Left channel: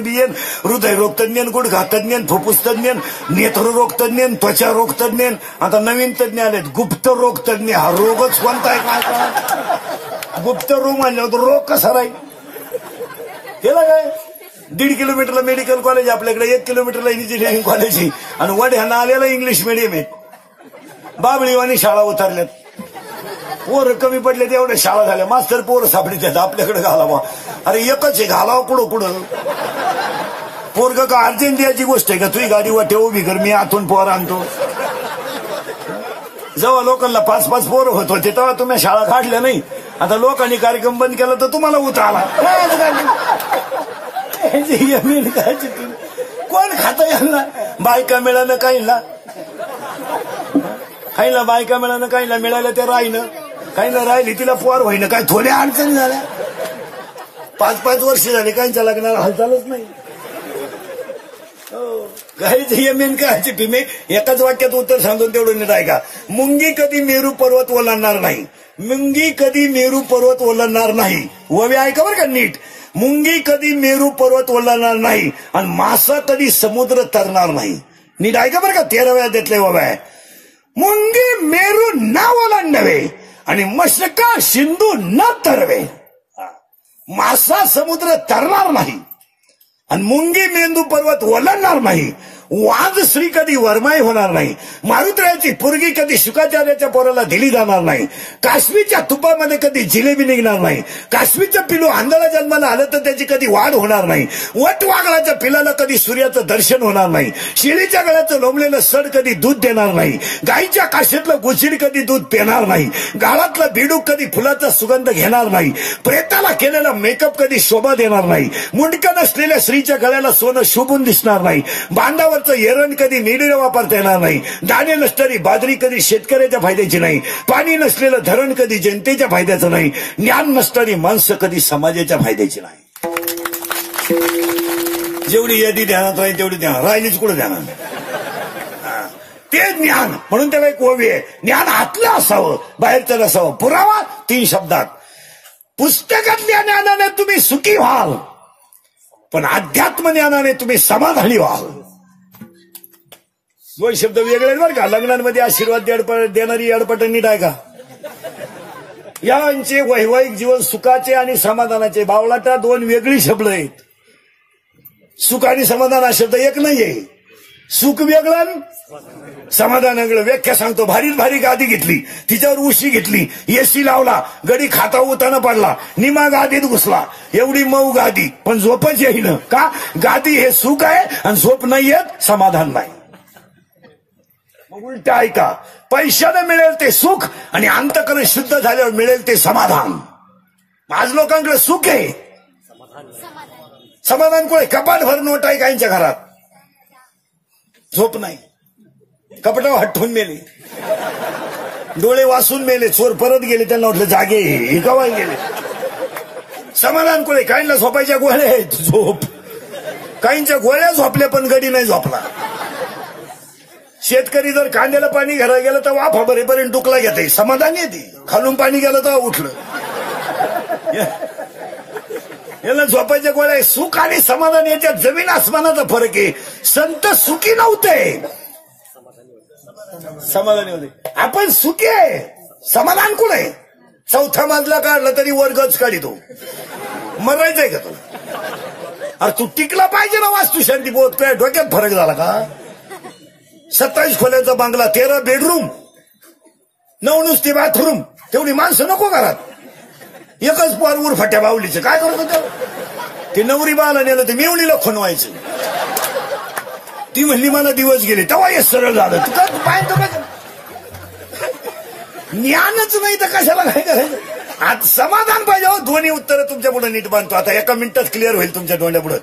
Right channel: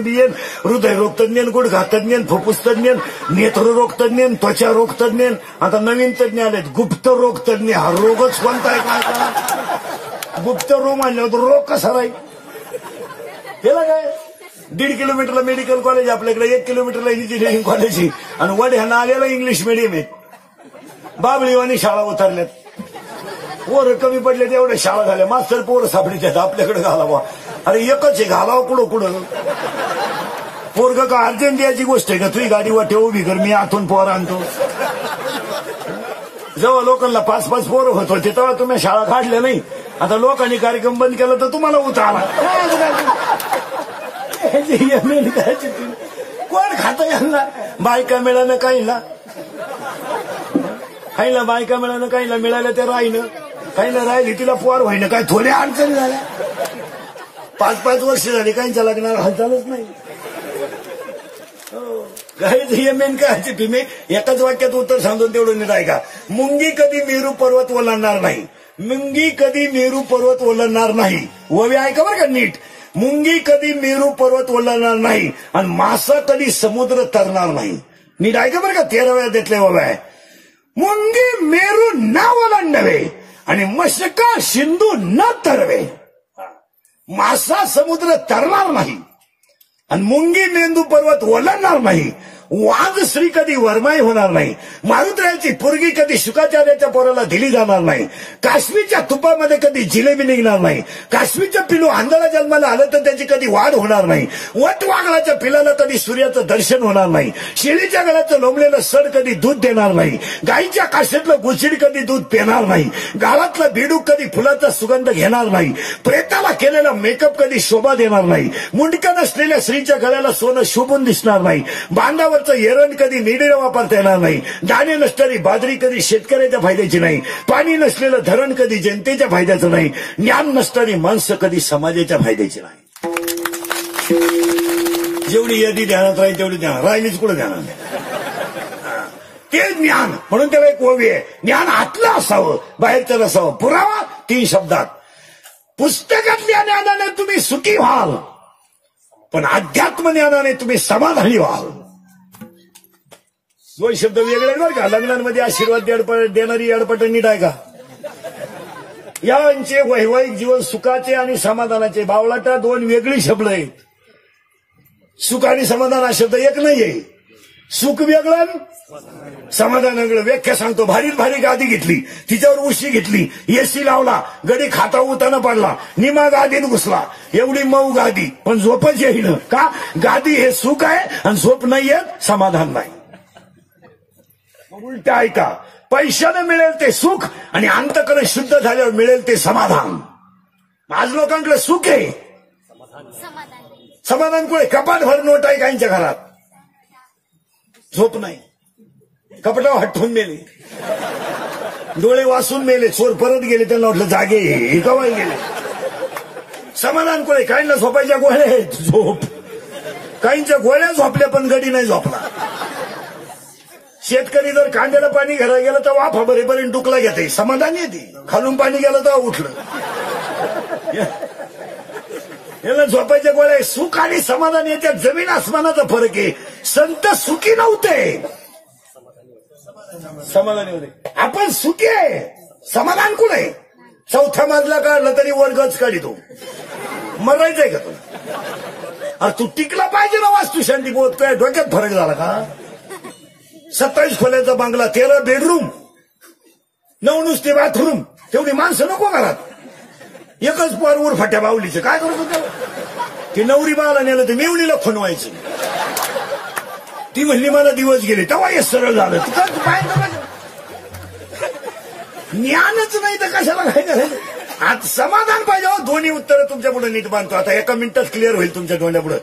बियन, हृदयरोग तज्ञ, गुडघा तज्ञ, फुफ्फुस तज्ञ, नेत्ररोग तज्ञ, त्वचा रोग तज्ञ. आता नवीन तज्ञ आलेत गुप्त रोग तज्ञ. हा रोगच कोणता आहे काय? गुप्त रोग म्हणल्यावर रोग कसा राहील? केला काय? 1.5 किलोमीटरला मेडिकल कॉलेज आपल्याकडे, 1 किलोमीटरला इंजिनिअरिंग कॉलेज आहे, आणि वड्यानं आलेला इंग्लिश मिडियम आहे. बाबळीवानी शाळा उतरल्यात, पोरं कमी पडले एवढ्या शाळा झाल्या, मास्तर पोरं सापडीत आपल्याकडे घालावा. अरे एकच आहे, घालावं कुठं कुठं. पोरग का अर्जेंटियाची गोष्ट आहे का? तुझी गाडी वाटे उभी कर, मी आतून पोर आणतो. जेव्हा लोकांना 5-5 पोरं होत होते तेव्हा तुम्ही शाळा काढल्या नाही. आता लोकांनी कार्यक्रम बंद केला तर तुम्हाला उतारला. कोण खातं यांना? बायका मिळालं काहीला, काहीला बायका मिळालं, काहीला मिळालं ते राहिलं, काहीला राहिली तिला पोर होईना. काय थोड्या अडचणी झाल्या. 5-5 वर्ष झाली काहींच्या लग्नाला हालचालच नाही. मेन काय चिठ्ठी एकाच वाक्यात उत्तर सांगतो तेवढं नीट ऐका. मुंगी कधी मेरू पर्वत ओलांडणार नाही. मुंगी कधी मेरू पर्वत ओलांडणार नाही. ववे ऐका बरं का नीट. मुंगी कधी मेरू पर्वत ओलांडणार नाही आणि मासा कधी समुद्र तरणार नाही. नीट ऐका बरं का. 13व्या अध्यायातले ववे आहे. मुंगी मेरू न ओलांडवे आणि मशका सिंधू न तरवे. मासा समुद्र तरणार नाही आणि मुंगी मेंदू पर्वत ओलांडणार नाही. वाघ श्री कधी वरमाई होणार नाही. मारुतरायाची पोरगी कधी शुकाचार्याच्या पोराला दिली जाणार नाही. काश्मीरच्या तुपामध्ये कधी जिलेबी निघणार नाही. काश्मीरचं पिलू आंधळा जन्माला आलं तर त्याची कधी वाढ होणार नाही. वटवाघळाच्या पिलाला कधी सूर्याचं दर्शन होणार नाही. शेळीच्या गळ्याचं लोंबलेलं सड कधी दूध देणार नाही. गाईच्या काशीतलं गुचिड कधी दूध पिणार नाही. गाळातलं बेडूक कधी फुलाचा सुगंध घेणार नाही. प्रेताला केलेला मेकअप कधी शोभा देणार नाही. मुंडकं नसलेल्या स्त्रीच्या गळ्याला सोनं शोभून दिसणार नाही. बांधावर एरण कधी निडीला वापरता येणार नाही. दाणे नसणारी बाजरी कधी शेतकऱ्याच्या फायद्याची नाही. पाणी नसलेलं धरण कधी जनतेच्या फायद्याचं नाही. ज्ञान नसणारी माणसं कधी समाजाच्या फायद्याची नाही. जेवढी यादी ध्यानात राहील तेवढी ध्यानात राहिलीच कुठं ध्यानात. ते ज्ञान म्हणून त्याला एक ओवी आहे. ज्ञान आतलं असावं, बाहेरचं नसावं. पुरावा 3 शब्दात. पुस्तकातल्या ज्ञानाने तुम्ही सुखी व्हाल, पण अध्यात्म ज्ञानाने तुम्ही समाधानी व्हाल. 2 शब्द वेगळे बरं का. लग्नांमध्ये आशीर्वाद देणारी अडपट नीट आहे का. यांचे वैवाहिक जीवन सुखाचे आणि समाधानाचे. बावळाटा 2 वेगळी शब्द आहेत. सुख आणि समाधान हा शब्द एक नाहीये. सुख वेगळं, समाधान वेगळं. व्याख्या सांगतो. भारी भारी गादी घेतली, तिच्यावर उशी घेतली, एसी लावला, गडी खाता उताना पडला, निमा गादीत घुसला. एवढी मऊ गादी, पण झोपच येईन का. गादी हे सुख आहे आणि झोप नाहीये, समाधान नाही. उलट ऐका. पैशानं मिळेल ते सुख आणि अंतकरण शुद्ध झाल्यावर मिळेल ते समाधान. आज लोकांकडे सुख आहे, समाधान कुठे. कपाट भर नोट आहे काहींच्या घरात, झोप नाही. कपाटावर हटवून मेले, डोळे वासून मेले, चोर परत गेले, त्यांना म्हटलं जागे हे कवाय गेले. समाधान कुठे. काहींना झोपायच्या गोळ्या आहेत, झोप. काहींच्या गोळ्या झोपल्या पण गडी नाही झोपला. शेतकरी जर कांद्याला पाणी घरायला गेलं तर वाफा भरेपर्यंत डुकला घेते, समाधान येते. खालून पाणी गेलं तर उठलं. याला झोपायच्या गोळ्या. सुख आणि समाधान याच्यात जमीन आसमानाचा फरक आहे. संत सुखी नव्हते, समाधानी होते. आपण सुखी आहे, समाधान कुठे आहे. 4था मजला काढला तरी वर्गच काढितो. मरायचंय का तू. अरे तू टिकला पाहिजे ना. वास्तू शांती बोध काय डोक्यात फरक झाला का. 27 खोल्याचा बांगला, 13 बेडरूम, 9 नुसती बाथरूम. तेवढी माणसं नको घरात. एकच पोर उरफाट्या बावलीचं काय करत होतं. ते नवरी बाला नेलं ते मेवणीला खणवायचं. ती म्हणली मला दिवस गेले, तेव्हा हे सरळ झालं. ज्ञानच नाही तर कशाला काय करायचं. आज समाधान पाहिजे. दोन्ही उत्तर तुमच्या पुढे नीट बांधतो. आता एका मिनिटात क्लिअर होईल तुमच्या डोळ्या पुढे.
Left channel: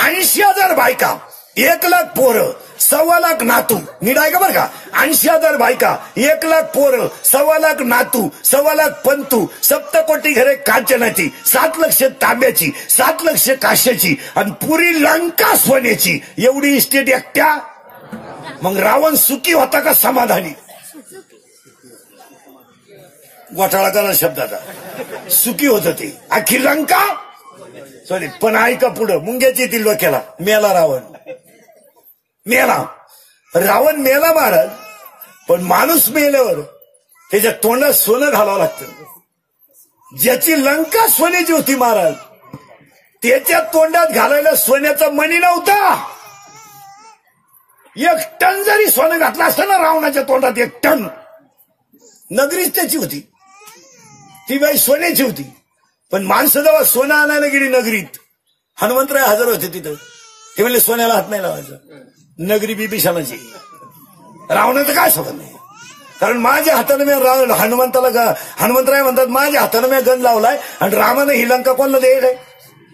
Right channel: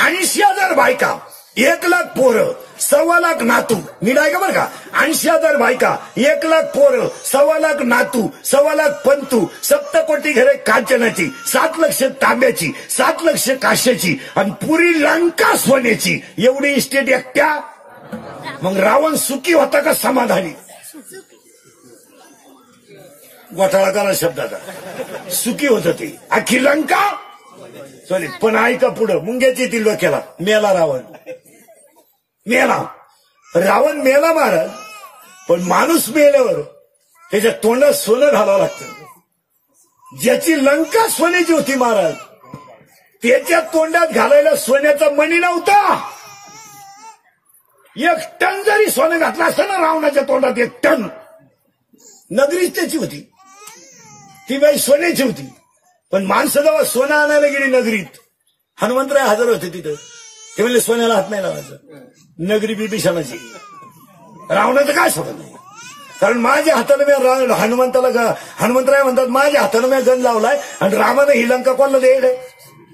80,000 बायका, 1,00,000 पोरं, 1,25,000 नातू. नीट आहे का बरं का. 80,000 बायका, 1,00,000 पोरं, 1,25,000 नातू, 1,25,000 पंतू, 7 कोटी घरे कांचनाची, 7 लक्ष तांब्याची, 7 लक्ष काश्याची आणि पुरी लंका सोन्याची. एवढी इस्टेट एकट्या. मग रावण सुखी होता का समाधानी. घोटाळा करा शब्दाचा. सुखी होत ते. अख्खी लंका सॉरी, पण ऐका पुढं, मुंग्याची येतील डोक्याला. मेला रावण, मेला रावण, मेला महाराज. पण माणूस मेल्यावर त्याच्या तोंडात सोनं घालावं लागतं. ज्याची लंका सोन्याची होती महाराज, त्याच्या तोंडात घालायला सोन्याचा मणी नव्हता. 1 टन जरी सोनं घातलं असतं ना रावणाच्या तोंडात, 1 टन, नगरीच त्याची होती, ती बाई सोन्याची होती. पण माणसं जेव्हा सोनं आणायला गेली नगरीत, हनुमंतराय हजर होते तिथं. ते म्हणले सोन्याला हात नाही लावायचं, नगरी बिभीषणाची. रावणाचं काय सोडत नाही, कारण माझ्या हातानं मी हनुमंतराय म्हणतात माझ्या हातानं मी गण लावलाय आणि रामानं ही लंका कोणाला द्यायला?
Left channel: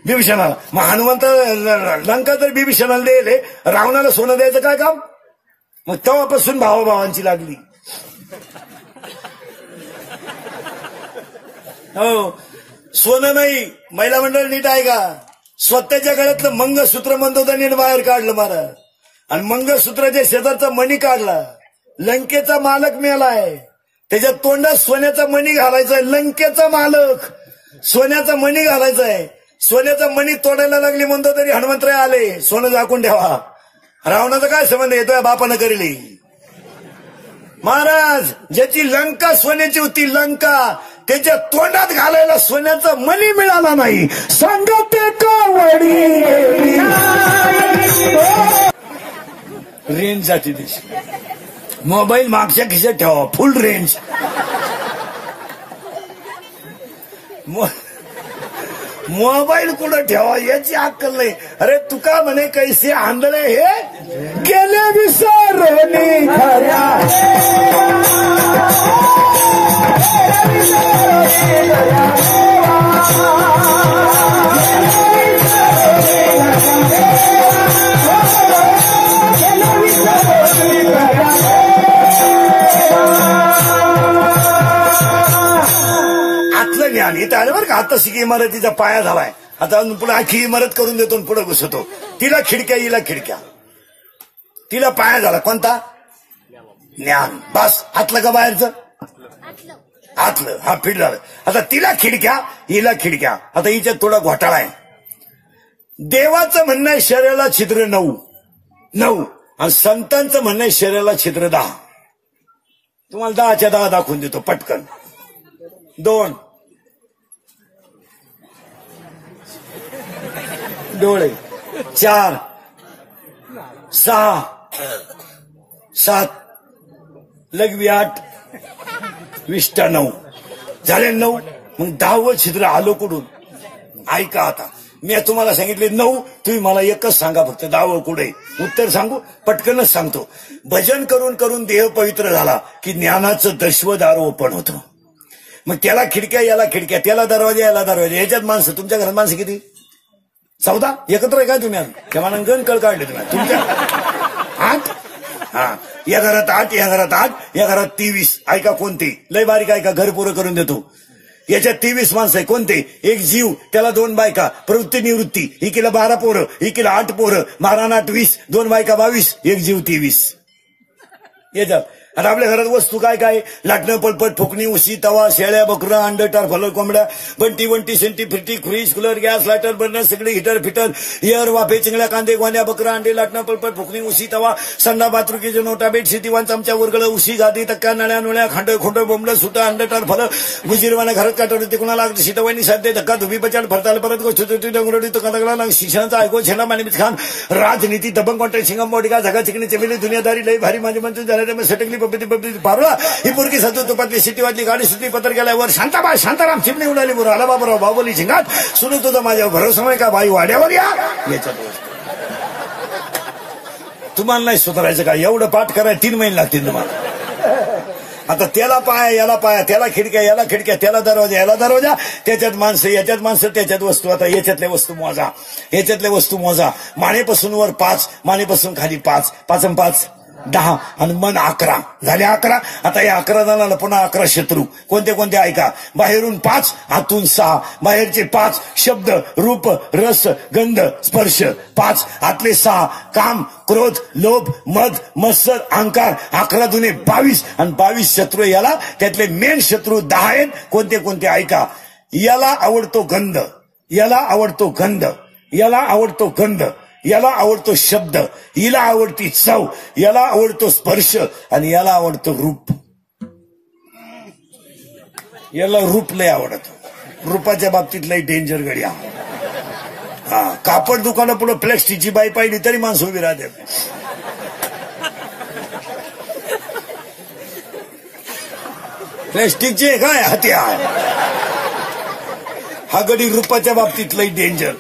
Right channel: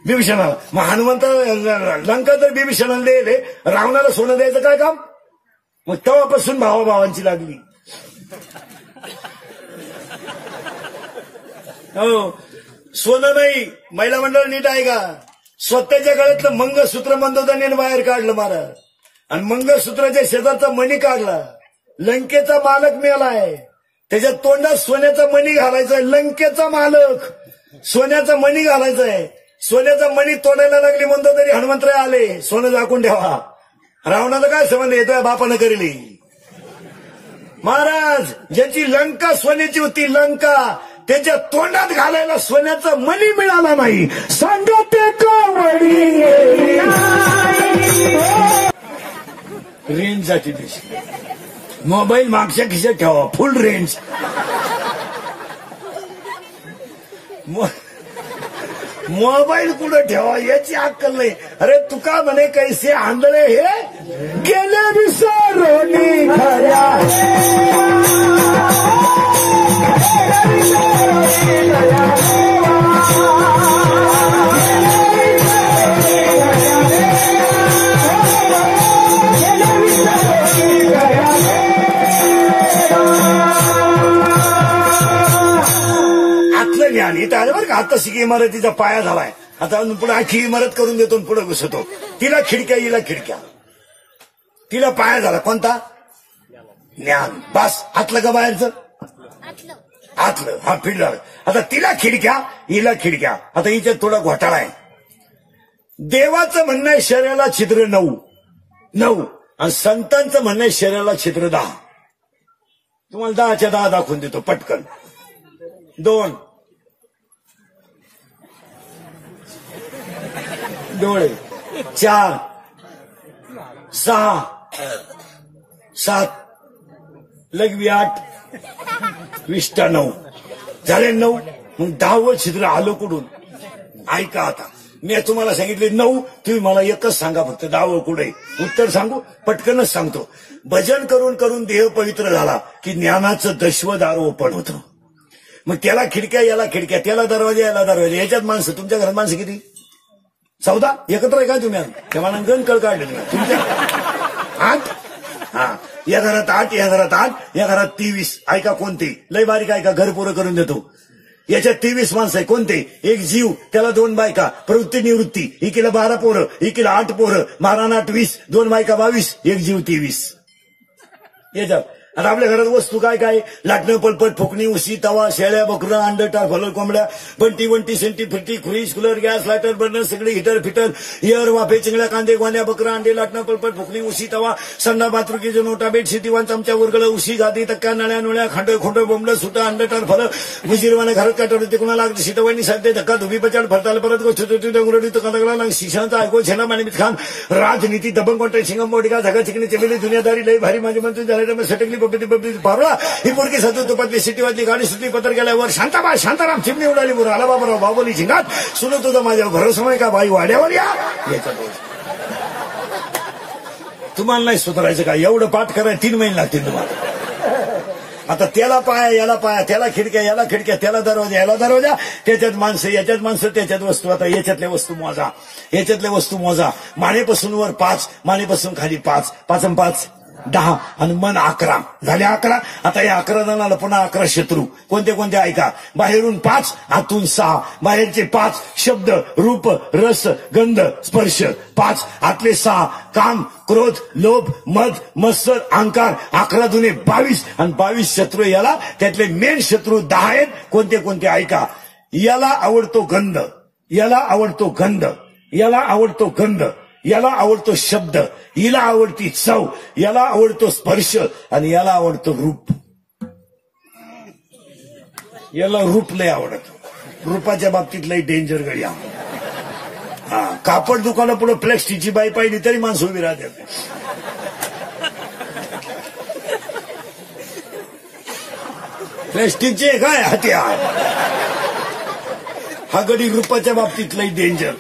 बिभीषणाला. मग हनुमंत लंका जर बिभीषणाला द्यायले, रावणाला सोनं द्यायचं काय काम? मग तेव्हापासून भावाभावांची लागली. हो, सोनं नाही. महिला मंडळ नीट आहे का? स्वतःच्या गळ्यातलं मंगळसूत्र मंदोदनीने बाहेर काढलं महाराज, आणि मंगळसूत्राच्या शेजारचा मणी काढला. लंकेचा मालक मेलाय, त्याच्या तोंडात सोन्याचा मणी घालायचाय. लंकेचा मालक सोन्याचा मणी घालायचाय. सोन्याचा मणी तोडायला लागली म्हणतो तरी हनुमंतराय आले, सोनं झाकून ठेवा. रावणाचा काय संबंध येतोय? बापानं करेली. महाराज, ज्याची लंका सोन्याची होती, लंका, त्याच्या तोंडात घालायला सोन्याचा मणी मिळाला नाही. सांगते कवडी रेंज जाती दिवशी. मोबाईल मागच्या खिशात ठेवा, फुल रेंज. मोबाईल कुठं ठेवा याची अक्कल नाही. अरे तुका म्हणे कैसे आंधळे हे गेले विसरले खऱ्या. आतलं ज्ञान इथं आलं बरं का. आता शिकी इमारतीचा पाया झालाय, आता पुढे आखी इमारत करून देतो, पुढे घुसतो. तिला खिडक्या, हिला खिडक्या. तिला पाया झाला कोणता? ज्ञान. बस, आतलं का बाहेरचं? आतलं. हा फिट झालं. आता तिला खिडक्या, हिला खिडक्या. आता हिच्यात थोडा घोटाळा आहे. देवाचं म्हणणं आहे शरीराला छिद्र 9 आणि संतांचं म्हणणं आहे शरीराला छिद्र 10. तुम्हाला 10च्या 10 दाखवून देतो पटकन. 2 डोळे, 4 6 7 लघवी 8 विष्टा 9 झाले 9. मग 10वं छिद्र आलं कुठून? ऐका आता, मी तुम्हाला सांगितले 9, तुम्ही मला एकच सांगा फक्त 10वं कुठे. उत्तर सांगू? पटकनच सांगतो. भजन करून करून देह पवित्र झाला की ज्ञानाचं दशवदार ओपन होतं. मग त्याला खिडक्या, याला खिडक्या, त्याला दरवाजा, याला दरवाजा. याच्यात माणसं, तुमच्या घरात माणसं किती? 14 एकत्र आहे का तुम्ही? तेव्हा गण कळ काढले तुमच्या 8. हा, या घरात 8, या घरात 8, या घरात 23. ऐका कोणते लय बारीक ऐका, घर पुरं करून देतो. याच्यात 23 माणसं आहे. कोणते? एक जीव, त्याला 2 बायका, प्रवृत्ती निवृत्ती, एकीला 12 पोरं, एकीला 8 पोरं, 12 8 20, 2 बायका 22, एक जीव 23. याच्यात. आणि आपल्या घरात वस्तू काय काय? लाटणं, पळपट, फुकणी, उशी, तवा, शेळ्या, बकरं, अंड, टारफलं, कोंबड्या, बंटी सेंटी, फिरटी, fridge, cooler, gas, lighter, burner, सगळे हिटर फिटर, एअर, वाफे, चिंगड्या, कांदे, गोंड्या, बकरं, अंडे, लाटणं, पळपट, फुकणी, उशी, तवा, संडा, बाथरूकीचे नोटा, बेडशीट, दिवाण, चमचा, उरगडं, उशी, गादी, तक्का, नळ्या नुळ्या, खांड, खोंड, बोंबलं, सुटं, अंड, टारफलं, गुजिरवाने, घरात काटवलं, तिकुणाला शिटवानी, साध्य, धक्का, धुबी, पचाड, फरताल, परत गोष्टी, डंगरोडी, तो कंदगडा, शिक्षणाचा ऐकू, छेना, मानिमित खान, राजनीती, दबंग कॉन्ट्रॅक्ट, सिंगम, मोडिका, झगा, चिकणी, चमेली, दुनियादारी, लय भारी माझी मंत्री झाल्या, सटकली, बबडी पारला, ही पोरगी सतू तुपातली सिटीवातली गाडी सुटली, पत्र गेल्यावर शांताबाई शांताराम चिमणी उडाली, बरोबर आला बाबराव बाबोली झिंगात, सुरू तुझा माझ्या भरोसा नाही का बाई वाड्यावर या. याच्यात तुम्हाला नाही सुधारायचं का? एवढं पाठ करायला 3 महिने लागतील तुम्हाला. आता त्याला पाया, याला पाया, त्याला खिडक्या, याला खिडक्या, त्याला दरवाजा, याला दरवाजा, त्याच्यात माणसं, याच्यात माणसं, त्याच्यात वस्तू. आता याच्यातल्या वस्तू मोजा, याच्यातल्या वस्तू मोजा. मानेपासून वर 5, मानेपासून खाली 5, 5 आणि 5 10 आणि मन 11 झाले 11. आता या 11 जणांना पुन्हा 11 शत्रू. कोणते कोणते ऐका? बाहेरून 5, आतून 6. बाहेरचे 5 शब्द, रूप, रस, गंध, स्पर्श 5. आतले 6 काम, क्रोध, लोभ, मद, मत्सर, अहंकार. 11 दुने 22 आणि 22 शत्रू. याला त्यातले मेन शत्रू 10 आहेत. कोणते कोणते ऐका? याला आवडतो गंध, याला आवडतो गंध, याला आवडतो गंध, याला आवडतो शब्द, हिला आवडती चव, याला आवडतो स्पर्श आणि याला आवडतो रूप. याला रूप लय आवडत. रूपाच्या बाबतीत लय डेंजर गड्या. हा, कापड दुकानापुढे प्लॅस्टिकची बाई पाहिली तरी माणसं उभी राहते. प्लॅस्टिकचे काय हत्यार. हा गडी रूपाच्या बाबतीत लय डेंजर.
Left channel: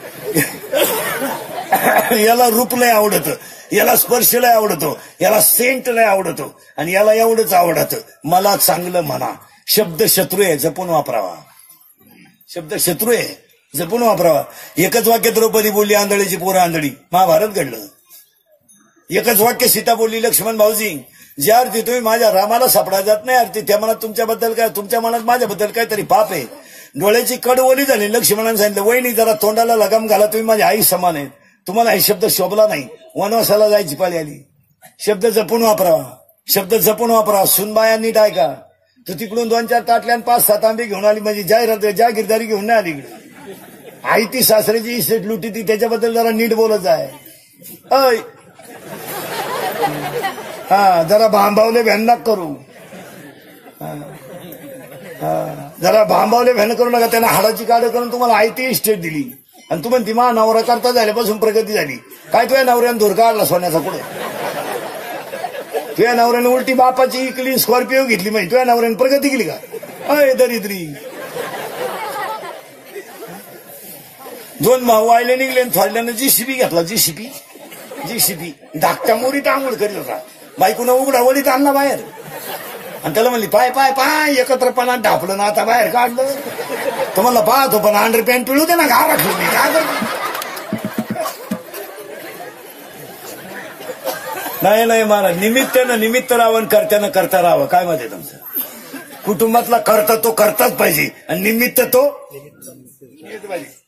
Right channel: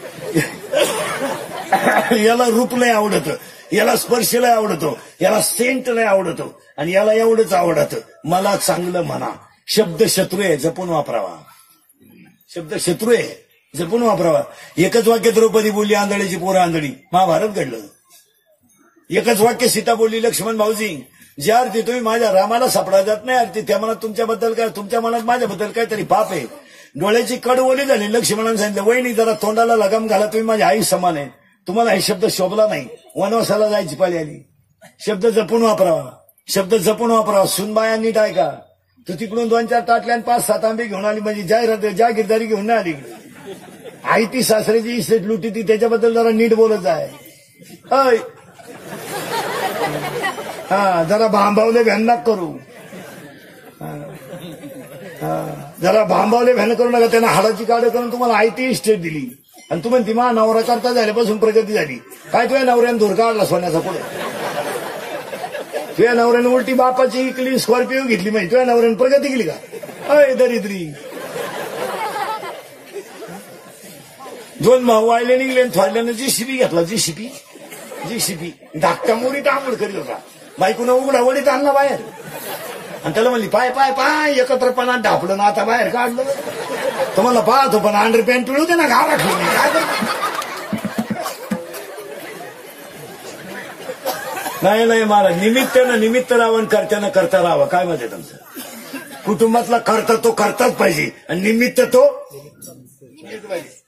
याला रूप लय आवडतं, याला स्पर्श लय आवडतो, याला सेंट लय आवडतो आणि याला एवढंच आवडतं मला चांगलं म्हणा. शब्द शत्रू आहे, जपून वापरावा. शब्द शत्रू आहे, जपून वापरावा. एकच वाक्य द्रौपदी बोलली आंधळीची पोरं आंधळी, महाभारत घडलं. एकच वाक्य सीता बोलली लक्ष्मण भाऊजी, ज्या अर्थी तुम्ही माझ्या रामाला सापडा जात नाही अर्थी त्या मनात तुमच्याबद्दल काय, तुमच्या मनात माझ्याबद्दल काहीतरी पाप आहे. डोळ्याची कड ओली झाली. लक्ष्मणाने सांगितलं वहिनी जरा तोंडाला लगाम घाला, तुम्ही माझ्या आई समान आहे. तुम्हाला हे शब्द शोभला नाही, वनवासाला जायची पाळी आली. शब्द जपून वापरावा, शब्द जपून वापरावा. सुनबाया नीट ऐका. तू तिकडून 2-4 ताटल्या आणि 5-7 आंबे घेऊन आली म्हणजे जागीरदारी घेऊन नाही आली इकडे. आई ती सासऱ्याची इस्टेट लुटी ती, त्याच्याबद्दल जरा नीट बोलत आहे. अय हा, जरा भांबावले भ्यान करू. जरा भांबावले भ्यान करू नका. त्यांना हाडाची काढ करून तुम्हाला आई ती इस्टेट दिली आणि तुम्ही ती मा नवरा करता झाल्यापासून प्रगती झाली. काय तुझ्या नवऱ्याने धूर काढला सोन्याचा पुढे. तुझ्या नवऱ्याने उलटी बापाची इकली स्कॉर्पिओ घेतली माहिती. तुझ्या नवऱ्याने प्रगती केली का. अय दरिद्री. 2 भाऊ आयले निघले थोडल्यानं जीसीबी घेतला. जीसीबी धाकट्या मोरीत आंघोळ करीत होता. बायकोनं उघडा वडीत आणला बाहेर आणि त्याला म्हणली पाय पाय पाय एकत्रपणा ढापलं ना आता बाहेर काढलं. तर म्हणलं पाहतो पण अंडर पॅन्ट पिळू दे ना घाला ठेवली. नाही महाराज, निमित्त राहावं, कर्त्यानं करता राहावं. काय मत आहे तुमचं. कुटुंबातला करता तो करताच पाहिजे आणि निमित्त तो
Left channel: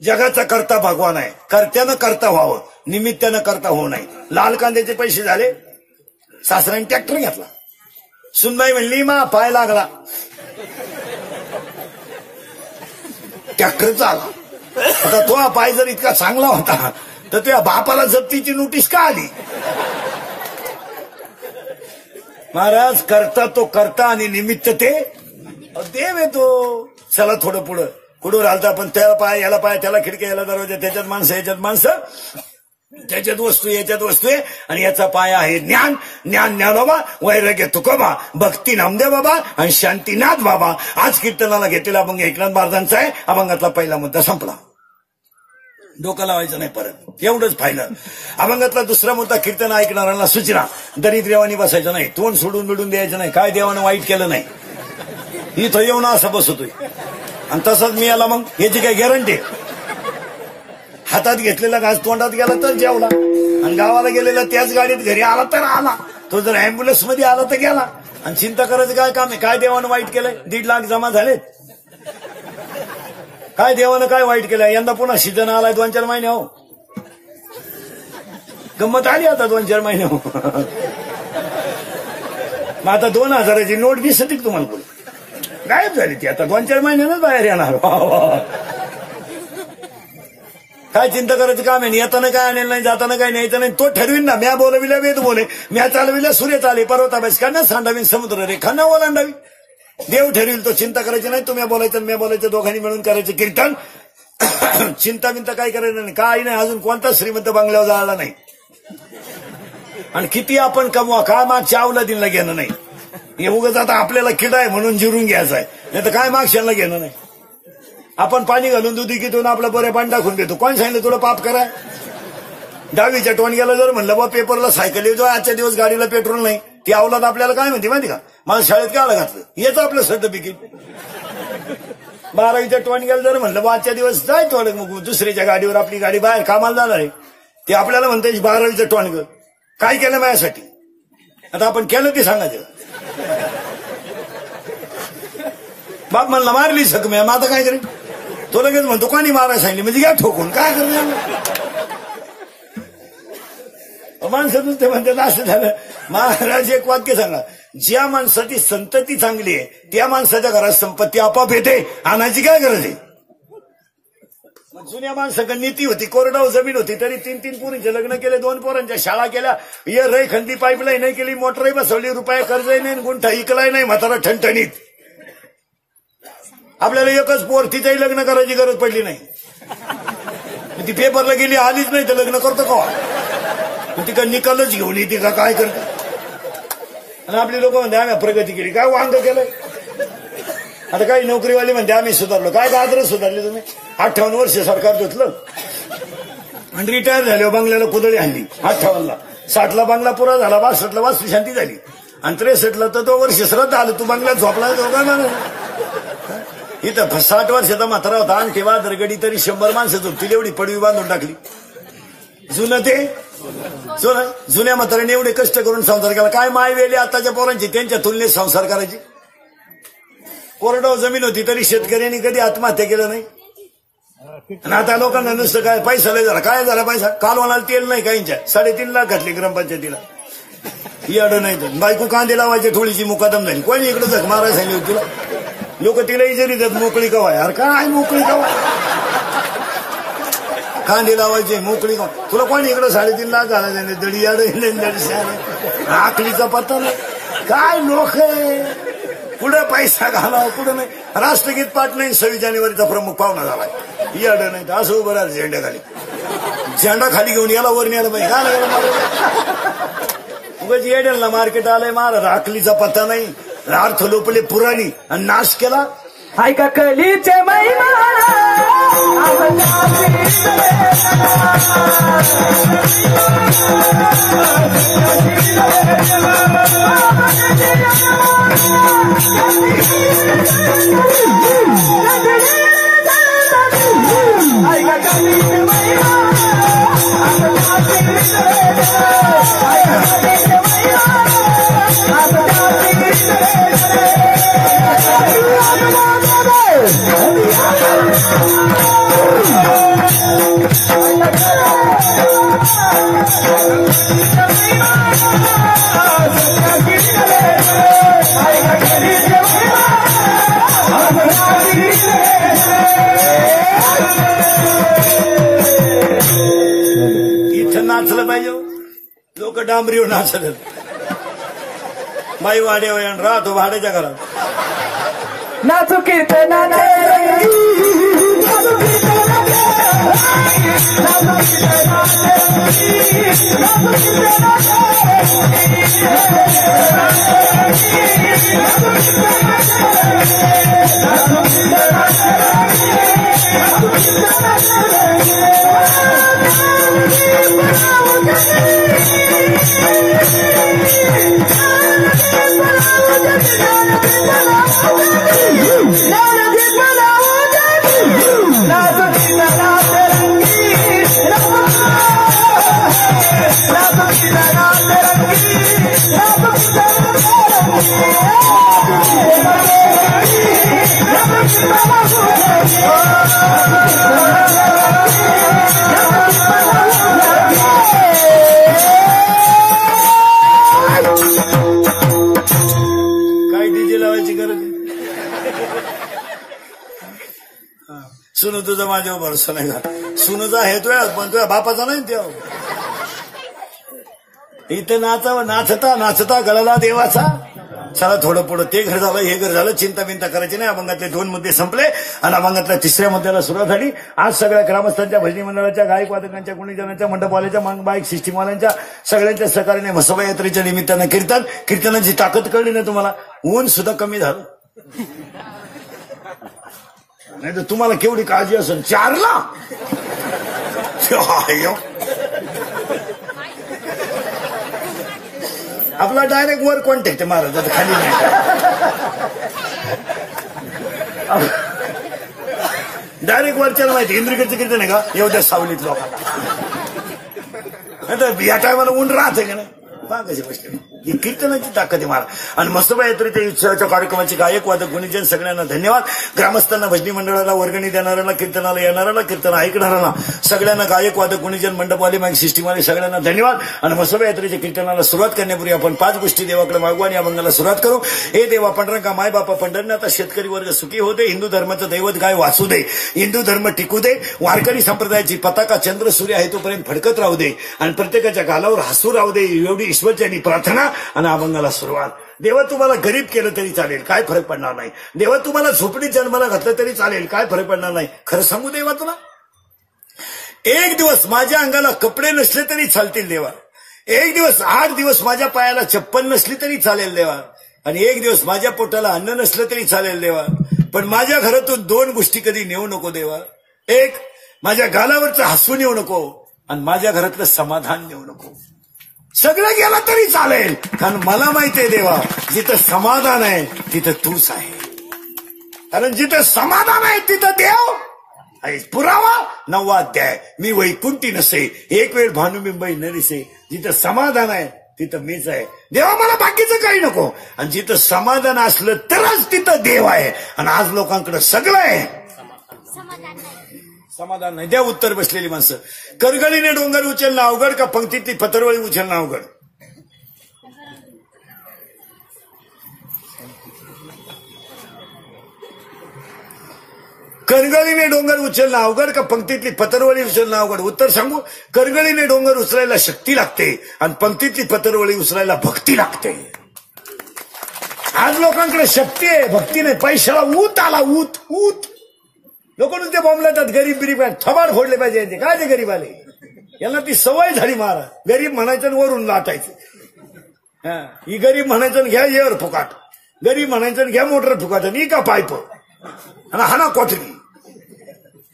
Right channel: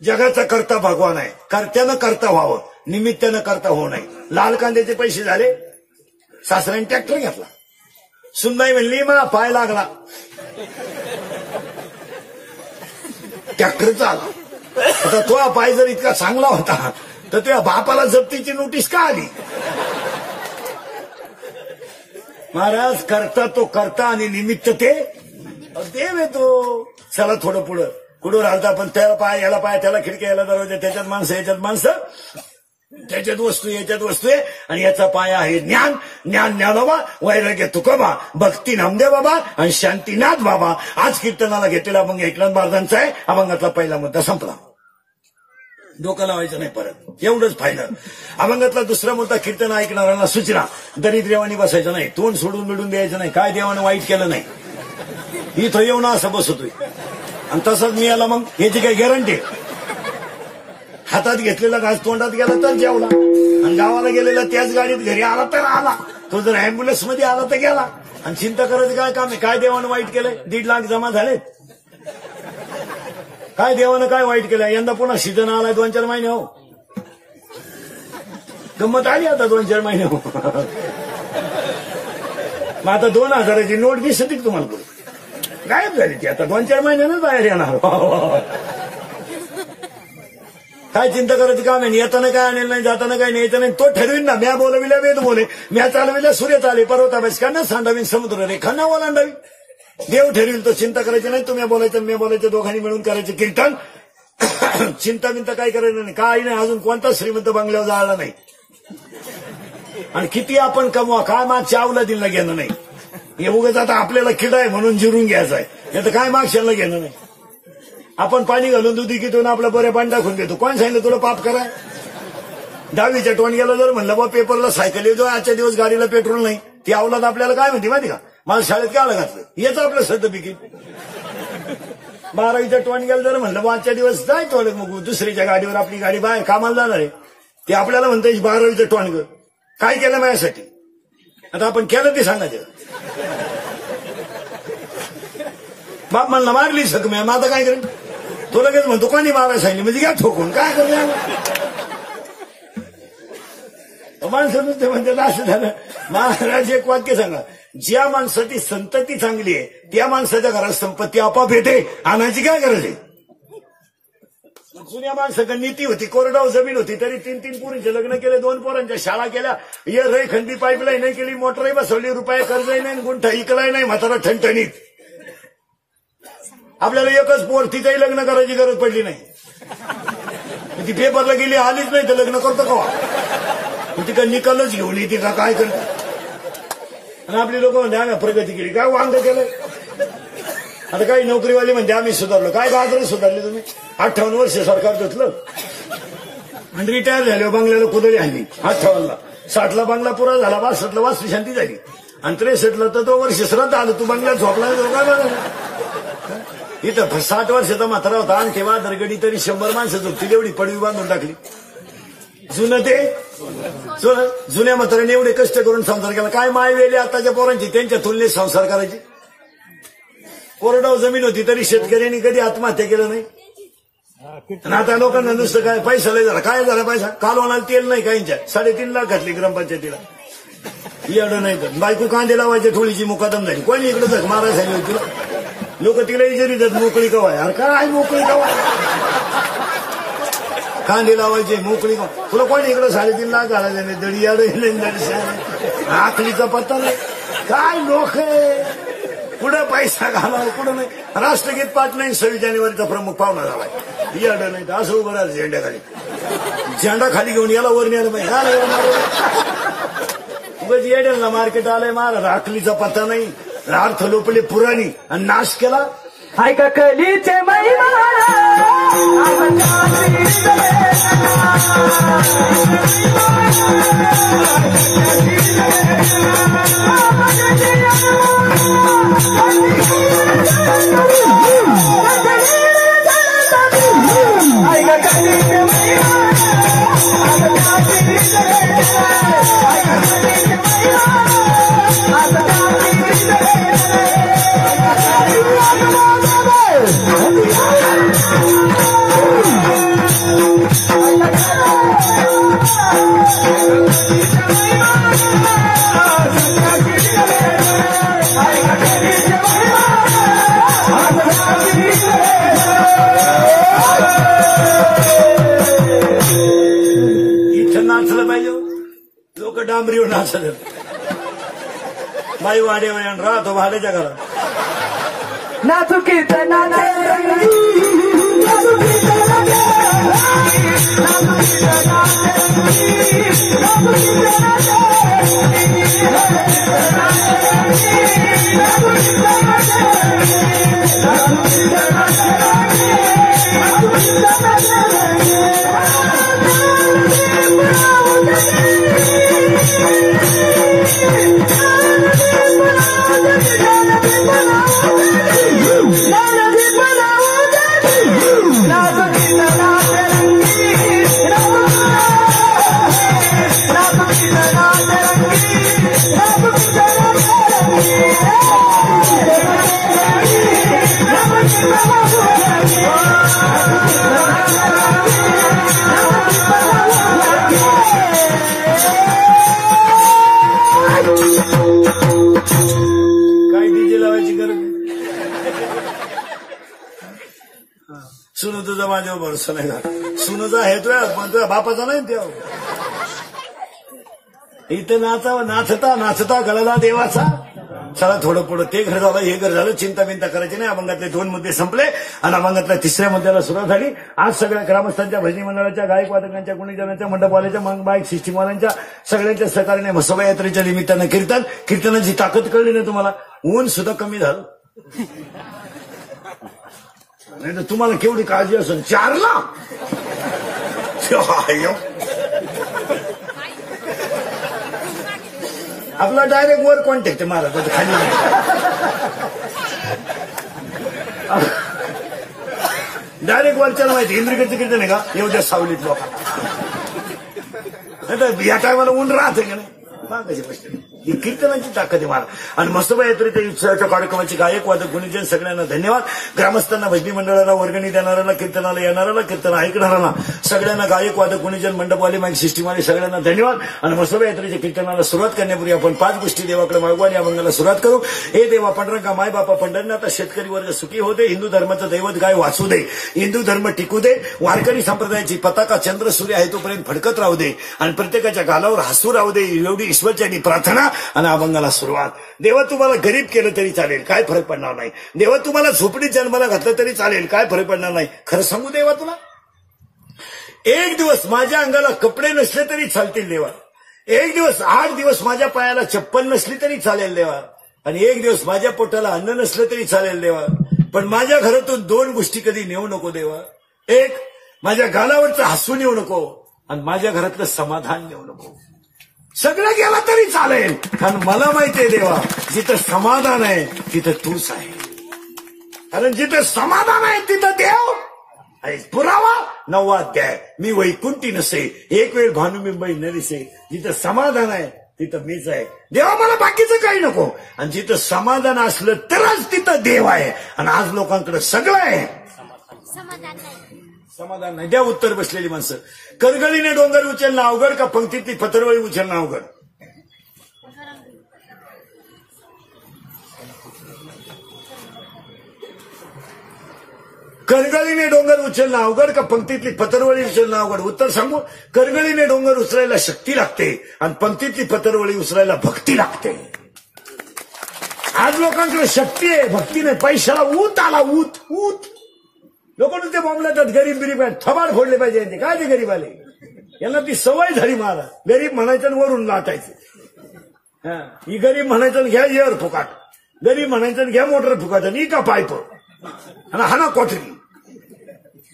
जगाचा करता भगवान आहे. कर्त्यानं करता व्हावं, निमित्तानं करता होऊ नये. लाल कांद्याचे पैसे झाले, सासऱ्याने ट्रॅक्टर घेतला. सुनबाई म्हणली मा पाय लागला, ट्रॅक्टरचा आला. आता तो पाय जर इतका चांगला होता तर त्या बापाला जप्तीची नोटीस का आली. महाराज, करता तो करता आणि निमित्त ते देव येतो. चला थोडं पुढं कुठं राहता आपण. त्याला पाय, याला पाय, त्याला खिडकी, याला दरवाजा, त्याच्यात माणसं, याच्यात माणसं, त्याच्यात वस्तू, याच्यात वस्तू आहे. आणि याचा पाय आहे ज्ञान. ज्ञानोबा, वैराग्य तुकोबा, भक्ती नामदेव बाबा आणि शांतीनाथ बाबा. आज कीर्तनाला घेतलेला अभंग एकनाथ महाराजांचा आहे. अभंगातला पहिला मुद्दा संपला. डोकं लावायचं नाही परत, एवढंच फायनल. अभंगातला दुसरा मुद्दा कीर्तन ऐकणाऱ्यांना सूचना. दरिद्रेवानी बसायचं नाही, तोंड सोडून बिडून द्यायचं नाही. काय देवानं वाईट केलं नाही, इथं येऊन असं बसतोय आणि तसंच मी याला मग याची काही गॅरंटी. हातात घेतलेला घास तोंडात गेला तर जेवला आणि गावाला गेलेला त्याच गाडीत घरी आला तर आला. तो जर अँब्युलन्स मध्ये आला तर गेला. आणि चिंता करायचं काय काम आहे. काय देवानं वाईट केलंय. 1.5 लाख जमा झालेत. काय देवानं काय वाईट केलं. यंदा पुन्हा सीझन आलाय 2-4 महिने. हो गंमत आली आता 2-4 महिने. हो मग आता 2000ची नोट दिसत तुम्हाला पुढे गायब झाली ती. आता 2-4 महिन्यानंच बाहेर येणार. काय चिंता करायचं काम आहे. येताना काय आणेल नाही, जाताना काय न्यायचं नाही. तो ठरवीन ना. म्या बोलविल्या वेद बोले, म्या चालविल्या सूर्य चाले, पर्वताबेसकांना सांडावीन समुद्र रेखांना ओलांडावी. देव ठरवील तो. चिंता करायची नाही. तुम्ही बोलायचं मी बोलायचं, दोघांनी मिळून करायचं कीर्तन. चिंता बिंता काही करायचं नाही. काही नाही. अजून कोणता श्रीमंत बंगल्यावर जायला नाही. आणि किती आपण कमवा, काय मागच्या अवलादींना घेणं नाही. हे उगाच आता आपल्याला किडा आहे म्हणून जिरून घ्यायचा आहे, नाही तर काय मागशाला घेणं नाही. आपण पाणी घालून दुधी कितून आपलं बरे पाणी टाकून देतो. कोण सांगितलं तुला पाप करा. 10वीच्या टोणग्याला जर म्हणलं बा पेपरला सायकल येतो, आजच्या दिवस गाडीला पेट्रोल नाही, ती अवलाद आपल्याला काय म्हणते माहिती का. मला शाळेत काय घातलं येतो आपलं सर्टिफिकेट. 12वीच्या टोणग्याला जर म्हणलं बा आजच्या दिवस जाय थोडे मग दुसरीच्या गाडीवर आपली गाडी बाहेर कामाला जाणार आहे, ते आपल्याला म्हणते 12वीचं टोणगं काय केलं माझ्यासाठी. आता आपण केलं ते सांगायचं. बाप म्हणला मारली सर तुम्ही, मग आता काय करेल. तो लगेच म्हणतो कोणी मारायला सांगितलं म्हणजे घ्या ठोकून. काय करेल माणसातून ते म्हणतात असं झालं. महाराज एक वाक्य सांगा, ज्या माणसाची संतती चांगली आहे त्या माणसाच्या घरात संपत्ती आपाप येते. आणायची काय गरज आहे. जुन्या माणसाकडे नीती होती, कोरडाव जमीन होती, तरी 3-3 पोरींचे लग्न केले, 2 पोरांच्या शाळा केल्या, रेखंडी पाईपलाईन नाही केली, मोटरही बसवली, रुपये कर्जही नाही, गुंठा इकलाही नाही, म्हातारा ठणठणीत. आपल्याला एकच पोर, तिचंही लग्न करायची गरज पडली नाही. ती पेपरला गेली, आलीच नाही तर लग्न करतो का? ती का निकालच घेऊन येते का, काय करतो? आणि आपली लोक म्हणते आम्ही प्रगती केली, काय वांग केलंय? आता काही नोकरीवाले म्हणते आम्ही सुधारलो, काय गाजर सुधारले तुम्ही? 58 वर्ष सरकार घेतलं आणि रिटायर झाले, बंगल्याला कुदळी आणली 58ला, 60ला बंगला पुरा झाला, 62ला वास्तू शांती झाली, आणि 63ला तर 2 वर्ष श्रद्धा आलं, तू बंगल्यात झोपला. इथं 60 वर्षाचा म्हातारा होता, आणखी वादरगडी तरी 100 माणसं झोपतील एवढी पडवी बांधून टाकली. जुनं ते जुन्या म्हाताऱ्याने एवढे कष्ट करून संसार केला, काय माय गेली आताच्या पोरांची त्यांच्या तुलनेत संसार करायची. कोरडाव जमीन होती तरी शेतकऱ्यांनी कधी आत्महत्या केलं नाही. आणि आता लोकांना नुसतं काय पैसा लय झाला, काय झाला पैसा? कालवानाला तेल नाही काहींच्या, 3.5 लाख घातली ग्रामपंचायतीला. येडं नाही तर बायको कांदे लावायची, थोडीशी मुकादम झाली, कोणी इकडे जग मारायला सांगितलं तिला. लोक तिलाही जरी जात मोकळी कवाय, अरे काय मोकळी कवा, कांदे लावायचे मोकळी का? तुला कोणी इकडे 3.5 लाख घाला दडी याड आखलीचा पत्ता नाही. काय लोक पुढे पैसा घाला, पुढे नाही. राष्ट्रगीत पाठ नाही, 26 जानेवारीचा प्रमुख पाहुणा झालाय, याड नाही तर असं उभं राहत झेंड्याखाली, झेंडा खाली घेऊन याला वर न्यायला पाहिजे. उगाच येड्याला मार्केट आलंय महाराज, आखलीचा पत्ता नाही, अर्थ लोपले पुराणी आणि नाश केला. हाय का कलीचे डांबरीवर नाचलं, बाई वाड्यावर राहतो भाड्याच्या घरात नाचू कीर्तनाने. काय डीजे लावायची गरज नाही. सुनू तुझा माझ्यावर भरोसा नाही का? सुनूचा आहे तुझ्या, पण तुझ्या बापाचा नाही तेव्हा. इथं नाचता नाचता गळाला देवाचा. चला थोडं पुढं ते घर झालं, हे घर झालं, चिंता बिंता करायची नाही. अभंगातले 2 मुद्दे संपले आणि अभंगातल्या 3ऱ्या मुद्द्याला सुरुवात झाली. आज सगळ्या ग्रामस्थांच्या, भजनी मंडळाच्या, गायक वादकांच्या, गुणीजनांच्या, मंडपवाल्याच्या, बाईक सिस्टीमवाल्यांच्या सगळ्यांच्या सहकार्याने म्हसोबा यात्रेच्या निमित्ताने कीर्तनाची ताकद कळली ना तुम्हाला. ऊन सुद्धा कमी झालं, नाही तर तुम्हाला केवढी काळजी असेल. 4ला आपला डायरेक्ट वर कॉन्टॅक्ट आहे महाराज, खाली डायरेक्ट वरच्याला माहिती. इंद्रिकडचे किती नाही का एवढ्या सावलीत लोक या टायमाला ऊन राहते ना कशी गोष्ट. ही कीर्तनाची ताकद आहे महाराज. आणि मसोबा यात्रेच्या उत्सवाच्या कार्यक्रमाची गायक वादक गुणीजन सगळ्यांना धन्यवाद. ग्रामस्थांना, भजनी मंडळाला, वर्गणी देणाऱ्यांना, कीर्तनाला येणाऱ्यांना, कीर्तन ऐकणाऱ्यांना सगळ्यांना, गायक वादक गुणीजन मंडपवाले, माईक सिस्टीमवाले सगळ्यांना धन्यवाद. आणि मसोबा यात्रेच्या कीर्तनाला सुरुवात करण्यापूर्वी आपण 5 गोष्टी देवाकडे मागू आणि अभंगाला सुरुवात करू. हे देवा पंढरंगा माय बापा पंढरनाथ, शेतकरी वर्ग सुखी होऊ दे, हिंदू धर्माचं दैवत गाय वाचू दे, हिंदू धर्म टिकू दे, वारकरी संप्रदायाची पताका चंद्र सूर्य आहे तोपर्यंत फडकत राहू दे आणि प्रत्येकाच्या गालावर हसू राहू दे, एवढी ईश्वरच्यानी प्रार्थना. आणि अभंगाला सुरुवात. देवा तुम्हाला गरीब केलं तरी चालेल, काय फरक पडणार नाही. देवा तुम्हाला झोपडीत जन्माला घातलं तरी चालेल, काय फरक पडणार नाही. खरं सांगू देवा तुला, एक दिवस माझ्या अंगाला कपडे नसले तरी चालतील देवा, एक दिवस 8 दिवस माझ्या पायाला चप्पल नसली तरी चालेल देवा, आणि एक दिवस माझ्या पोटाला अन्न नसलं तरी चालेल देवा, पण माझ्या घरातून 2 गोष्टी कधी नेऊ नको देवा. एक, माझ्या गालावरचं हसू नेऊ नको आणि माझ्या घरातलं समाधान नेऊ नको. सगळं गेलं तरी चालेल, कारण मला माहितीये देवा, जिथं समाधान आहे तिथं तूच आहे. कारण जिथं समाधान आहे तिथं देव आहे. पुरावा 9वा अध्याय. मी वैकुंठी नसे, एक वेळ भानुबिंबई न दिसे. जिथं समाधान आहे तिथं मीच आहे. देवा मला बाकीचं काही नको. आणि जिथं समाधान असलं तरच तिथं देव आहे. आणि आज लोकांकडे सगळं आहे, समाधान नाही. द्या उत्तर बसलेली माणसं. करगळीने डोंगर उचलणं अवघड का पंक्तीतली पतरवळी उचलणं अवघड? करगळीने डोंगर उचलणं अवघड का पंक्तीतली पतरवळी उचलणं अवघड? उत्तर सांगू. करगळीने डोंगर उचलायला शक्ती लागते आणि पंक्तीतली पतरवळी उचलायला भक्ती लागते. आज लोकांकडे शक्ती आहे, भक्ती नाही. पैशाला ऊत आला, ऊत ऊत. लोक नुसते बॉम्बला त्यात गरीब बिरीब थबाड फोडले पाहिजे. ते काय ते गरीब आले, यांना ती सवय झाली महाराज. गरीब म्हणायचं वरून लाटायचं. ही गरीब म्हणायचं घ्या एअर फुकाट, गरीब म्हणायचं घ्या मोटर फुकाट, आणि का पायप आणि हाना कोठली.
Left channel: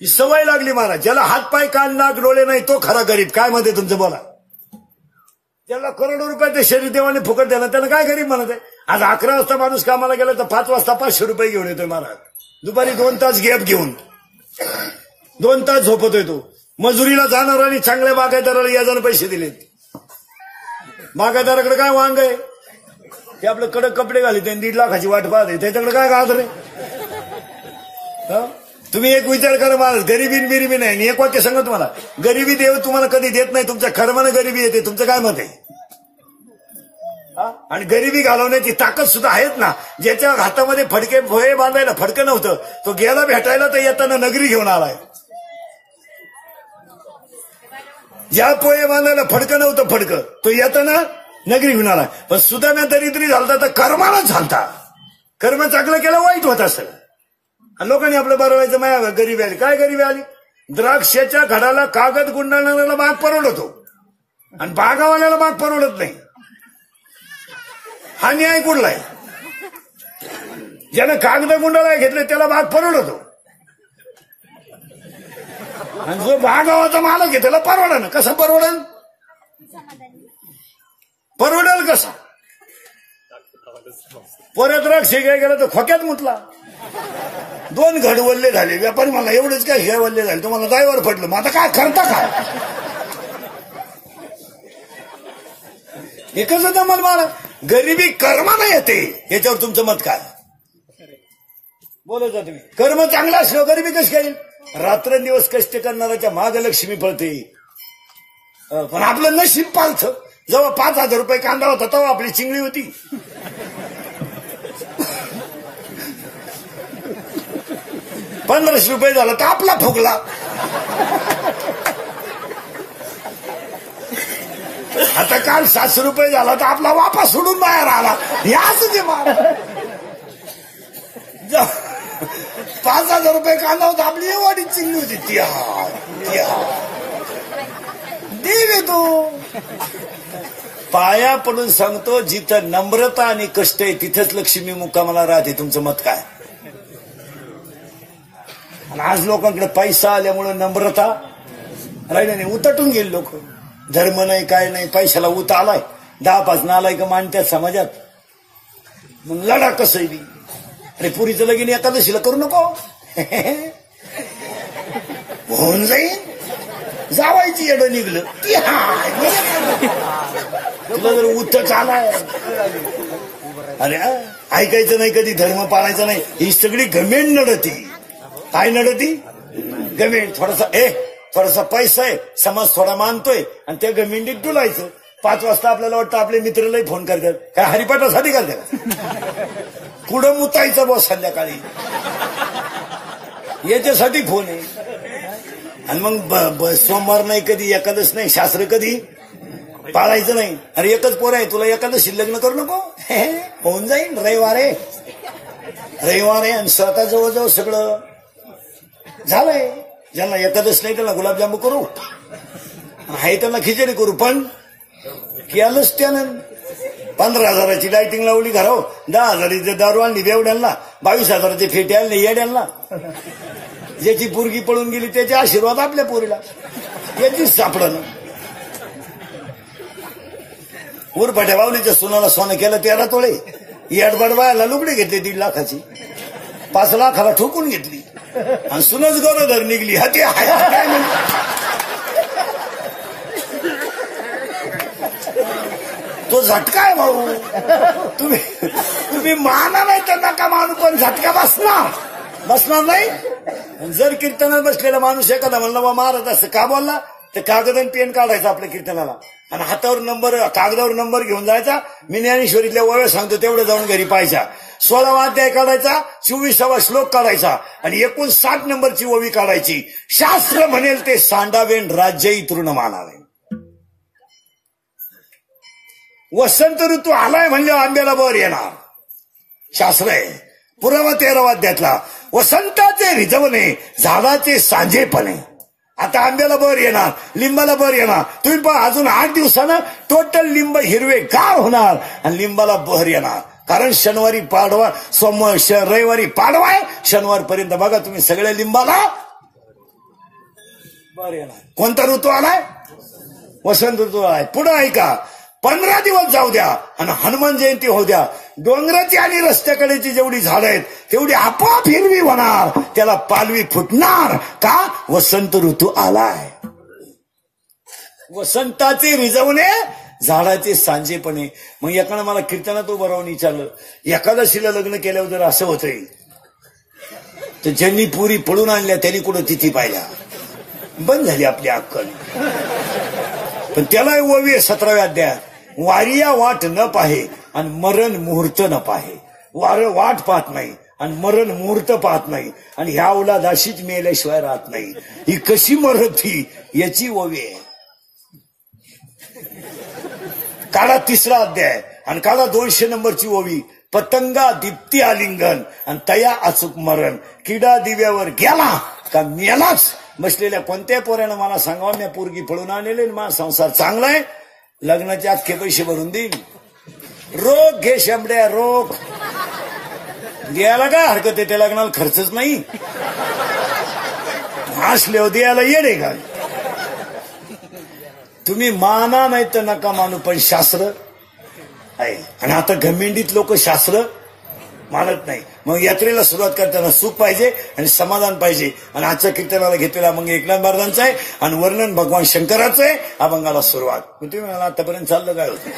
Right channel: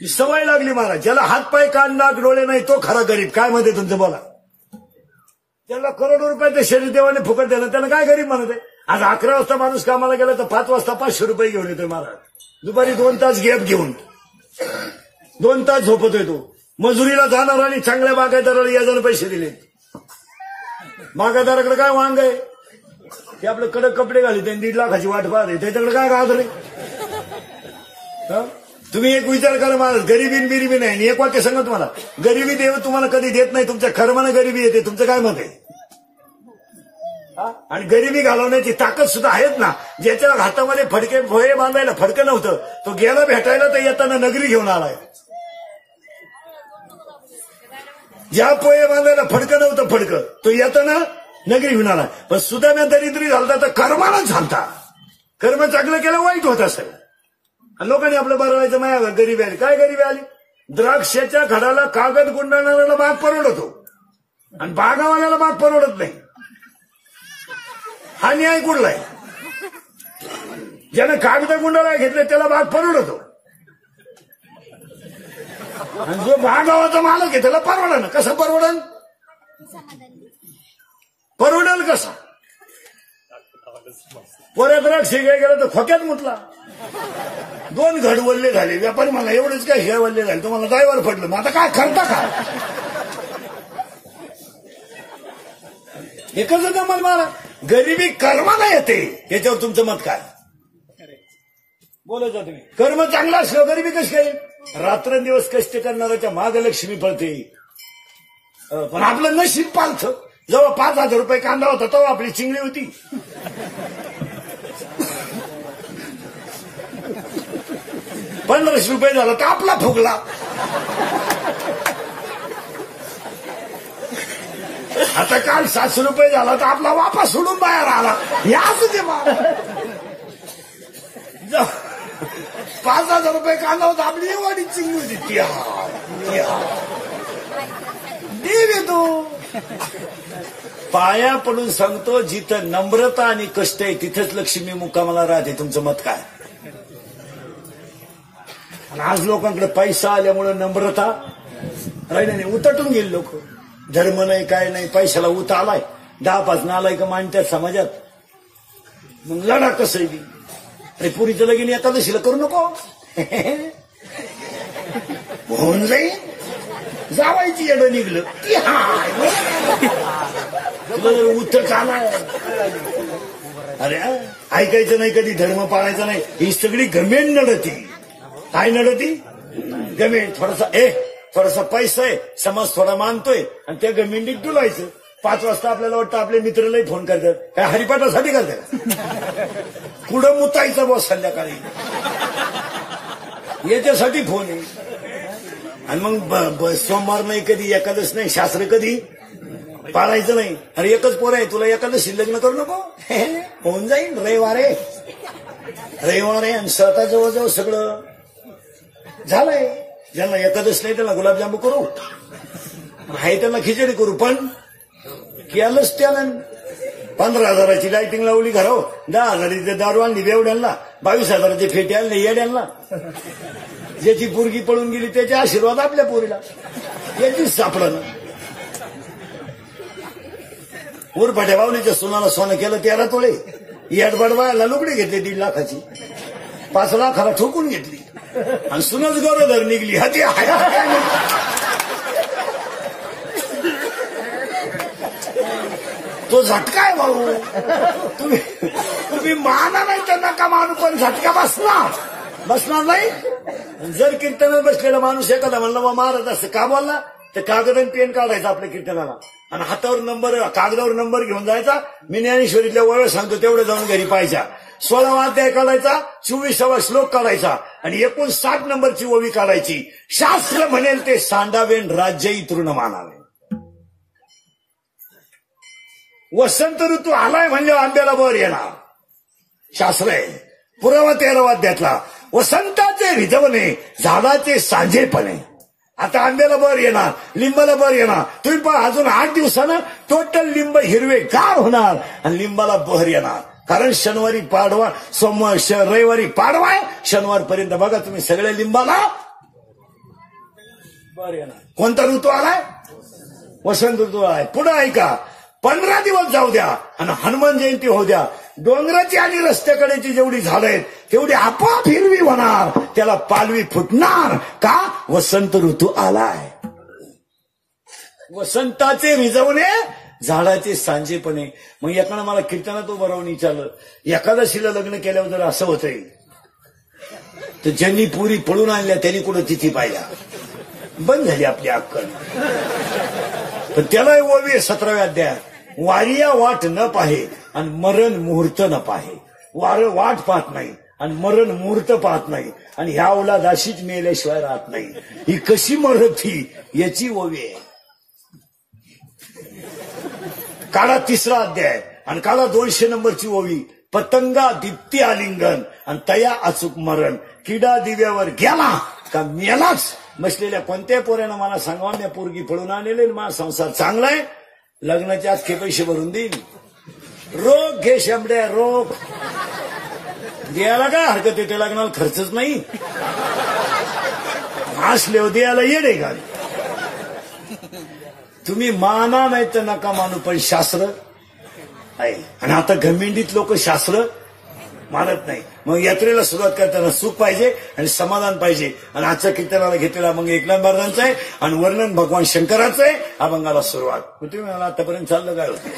ही सवय लागली महाराज. ज्याला हात पाय कान नाक डोळे नाही तो खरा गरीब. काय मध्ये तुमचं बोला. त्याला करोडो रुपयाचे शरीर देवाने फुकट द्यायला, त्याला काय गरीब म्हणत आहे. आज 11 वाजता माणूस कामाला गेला तर 5 वाजता 500 रुपये घेऊन येतोय महाराज. दुपारी 2 तास गॅप घेऊन 2 तास झोपतोय तो. मजुरीला जाणार आणि चांगल्या बागायतदाराला याजाने पैसे दिलेत. बागायतदाराकडे काय वांग आहे, ते आपलं कडक कपडे घाले, ते 1.5 लाखाची वाट पाहते, त्याच्याकडे काय गाजर आहे. तुम्ही एक विचार करा महाराज, गरिबी बिरिबी नाही. आणि एक वाक्य सांगत मला, गरिबी देव तुम्हाला कधी देत नाही, तुमच्या कर्मानं गरिबी येते. तुमचं काय मत आहे? आणि गरिबी घालवण्याची ताकद सुद्धा आहेत ना. ज्याच्या हातामध्ये फडके भोये बांधायला फडकं नव्हतं, तो गेला भेटायला तर येताना नगरी घेऊन आलाय. ज्या पोहे बांधायला फडकं नव्हतं फडकं, तो येताना नगरी घेऊन आला. पण सुद्धा दरिद्री झालता तर कर्मानच झालता. कर्म चांगलं केलं वाईट होत असेल. आणि लोकांनी आपलं बरवायचं माया गरीबी आली. काय गरीबी आली? द्राक्षाच्या घडाला कागद गुंडाळणाऱ्याला बाग परवडतो आणि बागावाल्याला बाग परवडत नाही. हा न्याय कुठला आहे? ज्याने कागद गुंडाळा घेतले त्याला बाग परवडतो आणि जो बागावाचा मालक आहे त्याला परवडा ना. कसं परवडेल? परवडेल कसं? परत द्राक्ष घ्याय गेलं तर खोक्यात मुतला. 2 घड वल्ले झाले. व्यापारी मला एवढंच काय हे वल्ले झाले, तुम्हाला जायवर पडलं. मग आता काय करता काय? एकच जमल मला. गरिबी कर्माला येते, याच्यावर तुमचं मत काय? बोलत जा तुम्ही. कर्म चांगलं असलं गरिबी कशी काय? रात्रंदिवस कष्ट करणाऱ्याच्या माग लक्ष्मी पळते. पण आपलं नशीब पालतं. जेव्हा 5,000 रुपये कांदा होता तेव्हा आपली चिंगळी होती. ₹1500 झाला तर आपला फुगला. आता काल 700 रुपये झाला तर आपला वापस सोडून बाहेर आला. याच ते 5,000 रुपये कांदा होता, आपली एवढी चिंगली होती. देव येतो. पाया पडून सांगतो, जिथं नम्रता आणि कष्ट आहे तिथंच लक्ष्मी मुक्कामाला राहते. तुमचं मत काय? आणि आज लोकांकडे पैसा आल्यामुळे नम्रता राहिली नाही. उतटून गेले लोक. धर्म नाही काय नाही, पैशाला उत आलाय. 10-5 नालायक मानतात समाजात. मग लढा कसं बी. अरे पुरीचं लगीन एकादशीला करू नको. होऊन जाईल. जावायची येडं निघलं. तुला जर उत्तर आलाय अरे ऐकायचं नाही कधी धर्म पाळायचा नाही ही सगळी गमेंड नडती काय नडती गमेंड थोडासा पैसा आहे समाज थोडा मानतोय आणि त्या गमेंडीत डुलायचं 5 वाजता आपल्याला वाटतं आपले मित्रलाही फोन करतात काय हरिपाठासाठी करतात कुठं मुतायचं बॉस संध्याकाळी याच्यासाठी फोन आहे आणि मग सोमवार नाही कधी एकादश नाही शास्त्र कधी पाळायचं नाही अरे एकच पोर आहे तुला एकादशी लग्न करू नको होऊन जाईल रविवार आहे आणि स्वतः जवळजवळ सगळं झालंय ज्यांना एकादश नाही त्याला गुलाबजामू करू आहे त्यांना खिचडी करू पण केलंच त्यानं 15,000ची लाइटिंग लावली घराव 10,000ची दारू आणली बेवड्यांना 22,000चे फेटे आणले येड्यांना ज्याची पोरगी पळून गेली त्याचे आशीर्वाद आपल्या पोरीला याचीच सापडलं उरफाट्या बावलीच्या सुनाला सोनं केलं 13 तोळे येडबड बायला लुगडी घेतली 1.5 लाखाची 5 लाखाला ठोकून घेतली आणि सुनच गरोदर निघली हाती तो झटका आहे भाऊ तुम्ही माना नाही तर नका मानू पण झटका बसणार नाही जर कीर्तनात बसलेला माणूस एखादा म्हणला बा महाराज असं का बोलला तर कागद आणि पेन काढायचा आपल्या कीर्तनाला आणि हातावर कागदावर नंबर घेऊन जायचा मी ज्ञानेश्वरीतल्या ओव्या सांगतो तेवढं जाऊन घरी पाहायचा 16वा अध्याय काढायचा 24वा श्लोक काढायचा आणि एकूण 60 नंबरची ओवी काढायची शास्त्र म्हणेल ते सांडावेन राज्यही तृण मानावे वसंत ऋतू आलाय म्हणजे आंब्याला बर येणार शास्त्र आहे पुरावा 13वा अध्यायातला वसंताचे रिजवणे झाडाचे सांजेपणे आता आंब्याला बर येणार लिंबाला बर येणार तुम्ही पण अजून 8 दिवसानं टोटल लिंब हिरवे गार होणार आणि लिंबाला बहर येणार कारण शनिवारी पाडवा रविवारी पाडवा आहे शनिवारपर्यंत बघा तुम्ही सगळ्या लिंबाला बर येणार कोणता ऋतू आलाय वसंत ऋतू आलाय पुढे ऐका 15 दिवस जाऊ द्या आणि हनुमान जयंती होऊ द्या डोंगराची आणि रस्त्याकडेची जेवढी झाडं आहेत तेवढी आपोआप हिरवी होणार त्याला पालवी फुटणार का वसंत ऋतू आलाय वसंताचे रिजवणे झाडाचे सांजेपणे मग एकानं मला कीर्तनात उभं राहून विचारलं एकादशीला लग्न केल्यावर जर असं होतंय तर ज्यांनी पुरी पळून आणल्या त्यांनी कुठं तिथी पाहिल्या बंद झाली आपली अक्कल पण त्याला ओवी 17व्या अध्यायात वारिया वाट न पाहे आणि मरण मुहूर्त न पाहे वाट पाहत नाही आणि मरण मुहूर्त पाहत नाही आणि ह्या औलादाशीच मेल्याशिवाय राहत नाही ही कशी मरत ही याची ओवी आहे काळा 3रा अध्याय आणि काळा 200 नंबरची ओवी पतंगा दीप्ती आलिंगन आणि तया अचूक मरण किडा दिव्यावर गेला का मेलाच बसलेल्या कोणत्या पोऱ्यानं मला सांगावं मी पोरगी पळून आणलेले माझा संसार चांगला आहे लग्नाचे अख्खे पैसे भरून देईन रोग घे शंभड्या रोग द्यायला काय हरकत आहे त्या लग्नाला खर्चच नाही असले द्यायला येडे का तुम्ही माना नाही तर नका मानू पण शास्त्र आहे आणि आता गमेंडीत लोक शास्त्र मानत नाही मग यात्रेला सुरुवात करताना सुख पाहिजे आणि समाधान पाहिजे आणि आजच्या कीर्तनाला घेतलेला मग एकनाथ महाराजांचा आहे आणि वर्णन भगवान शंकराचं आहे अभंगाला सुरुवात तुम्ही म्हणाला आतापर्यंत चाललं काय होतं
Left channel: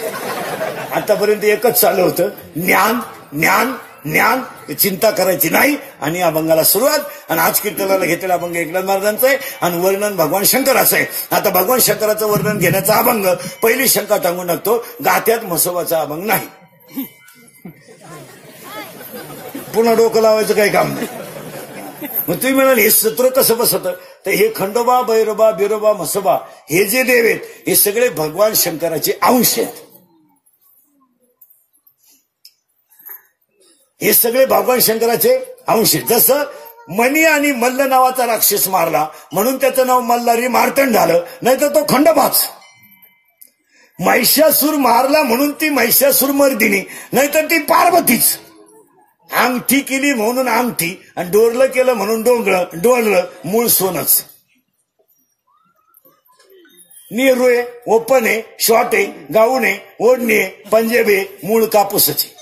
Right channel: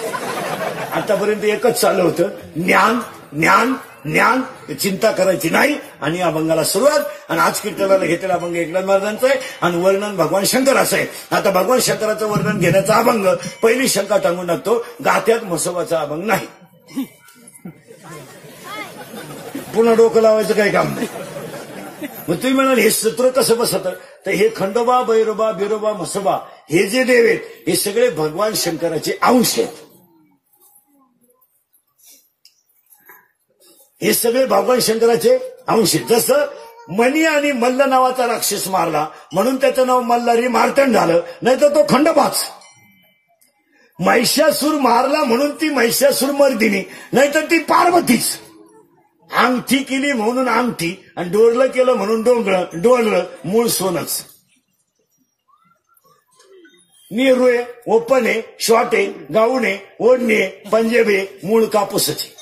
आतापर्यंत एकच चाललं होतं ज्ञान ज्ञान ज्ञान चिंता करायची नाही आणि अभंगाला सुरुवात आणि आज कीर्तनाला घेतलेला अभंग एकनाथ महाराजांचा आहे आणि वर्णन भगवान शंकराचं आहे आता भगवान शंकराचं वर्णन घेण्याचा अभंग पहिली शंका टांगून टाकतो गात्यात म्हसोबाचा अभंग नाही पुन्हा डोकं लावायचं काही काम नाही मग तुम्ही म्हणाल हे सूत्र कसं बसतं तर हे खंडोबा भैरोबा बिरोबा म्हसोबा हे जे देव आहेत हे सगळे भगवान शंकराचे अंश आहेत हे सगळे भगवान शंकराचे अंश आहेत जसं मणी आणि मल्ल नावाचा राक्षस मारला म्हणून त्याचं नाव मल्हारी मार्तंड झालं नाहीतर तो खंडोबाच महिषासूर मारला म्हणून ती महिषासूर मर्दिनी नाहीतर ती पार्वतीच अंगठी केली म्हणून अंगठी आणि डोरलं केलं म्हणून डोरलं मूळ सोनच नेरुळे ओपने शॉटे गाऊने ओढणे पंजाबे मूळ कापूसचे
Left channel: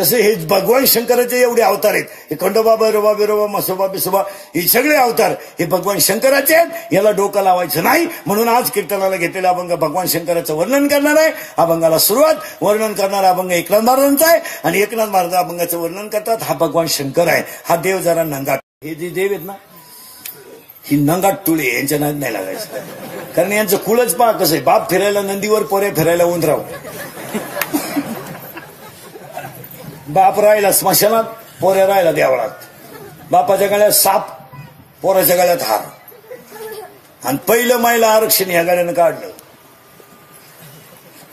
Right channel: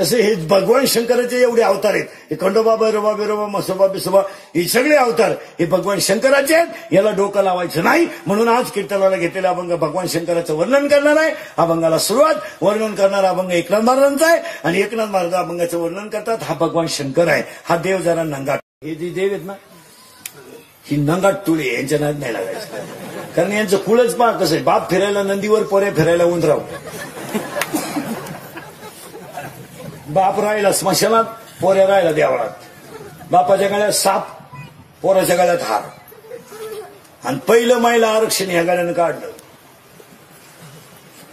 तसे हे भगवान शंकराचे एवढे अवतार आहेत. हे खंडोबा बिरोबा बिरोबा मसोबा बिसोबा हे सगळे अवतार हे भगवान शंकराचे आहेत. याला डोकं लावायचं नाही. म्हणून आज कीर्तनाला घेतलेला अभंग भगवान शंकराचं वर्णन करणार आहे. अभंगाला सुरुवात वर्णन करणारा अभंग एकनाथ महाराजांचा आहे आणि एकनाथ महाराज अभंगाचं वर्णन करतात. हा भगवान शंकर आहे. हा देव जरा नंगाट. हे जे देव आहेत ना ही नंगाट तुळे यांच्या नाद नाही लागायचं. कारण यांचं कुळच पहा कसं आहे. बाप फिरायला नंदीवर, पोरे फिरायला उंदराव. बाप राहिला स्मशानात, पोऱ्या राहिला देवळात. बापाच्या गळ्यात साप, पोराच्या गळ्यात हार. आणि पहिलं महिला आरक्षण ह्या गाड्यानं काढलं.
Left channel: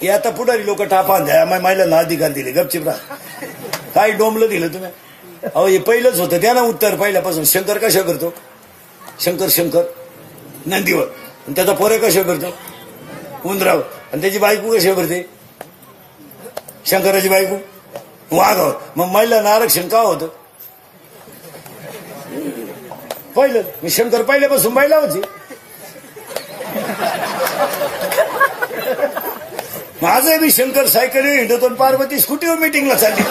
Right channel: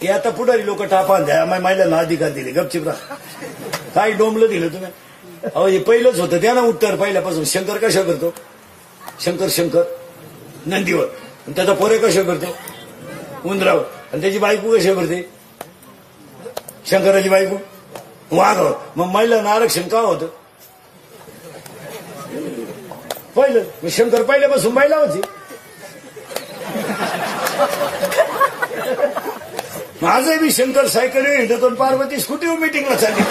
हे आता पुढारी लोक टापा द्या महिलांना अधिकार दिले. गपचिप राहा. काय डोंबलं दिलं तुम्ही. अहो हे पहिलंच होतं. द्या ना उत्तर पहिल्यापासून. शंकर कशा करतो. शंकर नंदीवर. आणि त्याचा पोरे कशा करते उंदरावर. आणि त्याची बायको कशा करते शंकराची बायको वाघावर. मग महिलांना आरक्षण का होतं. पहिलं मी शंकर पहिल्यापासून बायला होती. माझं मी शंकर सायकल हिंडतो पार्वती स्कूटीवर मिटिंगला चालली.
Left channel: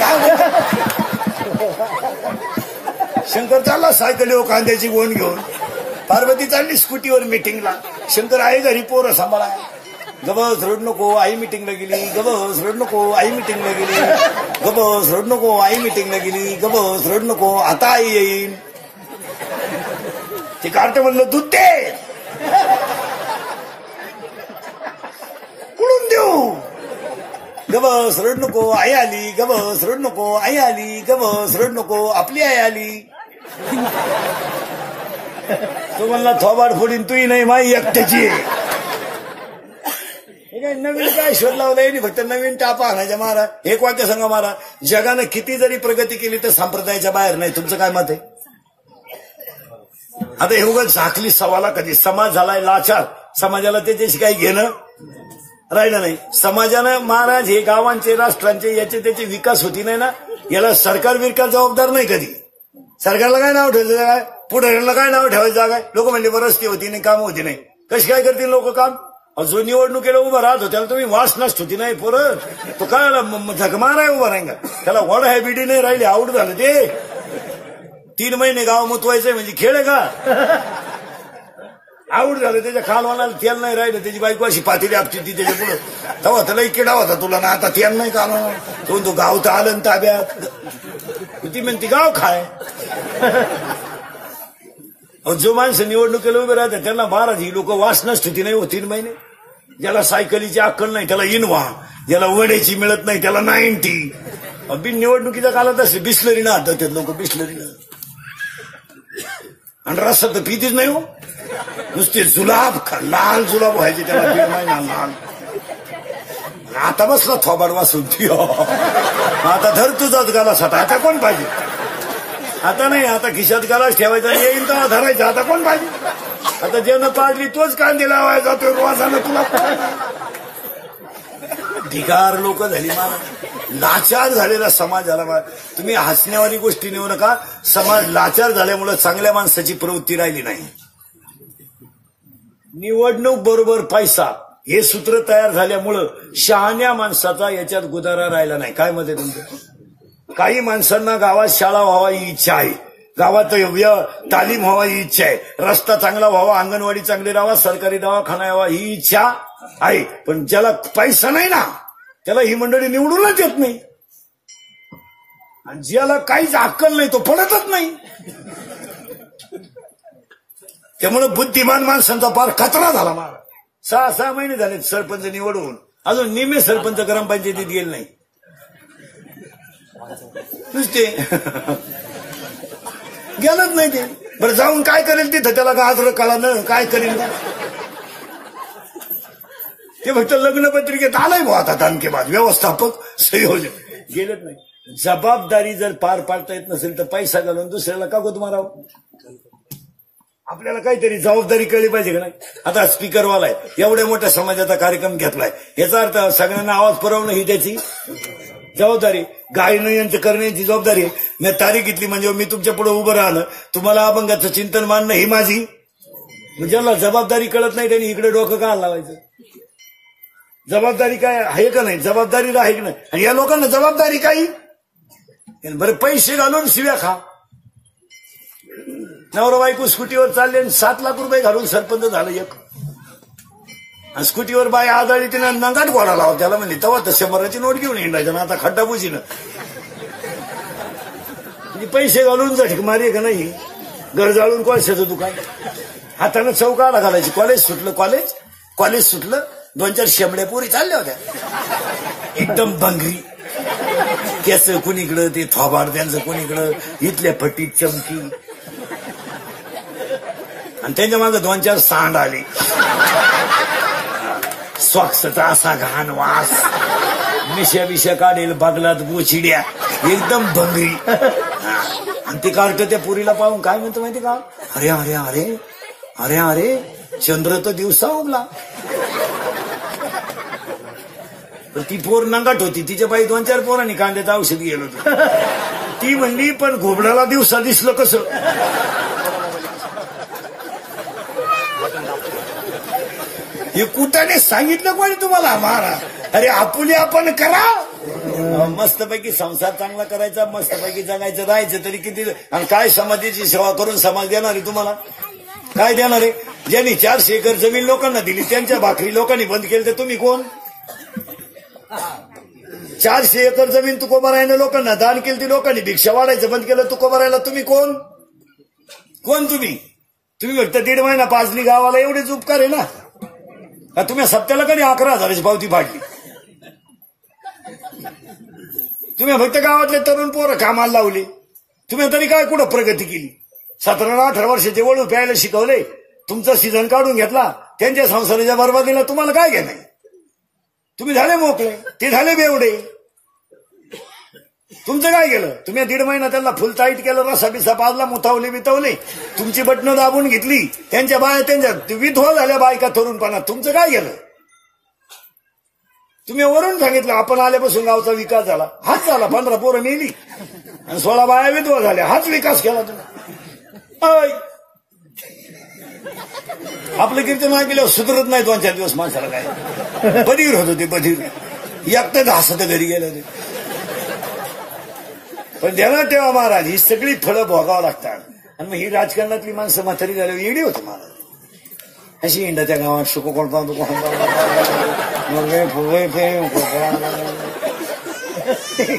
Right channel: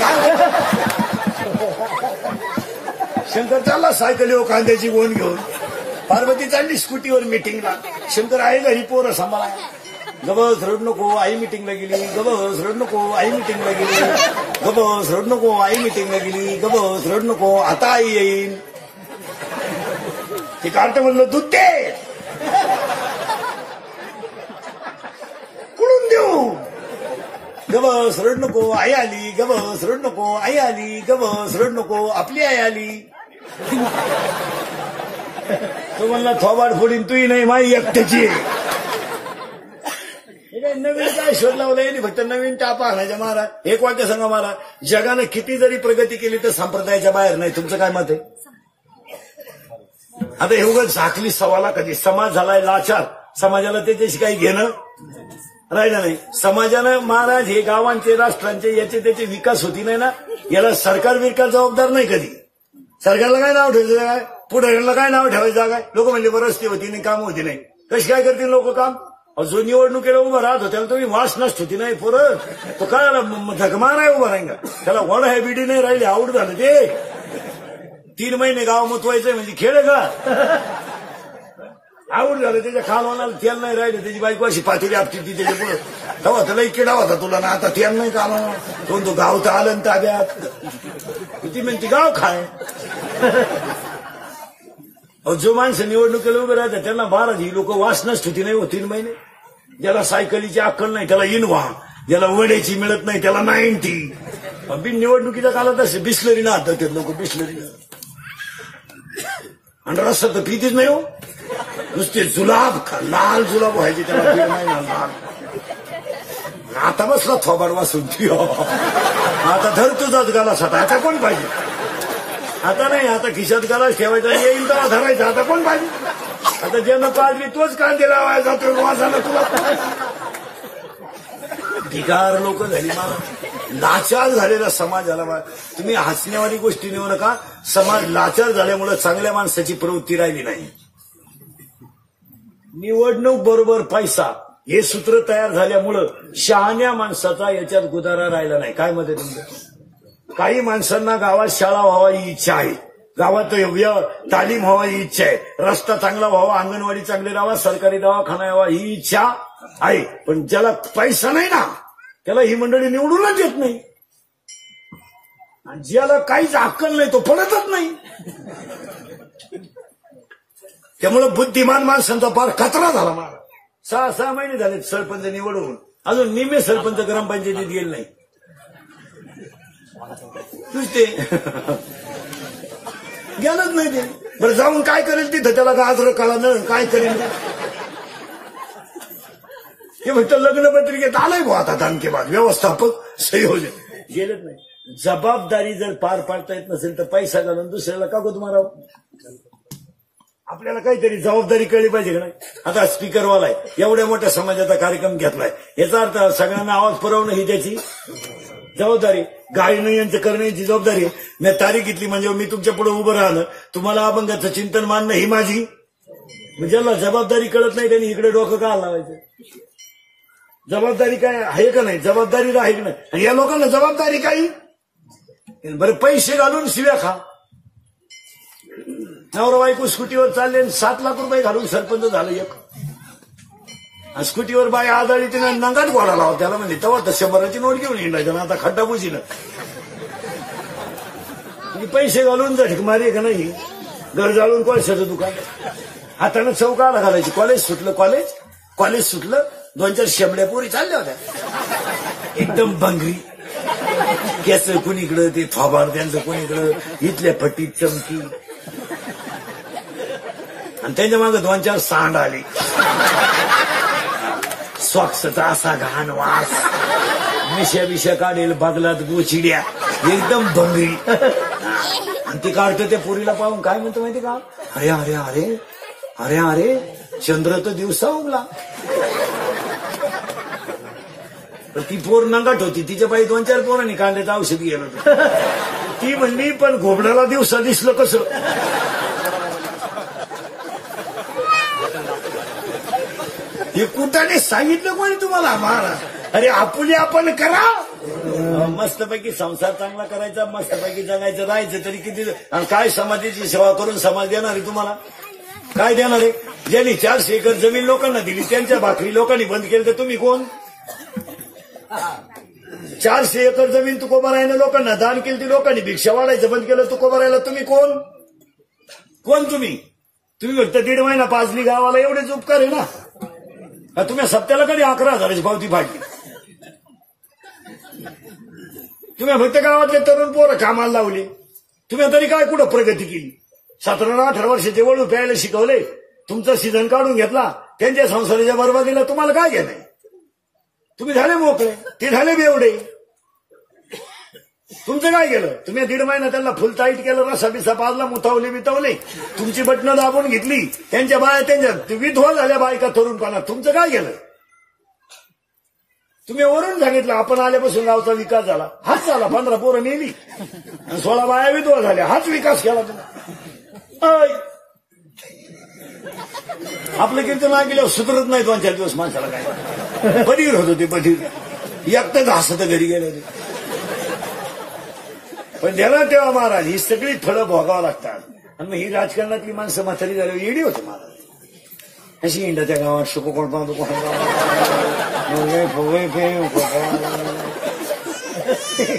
शंकर चालला सायकलीवर कांद्याची गोण घेऊन. पार्वती चालली स्कूटीवर मिटिंगला. शंकर आहे घरी पोरं सांभाळा. गबस रड नको आई मिटिंगला गेली. गबस रड नको आई मिटिंगला गेली. गबस रड नको आई मिटिंगला गेली. गबस रड नको आता आई येईल. ते कार्ट म्हणलं दूध दे कुठून देऊ. गबस रड नको आई आली. गबस रड नको आई आली. गबस रड नको आपली आई आली. तो म्हणला थोबाड फोडीन तुही नाही माई एकट्याची. नवीन काय शोध लावलाय नाही. फक्त नवीन टापा आणायच्या महाराज. एक वाक्य सांगा महाराज. जगानं किती जरी प्रगती केली तर संप्रदायाच्या बाहेर नाही. तुमचं काय मत आहे. आता हे उगाच झाकली सवाला कधी. समाज झालाय लाचार. समाजाला त्याच्याशी काही घेणं राहिलं नाही. समाजानं महाराज हे गावांचे राष्ट्रांचे याचे त्याचे विकास होती नाही ना. याला सरकार बिरकार जबाबदार नाही कधी. सरकारला काय नाव ठेवायचं काय. पुढे यांना काय नाव ठेवायचं काय. लोक म्हणजे रस्ते होती नाही काम होती नाही. कशी काय करतील लोक काम. जो निवडणुकीला उभं राहत होत्या तुम्ही वास नसत होती नाही पोरं. तो काय झकमा नाही उभा राहिला. त्याला वड हॅबिटी नाही राहिली. आऊट झालं ते. 3 महिने गाव मुतवायचे म्हणजे खेळ का. आऊट झालं. त्याच्या खालवाला तेल नाही राहिलं. त्याची बायको अशी पातेली आपली ती त्याच्या पुढे. तेव्हा त्याला किडा होता तुला ना. आता तेल नाही का. तो गाव तर आलं ताब्यात. किती म्हणते गाव खाय. जो माणसं निवडणुकीला उभे राहतात त्यांना महाराज ही लोक वास नसत होती नाही हो 3 महिने. ज्याला सायकलीची अक्कल नाही त्याला इनवा. ज्याला वड्याची मिळत नाही त्याला 90. बिन निवडणुकीच्या काळात असे बिस्लरी ना हातात लोक. बिस्लरी आणि रस्ता तर पितीच नाही हो. नुसते जुलाब लाल जुलाब व्हायचे त्याला. आता बसला थोबाड वासून. आता धर तुझाच गाला सटा. आता कोण पाहिजे. आता नाही. आता खिशात गालाच ठेवायचा. येईल तेव्हा धरायचा. आता कोण पाहिजे. आता ज्यांना पाडली तोच कांदे लावायचा. तो वासाला तुला ढिगार लोक झाली. लाचार झालेला समाज झाला. तुम्ही हसण्यावारी गोष्टी नेऊ नका. समाज लाचार झाल्यामुळे चांगल्या माणसाची प्रवृत्ती राहिली नाही. निवडणूक बरोबर पैसा हे सूत्र तयार झाल्यामुळं शहाण्या माणसाचा याच्यात गुदारा राहिला नाही. काय मत आहे तुमचं. काही माणसांना गावात शाळा व्हावा ही इच्छा आहे. गावात तालीम व्हावा ही इच्छा आहे. रस्ता चांगला व्हावा. अंगणवाडी चांगली राहावा. सरकारी दवाखाना यावा ही इच्छा आहे. पण ज्याला पैसा नाही ना त्याला ही मंडळी निवडूनच येत नाही. आणि ज्याला काहीच अक्कल नाही तो पडतच नाही. त्यामुळे बुद्धिमान माणसांचा फार कचरा झाला. मला 6 महिने झाले सरपंच निवडून. अजून निम्मे सरपंच ग्रामपंचायतीत गेले नाही. नुसते गेलंच नाही ते. बरं जाऊन काय करेल तिथं. त्याला गाजर कळालं काय करेल. ते फक्त लग्नपत्रिकेत आलंय भाऊ. आता तानकेबाद व्यवस्थापक संयोजक गेलंच नाही. जबाबदारी जर पार पाडता येत नसेल तर पैसा घालून दुसऱ्याला का गोत मारावं. आपल्याला काहीतरी जबाबदारी कळली पाहिजे का नाही. आता स्पीकरवाला आहे. एवढ्या मोठ्या समाजाचा कार्यक्रम घेतलाय. याचा अर्थ सगळ्यांना आवाज पुरवणं ही त्याची जबाबदारी. गायनं यांची करण्याची जबाबदारी. मी तारीख घेतली म्हणजे मी तुमच्या पुढे उभं राहणं. तुम्हाला अभंगाचं चिंतन मानणं ही माझी. ज्याला जबाबदारी कळत नाही त्यांनी इकडे डोकं का लावायचं. जबाबदारी काय आहे का नाही. जबाबदारीला आहे की नाही. आणि या लोकांना जबाबदारी काही बरं पैसे घालून शिव्या खा. नवरा बायको स्कूटीवर चालले आणि 7 लाख रुपये घालून सरपंच झालं एक. आणि स्कूटीवर बाई आदळली तिनं नंगाट घोडा लावा त्याला म्हणजे तेव्हा तर 100ची नोट घेऊन हिंडायचं ना. आता खड्डा बुजीनं म्हणजे पैसे घालून झटक मारी का नाही. घर जाळून कोळशाचं दुकान हातानं चौकाला घालायची. कॉलेज सुटलं 2-4 शेंबड्या पोरी चालल्या होत्या एकदम भंगरी. त्याच कुणीकडं ते थोबाड त्यांचं कुणीकडं इथल्या फटीत चमकी आणि त्यांच्या मागे 2-4 सांड आले. सॉक्सचा असा घाण वास मिश्या काढेल बगलात गोचिड्या एकदम भंगरी. आणि ती काढतो त्या पुरीला पाहून काय म्हणतो माहिती का. अरे अरे अरे अरे अरे चंद्र तर दिवसा उगला. तर ती पोर नंगाट होती. तिच्या बाई 2-4 पोरांनी कांद्याचं औषध गेलं होतं. ती म्हणली पण घोबड्याला दिवसा दिसलं कसं. हे कुठाने सांगितलं कोणी तुम्हाला महाराज. अरे आपुले आपण करा. मस्तपैकी संसार चांगला करायचा मस्तपैकी जगायचं राहायचं तरी किती. आणि काय समाजाची सेवा करून समाज देणार आहे तुम्हाला. काय देणार आहे. ज्यांनी 400 एकर जमीन लोकांना दिली त्यांच्या भाकरी लोकांनी बंद केली तर तुम्ही कोण. 400 एकर जमीन तुकोबारायनं लोकांना दान केली ती लोकांनी भिक्षा वाढायचं बंद केलं तुकोबारायला तुम्ही कोण. तुम्ही फक्त 1.5 महिना पाजली गावाला एवढेच उपकार आहे ना. तुम्ही सप्त्याला कधी 11,000ची पावती फाडली. तुम्ही फक्त गावातले तरुण पोरं कामाला लावले. तुम्ही तरी काय कुठं प्रगती केली. 17-18 वर्षाचे वळू प्यायला शिकवले. तुमचा सीझन काढून घेतला. त्यांच्या संसाराच्या बरबादीला तुम्हाला काय घेणं. तुम्ही झाले मोकळे ते झाले बेवडे. तुमचं काय केलं. तुम्ही 1.5 महिना त्यांना फुल टाईट केलं. रसा बिसा पाजला बितवले. तुमची बटणं दाबून घेतली. त्यांच्या बाया त्यांच्या विधवा झाल्या बायका तरुणपणा. तुमचं काय केलं. तुम्ही वरून सांगितलं आपण आल्यापासून गावचा विकास झाला. हाच झाला. 15 पोरं मेली आणि 16 बाया विधवा झाल्या. हाच विकास केला तुम्ही. आपलं कीर्तन ऐकल्यावर सुधरत नाही 2-4 दिवस माणसाला. काय बधीर होत होते बधीर. एकटंच हसत घरी गेलं ते. पण ध्यानात ठेवा महाराज ही सगळी फळं भोगावं लागतात. आणि मग ही राजकारणातली माणसं म्हातारी झाल्यावर येडी होती महाराज. अशी इंडाच्या गावात शुकोकोण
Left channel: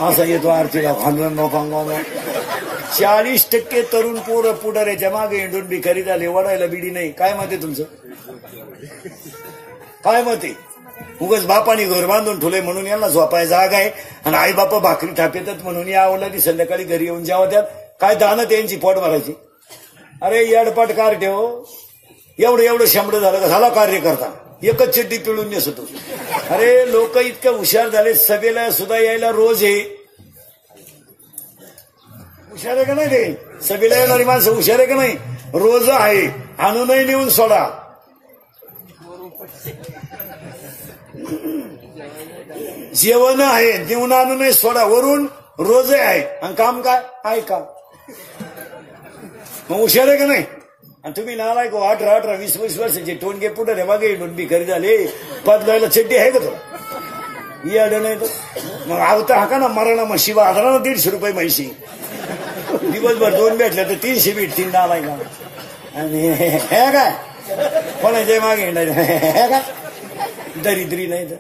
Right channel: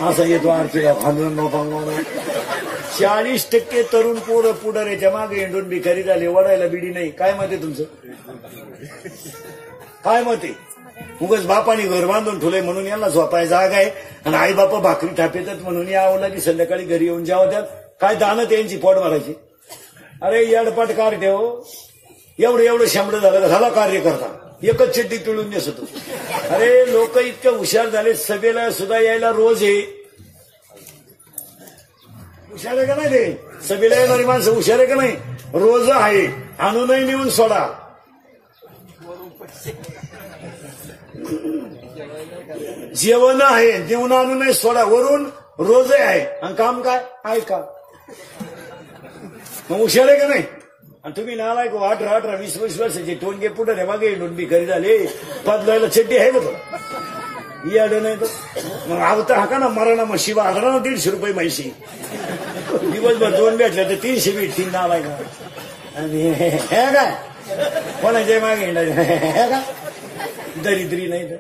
असा येतो आरतीला भांडवण 40% तरुण पोरं पुढाऱ्याच्या मागे इंडून भिकारी झाले. वडायला बिडी नाही. काय मत आहे तुमचं. काय मत आहे. उगाच बापाने घर बांधून ठेवले म्हणून यांना झोपाय जागा आहे. आणि आई बापा भाकरी थापेतात म्हणून या आवडला संध्याकाळी घरी येऊन जेव्हा त्यात काय दानं त्यांची पोट भरायची. अरे येडपाट कार ठेव. एवढं शांबड झाला कार्य करता. एकच चिड्डी पिळून नेसतो. अरे लोक इतकं हुशार झाले. सभेला सुद्धा यायला रोज आहे. हुशार आहे का नाही रे. सभेला येणारी माणसं हुशार आहे का नाही. रोज आहे. आणूनही नेऊन सोडा. जेवण आहे देऊन आणूनही सोडा. वरून रोज आहे. आणि काम काय आहे का. मग हुशार आहे का नाही. आणि तुम्ही नालायक 18, 20 वर्षाचे टोनगे पुढे मागे भिकारी झाले. बदलायला चड्डी आहे का तो. याड नाही तो. मग आवता हा का ना मराणा मग शिवा आधारा ना 150 रुपये म्हैशी. दिवसभर 2 भेटले तर 300 भेटतील नालायक. आणि हे काय कोणाच्या मागे हिंडायचं हे का. दरिद्री नाही तर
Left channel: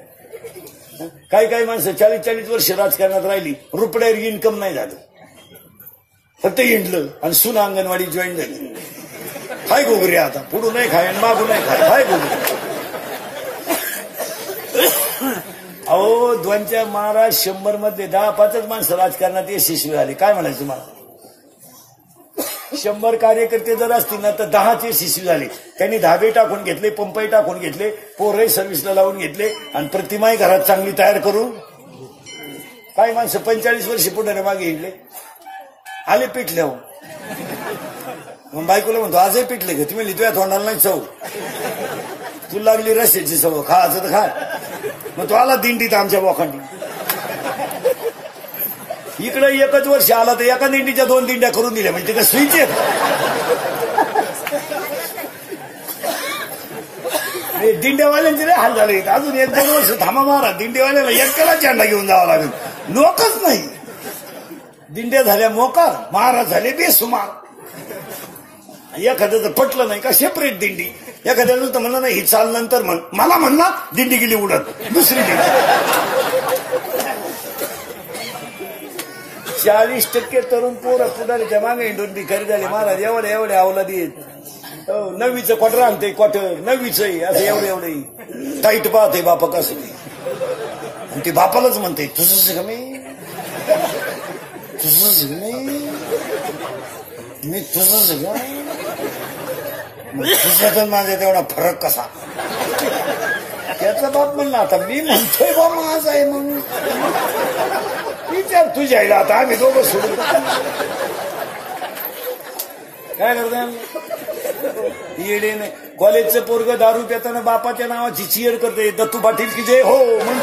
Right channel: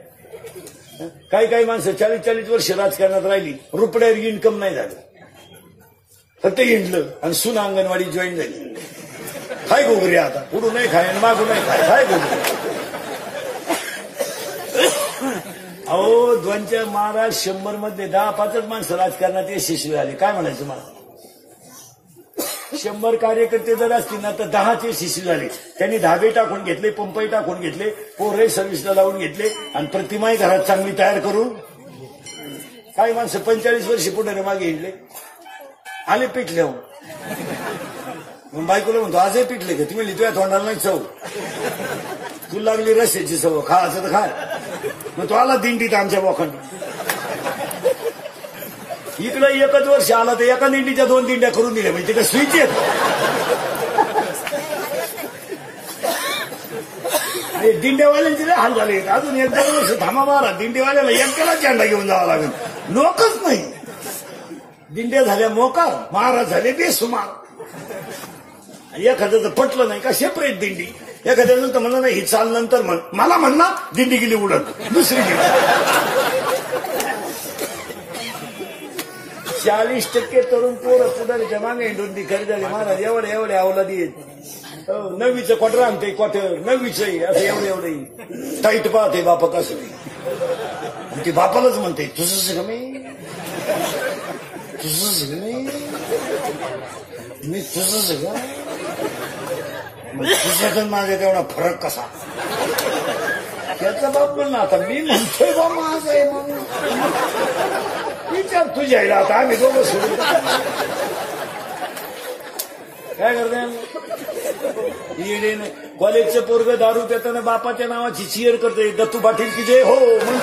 काही माणसं 40-40 वर्ष राजकारणात राहिली. रुपड्यावर इन्कम नाही झालं. फक्त हिंडलं आणि सुना अंगणवाडी जॉईन झाली. काय गोगरी आता पुढून नाही खाय मागून नाही खाय. काय गोगरी. अहो 2-4 महाराज 100 मध्ये 10-5 माणसं राजकारणात यशस्वी झाले. काय म्हणायचं तुम्हाला. 100 कार्यकर्ते जर असतील ना तर 10च यशस्वी झाले. त्यांनी धाबे टाकून घेतले. पंपही टाकून घेतले. पोरही सर्व्हिसला लावून घेतले. आणि प्रतिमाही घरात चांगली तयार करून काही माणसं 45 वर्ष पुढे मागे हिंडले. आले पिटले. हो मग बायकोला म्हणतो आजही पिटले का. तुम्ही तुझ्या तोंडाला नाही चव. तुला लागली रस्त्याची सवय खायचं तर खा. मग तो आला दिंडीत आमच्या बोखांडी. इकडे एकच वर्ष आला तर एका दिंडीच्या 2 दिंड्या करून दिल्या. म्हणजे ते स्विच आहे. दिंड्यावाल्यांचे लय हाल झाले. अजून 1-2 वर्ष थांबा मारा. दिंडीवाल्याला एकट्याला झेंडा घेऊन जावा लागेल. लोकच नाही. दिंड्या झाल्या मोकार, महाराज झाले बेसुमार. एखाद्याचं पटलं नाही का सेपरेट दिंडी, एखाद्यानं तर म्हणलं नाही ही चाल नंतर म्हण, मला म्हणणार दिंडी गेली उडत दुसरी दिंडी. 40% तरुण पोरं पुढारीच्या मागे हिंडून भिकारी झाले. महाराज एवढे अवलादी आहेत. 9वीचं क्वार्टर आणते, क्वार्टर 9वीच असं एवढे टाईट पाहते बापा कसं. आणि ती बापालाच म्हणते तुझंच का मी तुझंच का, तुझा माझा तेवढा फरक कसा. त्याचा बाप म्हणला आता मी म्हणतोय बा माझा आहे म्हणून विचार तुझ्या आईला. आता आम्ही दोघं सोडून काय करते येडे. कॉलेजचं पोरग दारू पिताना बापाच्या नावाची चिअर करते, दत्तू पाटील की जे हो म्हणून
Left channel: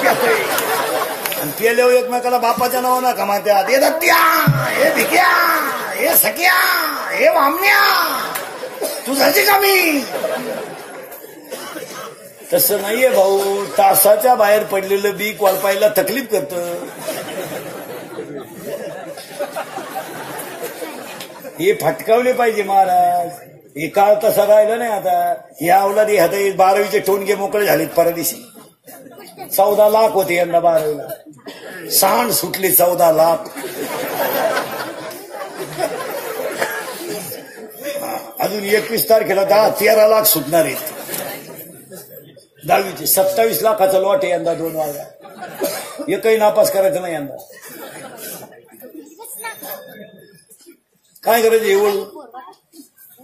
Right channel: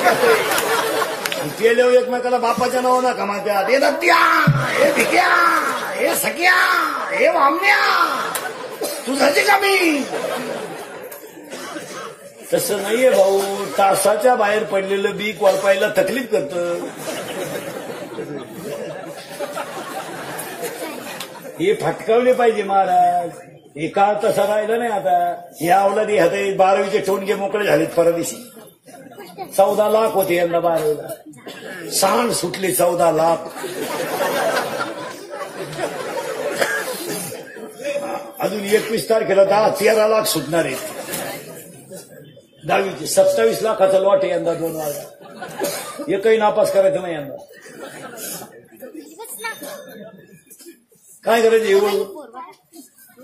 आणि केल्यावर एकमेकाला बापाच्या नाव ना कमात्यात, हे दत्त्या, हे भिक्या, हे सख्या, हे वामण्या, तुझाची कमी. तसं नाहीये भाऊ. तासाच्या बाहेर पडलेलं बी कोळपायला तकलीफ करतं. हे फटकावले पाहिजे महाराज. हे काळ तसा राहिला नाही. आता या अवलादी हात 12वीचे टोनगे मोकळे झालेत. परदिशी 14 लाख होते यंदा 12वीला. सांड सुटले 14 लाख. अजून 21 तारखेला 13 लाख सुटणार आहेत. 10वीचे 27 लाखाचा लॉट आहे यंदा 2 वाजा. एकही नापास करायचं नाही यंदा. काय करायचं एवढं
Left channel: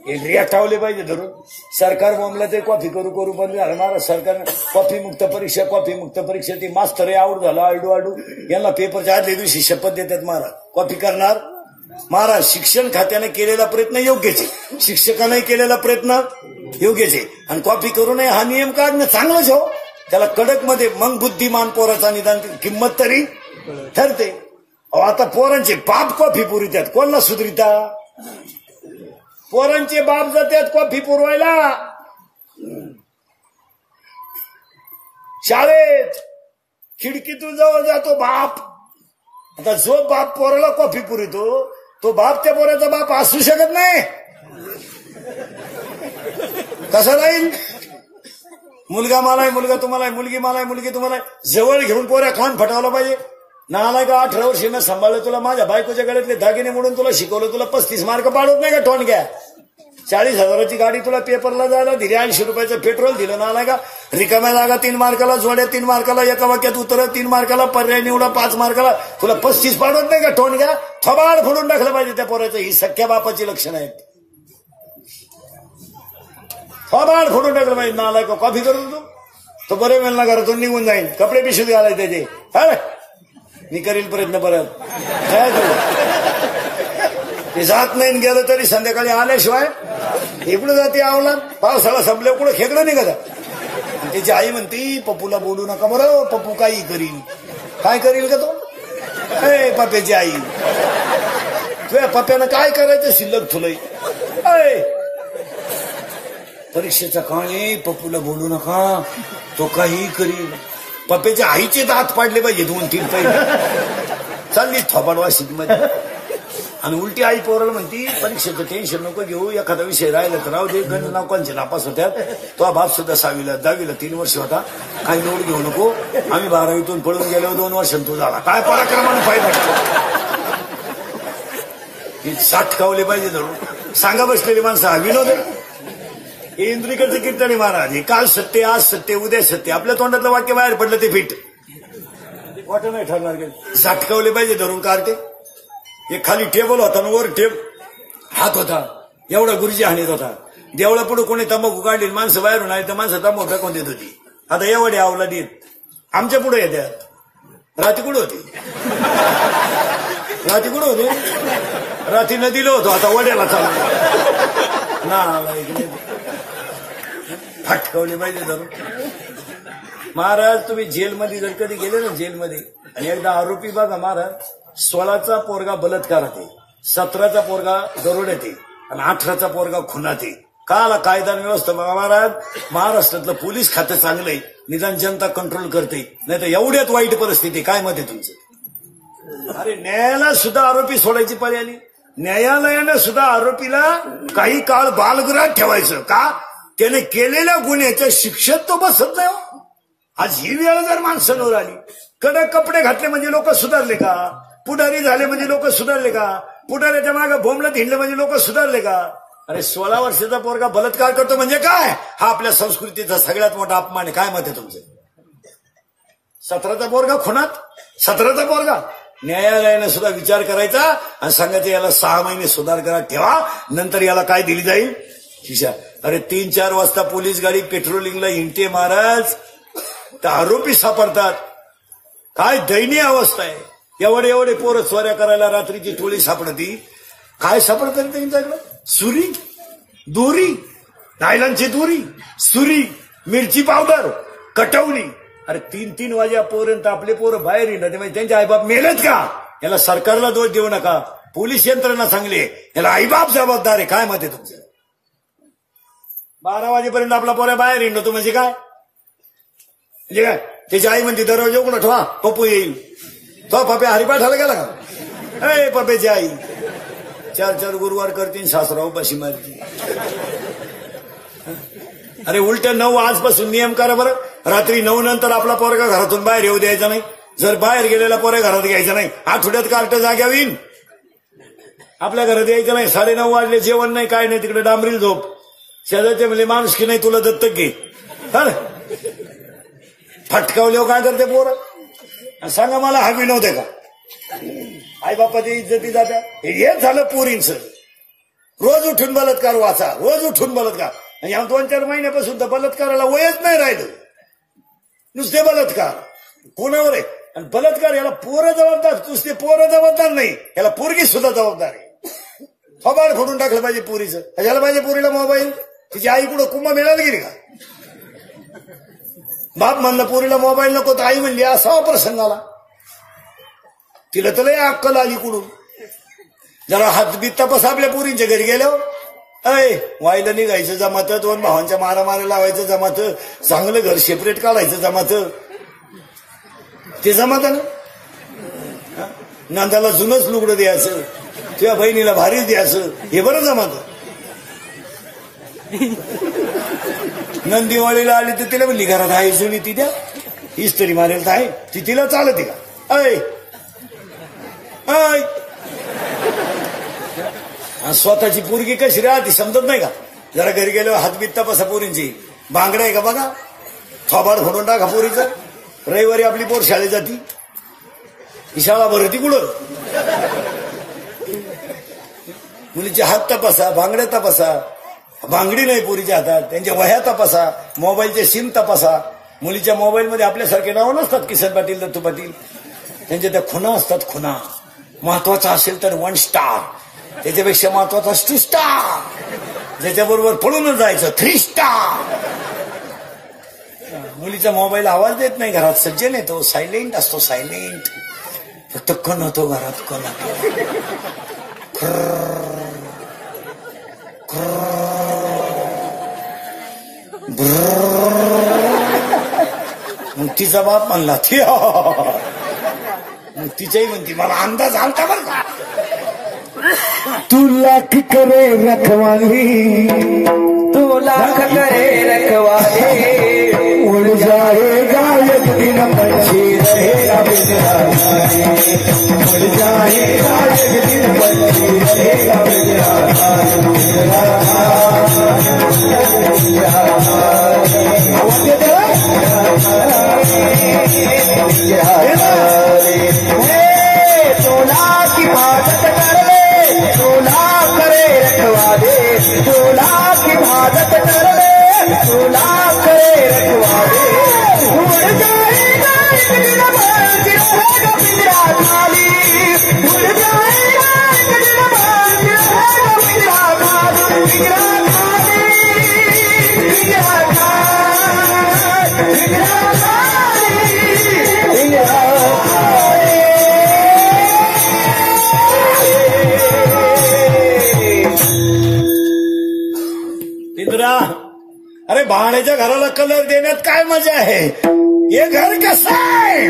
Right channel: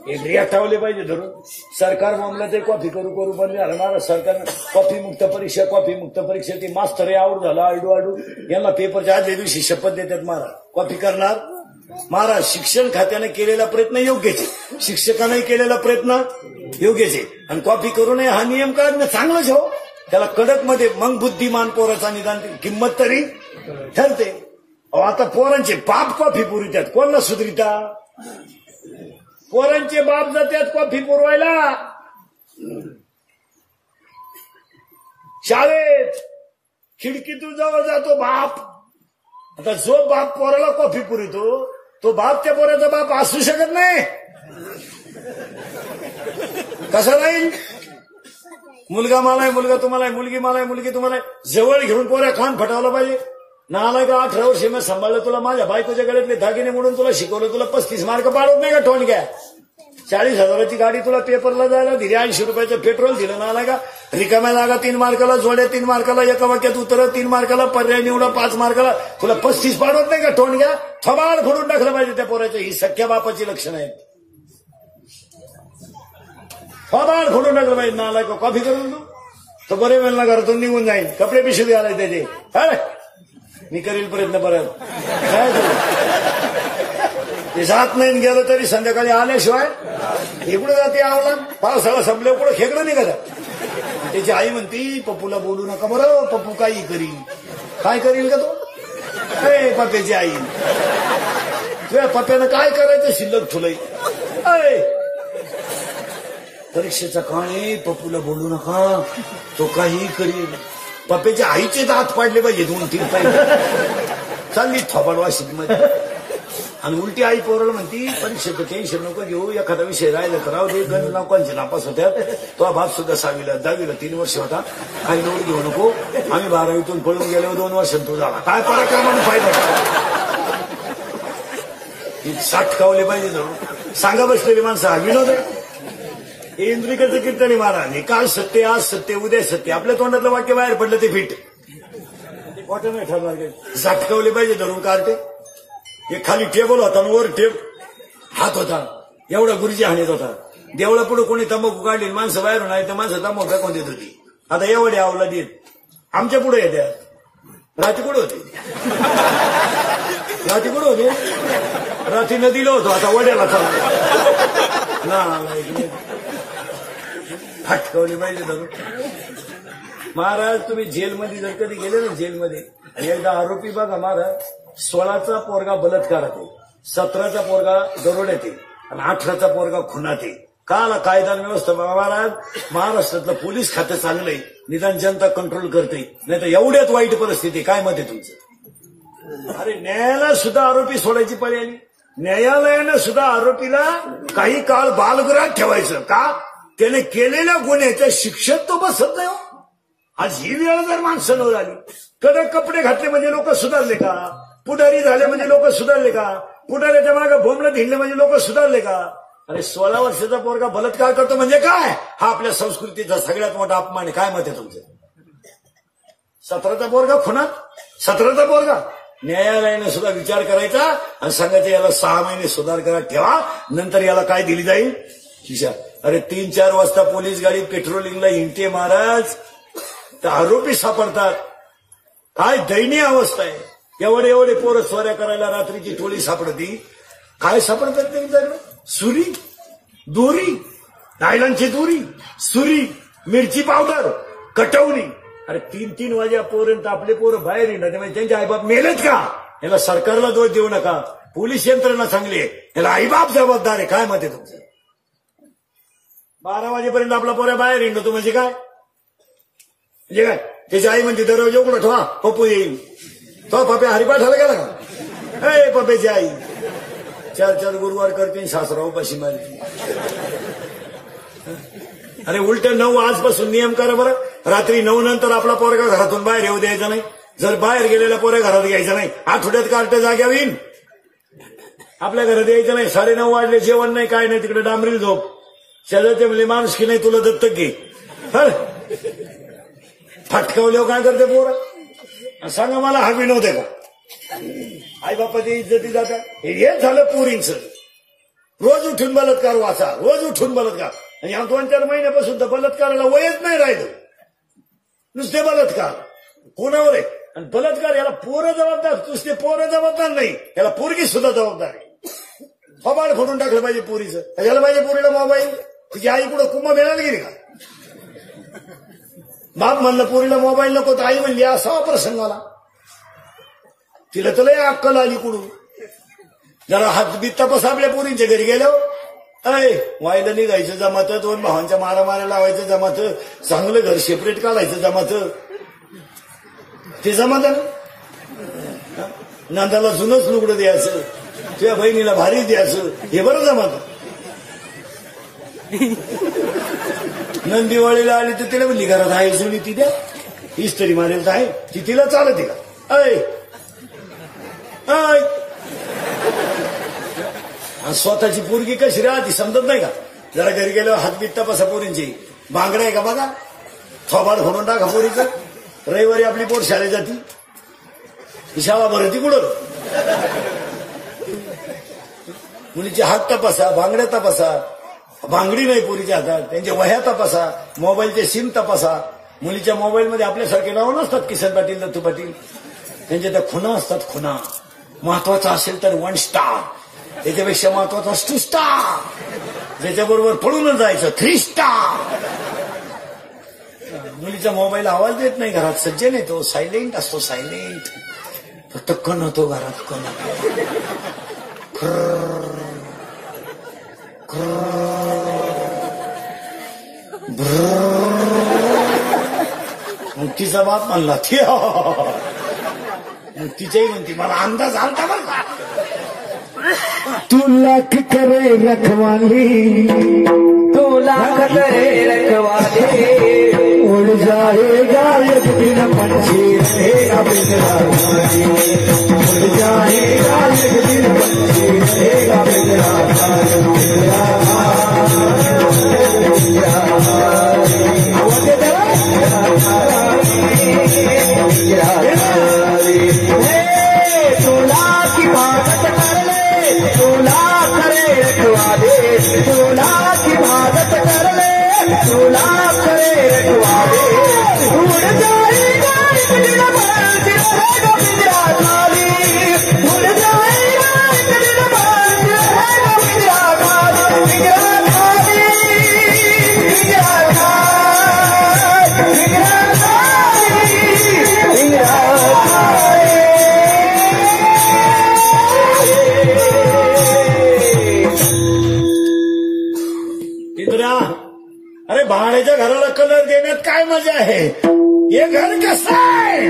एक रियाठावले पाहिजे धरून. सरकार मामल्यात कॉफी करू बंद झालं. महाराज सरकारनं कॉफी मुक्त परीक्षा ती मास्तर आवड झाला आडू यांना पेपरच्या आदल्या दिवशी शपथ देतात महाराज कॉफी करणार. महाराज शिक्षण खात्याने केलेला प्रयत्न योग्यच आहे, शिक्षकांनाही केलेला प्रयत्न योग्यच आहे. आणि कॉफी करू नये हा नियम काढणं चांगलंच हो. त्याला कडक मध्ये मग बुद्धिमान पोराचा निदान किंमत तरी ठरते. आता पोरांचे बाप कॉफी पुरवितात, कोणाला सुधरिता. पोरांचे बाप जातात कॉफी पुरवायला शाळेत. खिडकीतून जवळ जातो बाप. आता जो बाप पोराला कॉफी पुरवितो तो बाप त्या पोराचा बाप असू शकत नाही. कसं राहील. मुलगा मला आहे, मुलगा तुम्हाला आहे, मुलगी मला आहे, मुलगी तुम्हाला आहे. जवळ घेऊन पोऱ्या खान फटावला पाहिजे. नालाय का 18 वर्षी मी सांभाळलं तुला, माझ्या बायकोच्या गळ्यातले दागिने म्हणून तुला शिकवलं, तुला 35 मार्क पाडत नाही का ठोण घ्या. 40,000ची गाडी तुला पेपरला जायला दिली, 80 रुपयाचं पेट्रोल दिलं. नालाय का रिकाम्या जागा 3 मार्काला जोड्या, 3 मार्काला एका वाक्यात उतरव, 3 मार्काला पर्याय निवडा, 5 मार्काला तुला 35 पाडत नाही का ठोण घ्या. थोबाड फोडून टाकलं पाहिजे त्या पोऱ्याचं. ही सख्या बापाची लक्षणं आहेत. थोबाड फोडून टाकलं पाहिजे. नालाय का कॉफी करून तो बरे वेळ ना घरातून निघून जाईल. कपडे पिशवीत घालायचे त्याचे. काय मी करील प्रयत्न परत. ते जात नाही गेलं तरी संध्याकाळी आल्याशिवाय इकडे जाते आवला. पावसाळा संपल्या कुठं खेकडं निघत. त्याची आई म्हणती पप्पूला बोलू नका बरं, पप्पू काही करील. काय करील का तो पप्प्याची आई. तुझ्या पप्प्यानं काय करायचं शिल्लक तुलय. परीक्षेचा काळ आहे, पप्पूला बोलू नका, तो काही करील. पप्प्याच्या आईचे दात पाडले पाहिजे 2-3 काही. चालली थोबाडवा शिकमध्ये. आणि उलटी आई पोराला म्हणती परीक्षेचं टेन्शन नको घेऊ, एखादा विषय राहिला तर राहू दे. लोकांचे नापास होत्यात. तो बाप सुद्धा 6वीला 10वीला 3 वर्ष होता. काही निवड घेऊ नको. आम्ही 12वीतून पळून गेल्यावर 2 वर्षांनी तो झाला. काय पराक्रमानं फायदा. साठकावले पाहिजे धरून. सांगा बसलेली माणसं विनोद. इंद्रिकेचं कीर्तनी महाराज. हे काल सत्य, आज सत्य, उद्या सत्य. आपल्या तोंडातलं वाक्य बाहेर पडलं ते फिट वाटत नाही ठरणार. साठकावले पाहिजे धरून कार्टे. एक खाली टेबल होता, वर हात होता, एवढा गुरुजी हाणीत होता. देवळा पुढे कोणी तंबाखू काढली, माणसं बाहेरून आली तर माणसं तंबाखू टाकून देत होती. आता एवढे आवलादी येत आमच्या पुढे येतात. रात्री कुठे होते, रात्री कुठे होतो, रात्री नदीला होतो, आता वड्याला चालतो ना. फटकवली पाहिजे धरून. महाराज तुम्ही जेलमध्ये जर कधी गेले ना जेलमध्ये, आणि एकदा आरोपी बघा महाराज, 16चा पोरगा बलात्कारात आहे, 17चा पोरगा दरोड्यात आहे, आणि 18चा पोरगा खुनात आहे. काला कायदा व्यवस्था महाराज. महाराष्ट्रातलं पोलीस खातं चांगलंय, निदान जनता कंट्रोल करते. नाही तर एवढ्यात वाईट परिस्थिती. काय मत आहे तुमचं. अरे न्यायालयात सुद्धा आरोपी सोडायची पर्याय आली. न्यायालयानं सुद्धा आरोपीला काही काळ बालगृहात ठेवायचं का? त्याने केलेल्या गुन्ह्याच्या शिक्षेत तो बसत नाही. आज ही वेळ जर माणसांवर आली, कडक कपडे घातले म्हणजे लोक सुधारले का? पुढारी झाले म्हणजे लोक सुधारले का? पुढाऱ्याच्या मागे भोमलत हिंडले म्हणजे लोक सुधारले का? अरे 16 वर्षाचा पोरगा बलात्कार करतो म्हणजे काय? हा आपल्या संस्कृतीचा सगळ्यात मोठा अपमान आहे. काय मत आहे तुमचं? 17चा पोरगा खुनात, 17चा पोरगा. न्यायालयानं सुद्धा विचार करायचा आणि सांगायचं याला 6 महिने सुधार करा ठेवा, नंतर याला काय दिली जाईल? शिक्षा. अरे 3-4 वाजता पोलीस गाडी पेट्रोलिंगला हिंडते महाराज, तर आरोपी सापडतात. काय दयनीय अवस्था आहे. एवढे पोरं चोऱ्या करायला रात्रीची टोळी सापडती. काय सापडतात त्यांच्याकडे? सुरी, दोरी, नायलॉनची दोरी, सुरी, मिरची पावडर, कटवली. अरे 3-3 वाजेपर्यंत आपले पोरं बाहेर येणार, म्हणजे त्यांचे आईबाप मेलेत का? याला सरकारला दोष देऊ नका, पोलीस यंत्रणा चांगली, याला आईबाप जबाबदार आहे. काय मत आहे तुमचं? 12 वाजेपर्यंत आपला पोरा बाहेर येणार म्हणजे काय? म्हणजे काय? त्याची आई म्हणते दरवाजा उघडा ठेवा, पप्पू येईल. तो पप्पे हरिपाठाला गेला का? अरे पप्पेची आई 4 गुरुवार करते, सासरा उपाशी मारते. अरे उलट्या 9 आजपासून नियम करा बरं. रात्री 9 नंतर आपला पोरगा घरातून बाहेर येऊ द्यायचा नाही. जर बाहेर गेलेला पोरगा घरात घ्यायचा नाही. आठवड्यात कार्ट जाग्या होईल. आपल्या घरात यायचं नाही. 9:30 वाजले, जेवण नाही, काय नाही, तिकडे डांबरील झोप. शेजारचे म्हणजे माणूस की नाही तुला दत्तक घे. फटकावले काय करते पोरं? सांगा मला हा विनोद आहे का? आई बापाची इज्जती जाता. हेच झालं पोरींचं. रोज उठून बलात्कार वाचा, रोज उठून बलात्कार. आणि या 2-4 महिन्यापासून तर बलात्काराला वयच नाही राहिलं. नुसते बलात्कार कोणावर आहे? आणि बलात्कार याला पोरं जबाबदार, नुसते पोरं जबाबदार नाही, याला पोरगी सुद्धा जबाबदार आहे. फबाड फोडून टाकलं पाहिजे पोरीचं. याला पाहिजे पोरीला मोबाईल. तिची आई कुठं कुंभमेळ्याला गेली का? बाप म्हणलं पोरीला मोबाईल नको, तर आई म्हणली असा प्रसंग आला. तिला तुला अक्कल आली कुठून? जरा हातबीत तपास आपल्या पोरींच्या घरी गेलो. वायला निघायचं जमात, 2 भावांच्या मारामाऱ्या लावायचं जमात, चांगलं घर सेपरेट काढायचं जमात. ते जमात ना. नंदाला जुनच लुगडं द्यायचं, किंवा बहिणीला भारीच द्यायचं, हे बरं जमात. नंदिवाळीला आली तर तिला म्हणली घरात आहे जुनी, ती द्या इस्त्री मारेल तर आहे ती, तिला चालत का? स्वतःची पोरगी कशी राहती समजत नाही का? जरा घरी गेलो हातबीत तपासा पोरींची. बांगड्या आहे का बघा, थोबाड फोडून टाका पोरीचं. रविवारी आपली पोर शाळेत जाती, ही शाळा भरती कुठं? मुलीचे हात तपासा, बांगड्या तपासा. बांगडी नाही पोरीच्या हातात, त्यांच्या वह्या तपासा, मोबाईलचे सिम तपासा. मुलीच्या मोबाईलमध्ये आपल्यासारखे नाव नसतात, किसन पाटील, दत्तू पाटील. त्यांच्या त्या खुणा असतात, खुणा. महत्वाचा असेल तर 1 स्टार, त्याच्यापेक्षा महत्वाचा 2 स्टार, त्याच्याबरोबर पळूनच जायचं 3 स्टार. मुलीचा मोबाईल आवाज देत नाही घरात, सज्जन येतो, सायलेंट असतो, सायलेंट. फक्त कण होतो घरात, कण. तिचा बाप म्हणला तिच्याही म्हणती मला अंदाज आलता बरं का. तू लाख करे रखवाली, तू लाख करे रखवाली, उड़ जाएगा एक दिन पंछी रहेगा बिजरानी, उड़ जाएगा एक दिन पंछी रहेगा बिजरानी. अरे भाड्याच्या घराला कलर देण्यात काय मजा आहे? हे घर कसं आहे?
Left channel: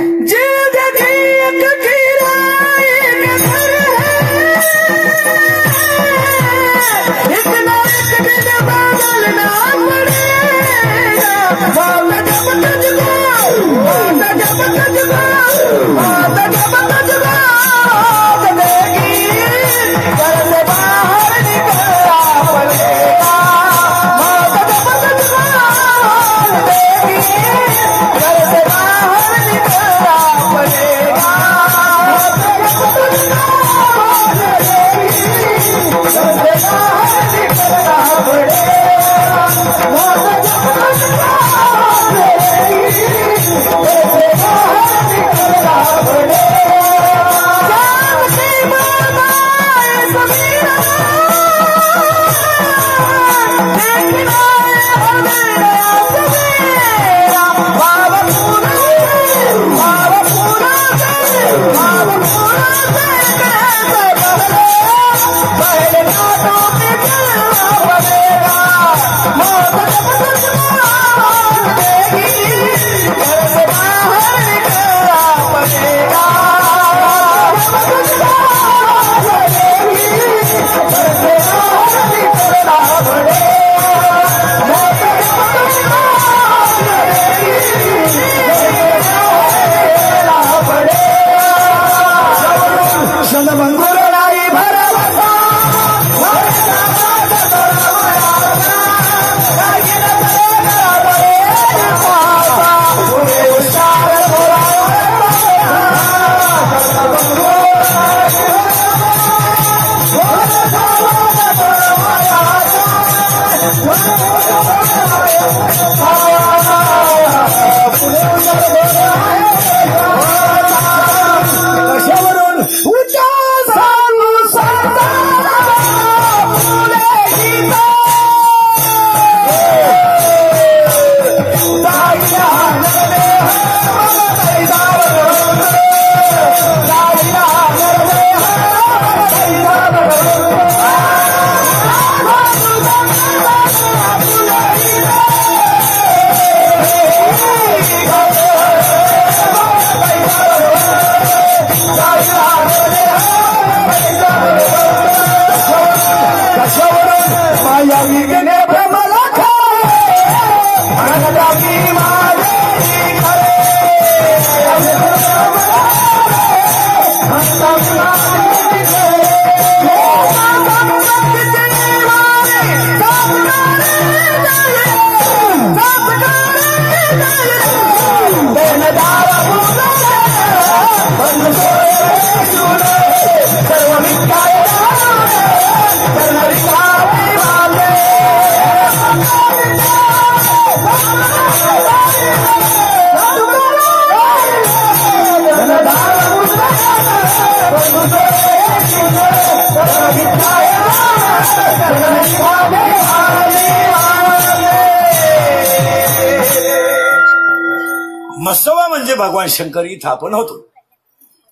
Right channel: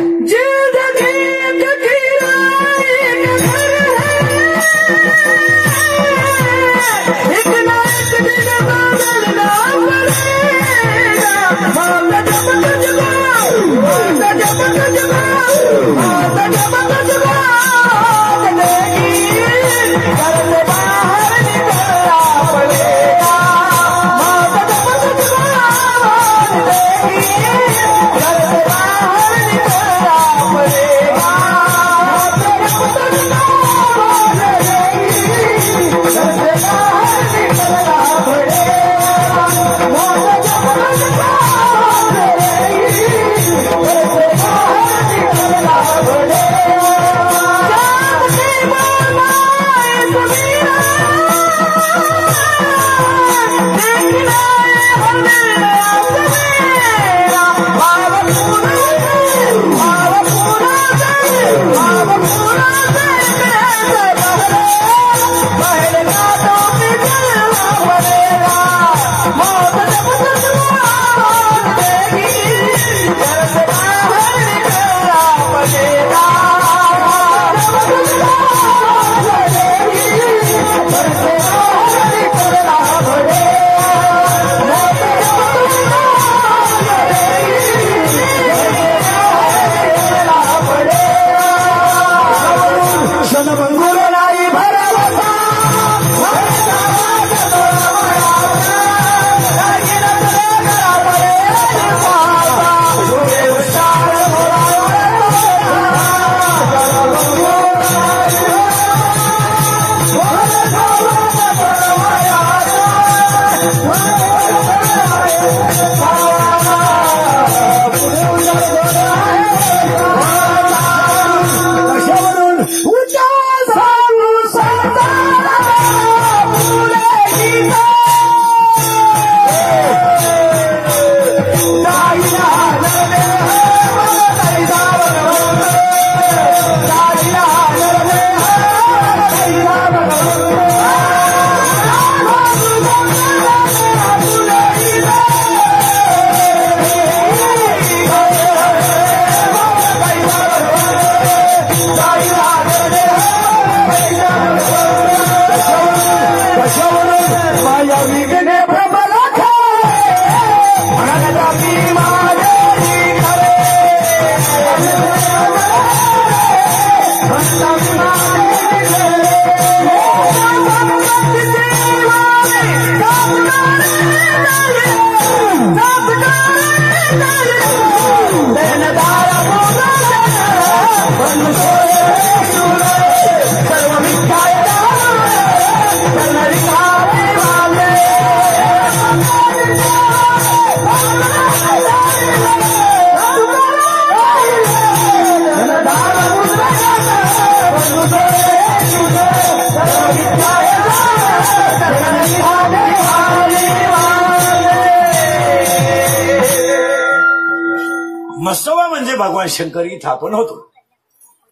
मसवा म्हणजे भगवान शंकर इथं आपण होतो.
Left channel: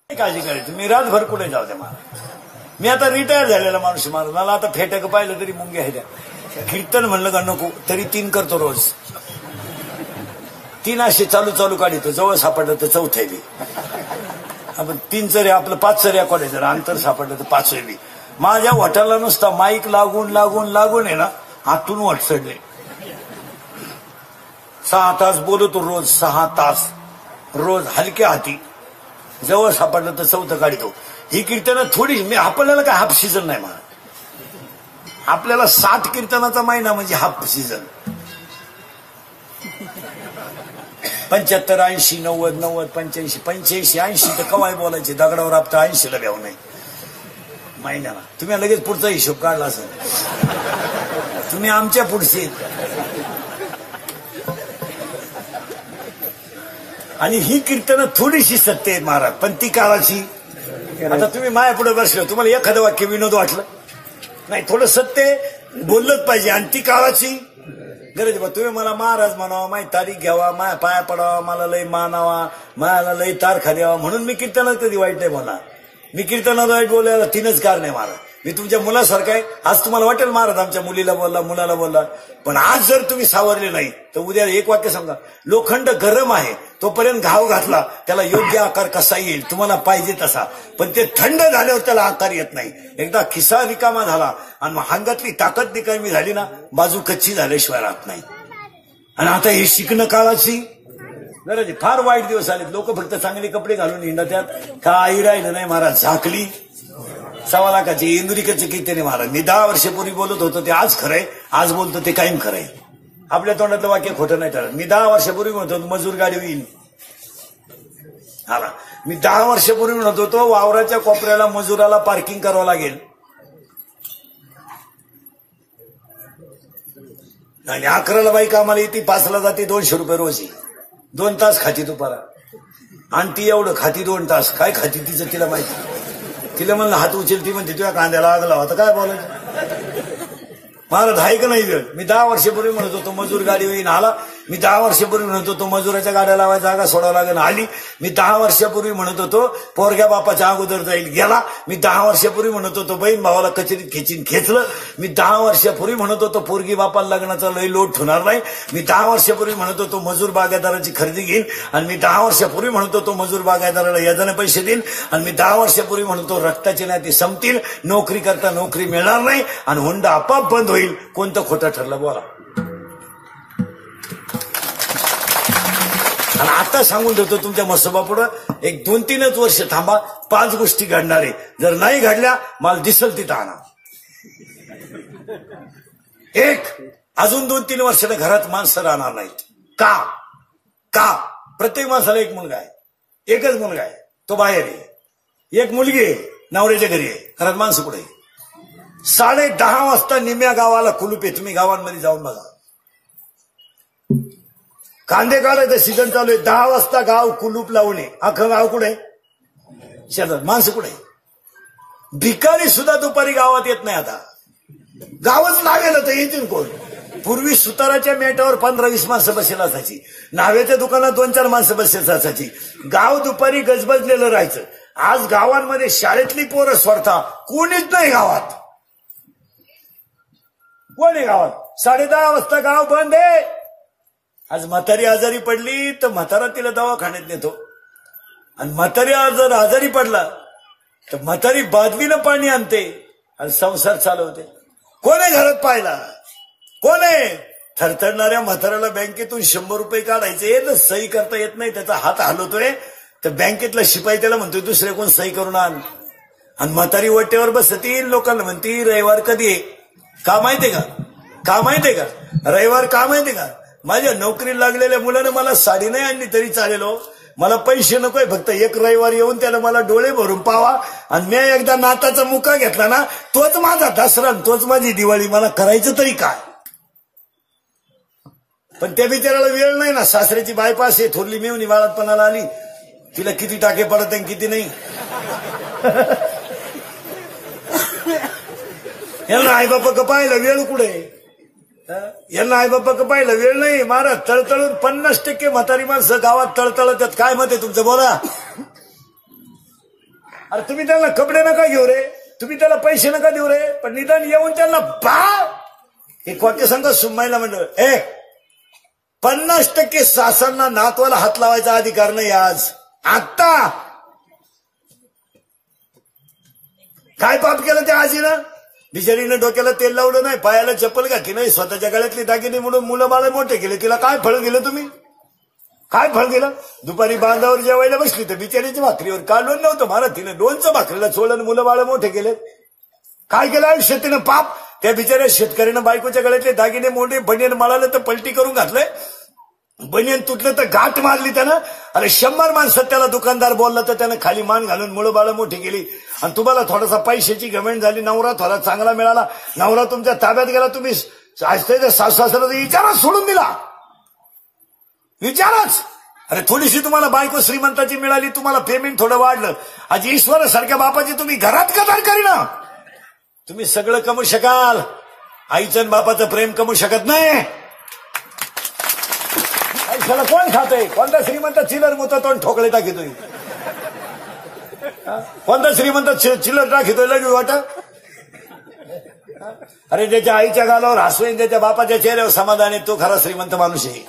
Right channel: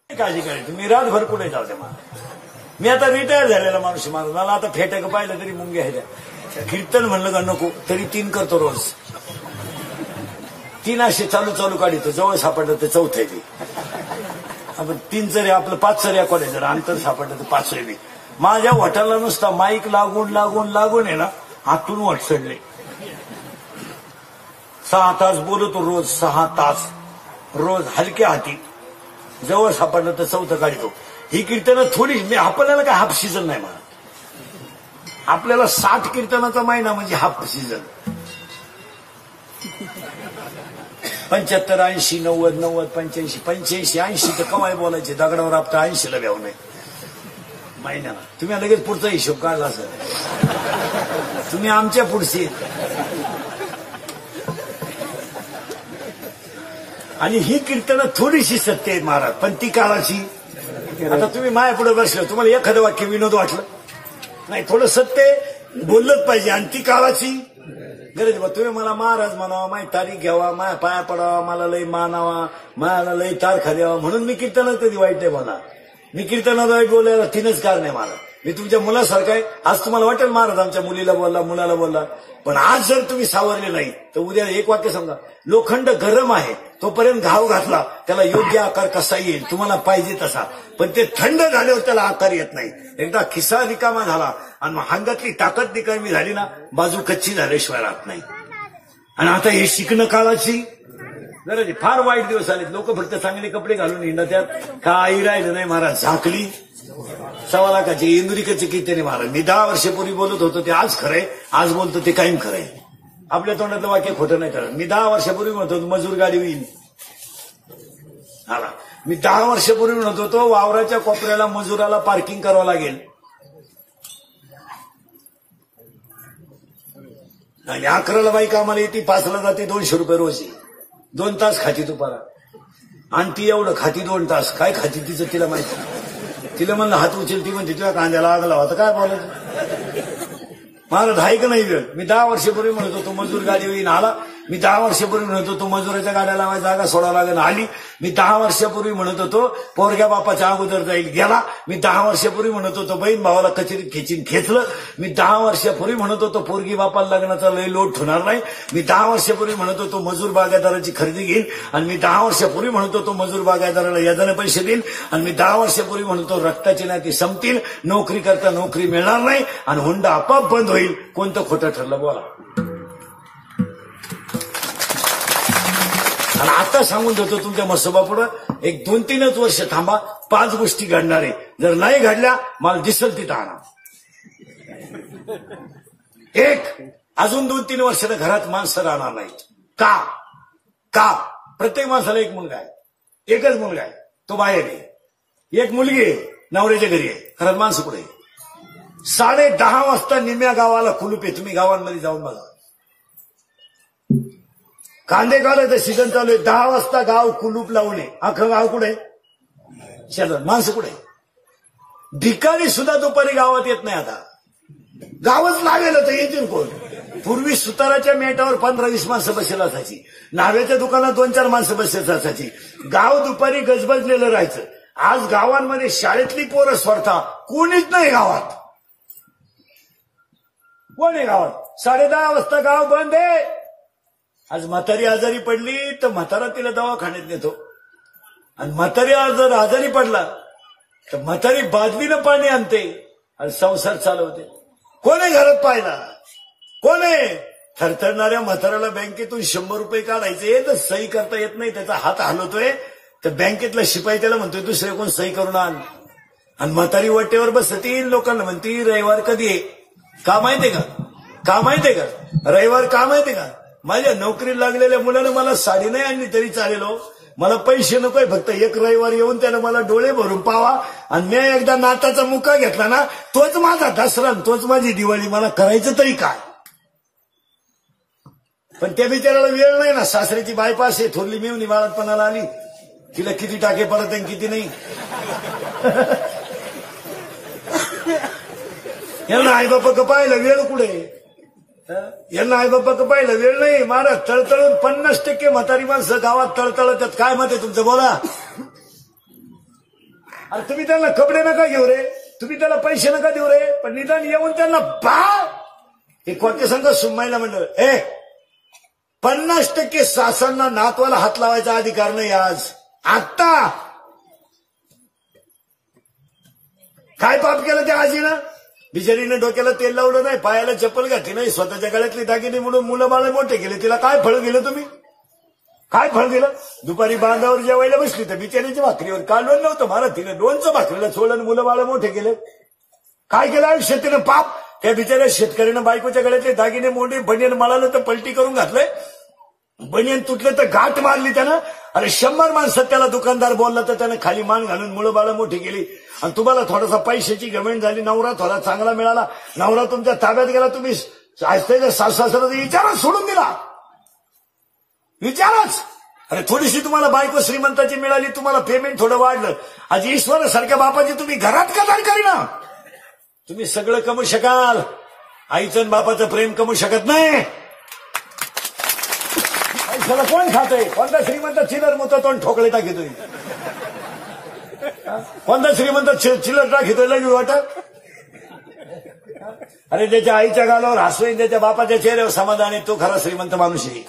काळजी करायची मी रातभर कुठे जाऊ द्या मला. मी आता रिटायर झालेला माणूस मला आता फेटक पाहिलं तरी मुंगे आहे. कीर्तन म्हणलं का नको तरी 3 करतो रोज. 3 असे चालू काढतो. जवळ सापडलं तर 4थे बी. आपण 3 चर्या आपलं 5 चर्या कॉलेजला अंतर सापडलं तर 5 बी. माझ्या हॉटेलला नुसता माईक लागून आहे ना आतून वाट चढले. 6 तास बोलतो रोज. 6 तास रोज हलक्या हाती. जवळ सापडलं तर 4थं काढतो. ही कीर्तनं थोडी आपल्याला काय हाफ सीझन नाही ना. आपल्याला 60 कीर्तनाचा महिना म्हणजे हाफ सीझन. 75, 80, 90, 85, 80 तर कवाय बोलायचे. दगडावर आपता 80ला घ्याऊ नये महिन्याला. तुम्ही लगेच पुढचा हिशोब काढला असेल. तुम्ही आमच्या पुढचे. आणि ही कीर्तनं थोडीशी सत्य आहेत महाराज पण ती काळाची. आता तुम्ही माया पुढे बसलं तुम्हाला एखादं वाक्य विनोद वाटलं नाही. थोडं सत्य बोललंच पाहिजे. आणि ती काळाची गरज बा. तुम्ही मला महाराज म्हणावा माझी तारीख घ्यावा माझ्या पाया पडावा मला लय मानावा मला लय तारखा द्यावा म्हणून मी कीर्तनात कधी वाईट नाही बोलणार. मी कीर्तनात वाईट बोलायला 3च कारण आहे मला. मी तुमच्या मुलासारखं आहे. आज तुम्हाला वाटेल महाराज आमच्या मुलीला बोलला मुलाला बोलला पण आज जर तुम्ही सावरले नाही तर उद्या एक वाक्य सांगा. लोखंड गरम आहे तोपर्यंत घाव घातला त्याला योग्य आकार कसा येईल तुम्हाला पाहिजे तसा. पण ते थंड झाल्यावर त्याला आकार येत नाही. एकदा खिसा रिकामा झाला आणि हांगातली ताकद निकामी झाली ना बाजू कच्ची झाल्याशिवाय राहत नाही. आणि आता हे शिकणं काळाची गरज. फार वाईट दिवस आलेत. लोक फक्त चांगले कपडे घालून हिंडतात. काही राहिलं नाही महाराज. झाकली 1.25 लाखाची इंद्रिकची कितीने महाराज. मी 10 वर्षापूर्वी बोलत होतो ते आज खरंय. आज बोलतो ते कायम खरंय. आपल्या तोंडातलं वाक्य खोटं नाही. तर मी 10 वर्षापूर्वी म्हणतो मजूर गाडी होईल. मी 10 वर्षापूर्वी म्हणत होतो वावराच्या कोपऱ्याला मजुराला पार्किंग करावं लागेल. आणि 11ला बाई कामाला येते, 5ला जाते, 200 रुपये रोज 2 तास खाती तुपारा. आणि ती एवढं खाती 2 तास. काय खाती तिचं तिला माहिती. तिला म्हणलं हात उचल, ती म्हणते तुझ्या कांद्याला आग लावा. काय बोलायचं. मला ठाईक नाही वेळ. मी 10 वर्षापूर्वी म्हणत होतो मजूर गाडी येईन आला. मी 10 वर्षापूर्वी म्हणत होतो मजुराच्या गाड्या लावायला जागा सोडावं लागेल आली. मी 10 वर्षापूर्वी म्हणत होतो पोरग्या बापाच्या अगोदर जाईल गेला. मी 10 वर्षापूर्वी म्हणत होतो बहीण भावाला कचेरीत खेचीन खेचलं. मी 10 वर्षापूर्वी म्हणत होतो पोरगी बापाला लग्नाचा लय लोट होणार नाही. मी 10 वर्षापूर्वी म्हणत होतो मजूर बागायतदाराची खरेदी घेईन. आणि मी 10 वर्षापूर्वी म्हणत होतो मजूर बागायतदाराला यादाने पैसे देईन. आणि मी 10 वर्षापूर्वी म्हणतो रक्ताची नाती संपतील, नोकरी करता नोकरी मिळणार नाही आणि हुंडा आपाप बंद होईल. कोणतं खोटं ठरलं बोला. आणि आता सांगून ठेवतो तुमच्या मसोबापुढं, एक 2-3च वर्ष थांबा, 5 गोष्टी घडणार आहे. जर नाही घडल्या मला दिसल तिथं आणा. एक, अजून 2-3 वर्षाला घरात माणसं राहणार नाहीत. का प्रत्येक माणसाला एक मुलगा आहे, एकच मुलगा आहे, तो बाहेर आहे. एक मुलगी आहे, नवऱ्याच्या घरी आहे. घरात माणसं कुठे आहे. 10:30 वाजता निम्या गावाला कुलूप आहे. तुम्ही गावांमध्ये जाऊन बघा. कांदे काढायचं सीझन चालू आहे. 10 वाजता गाव कुलूप लावले. अख्खं गाव कुठे शेतात. माणसं कुठे. भिकारी सुद्धा दुपारी गावात येत नाही. आता गावच लागेल तर येतील कोण. पूर्वी सुताराच्या मेटावर 15-20 माणसं बसेल असायची. नाव्याच्या दुकानात 2-4 माणसं बसेल असायची. गाव दुपारी गजबजलेलं राहायचं. आज गावांमध्ये शाळेतली पोरं सोडता कोणीच नाही गावात. कोणी गावात 10:30 वाजता गाव बंद आहे. आज म्हातारी आजारी पडली तर म्हातारा तिला दवाखान्यात नेतो. आणि म्हातारी जर आजारी पडला तर म्हातारी बादलीनं पाणी आणते आणि संसार चालवते. कोणी घरात पाहिला. कोणी थरथरणाऱ्या म्हाताऱ्याला बँकेतून 100 रुपये काढायचे तर सही करता येत नाही. त्याचा हात हलवतोय तर बँकेतला शिपाई त्याला म्हणतोय दुसरे कोण सही करून आण. आणि म्हातारी वट्टेवर बसतील. लोकांना म्हणती रविवार कधी आहे. का माहितीये का रविवार का माहितीये का. माझ्या नोकरीला लागलेल्या मुलानं मला साडी नाही आणली तरी चालेल. मला पैसे नकोय, फक्त एक रविवार येऊन त्याला मला डोळे भरून पावा. आणि मी एकदा नाताचा मुका घेतला ना, तोच माझा दसरा, तोच माझी दिवाळी. मला करायचं तरी काय. पण त्या बिचाराला वेळ नाही ना. सासऱ्याची बायपास आहे, थोरली मिळून बाळातपणाला आली. तिला किती टाके पडत आहे किती नाही. यांना आई बापा पाहिलं वेळ कुठे. यांना आई बापा पाहिलं वेळ नाही. महाराज तळतळून 50% म्हातारी माणसं गावात तळतळतात. काय मत आहे तुमचं बोला. अरे तुम्ही त्यांना कपडे नका घेऊ रे, तुम्ही त्याला पैसे नका देऊ रे, पण निदान येऊन त्यांना हे कोणते सांगतो सुमायला म्हणलं 50% सासांना नातवाला हात लावायचा अधिकार नाही. आज आत्ता काय पाप केलं त्या आजीनं. बिचारीनं डोक्याला तेल लावलं नाही, पायाला चप्पल घातली नाही, स्वतःच्या गळ्यातली दागिने म्हणून मुलं बाळ मोठे केले. तिला काय फळ दिलं तुम्ही. काय फळ दिलं. दुपारी बांधावर जेवायला बसली तर बिचारीच्या भाकरीवर काढलं नव्हतं महाराज. तिने 2च्या भाकरीला सोडलं, मुलं बाळ मोठे केले. काय केलं आयुष्यात तिनं पाप. त्या बिचाऱ्या शेतकऱ्यानं बायकोच्या गळ्यातले दागिने मोडे, बनियन मळाले तर पलटी करून घातले. बनियन तुटलं तर गाठ मारली त्यानं. अरे 100 माणसात त्याला दुकानदार बोलला तर त्यानं खाली मान घालून मुलं बाळ मोठी केली. आणि तुम्हाला थोडासा पैशाची गमेंट झाली. नवरा थोडा चांगला मिळाला, नवरा तुमच्या ताब्यात गेला, तुम्ही सासू-सासऱ्याला विचारच सोडून दिला. विचारच. अरे थोडीशी तुम्हाला बायको श्रीमंताची मिळाली, तुम्हाला पेमेंट थोडं वाढलं. आज ईश्वरासारख्या बापाची तुम्ही घरात कदर करीना. तुम्ही सगळं कमवू शकाल, आईचं आणि बापाचं प्रेम कमवू शकत नाही. पैशाला कोण खातोय. कोणता श्रीमंत चिल्लर मोठा तोंड ठोकळे टाकीतोय. कोणता श्रीमंत चिल्लर टाकीतोय लगी वाटा. अरे ज्याच्या आईच्या गालावर हसवेन, त्याच्या बापाच्या चेहऱ्यावर समाधान आहे, तो खरा श्रीमंत माणूस आहे.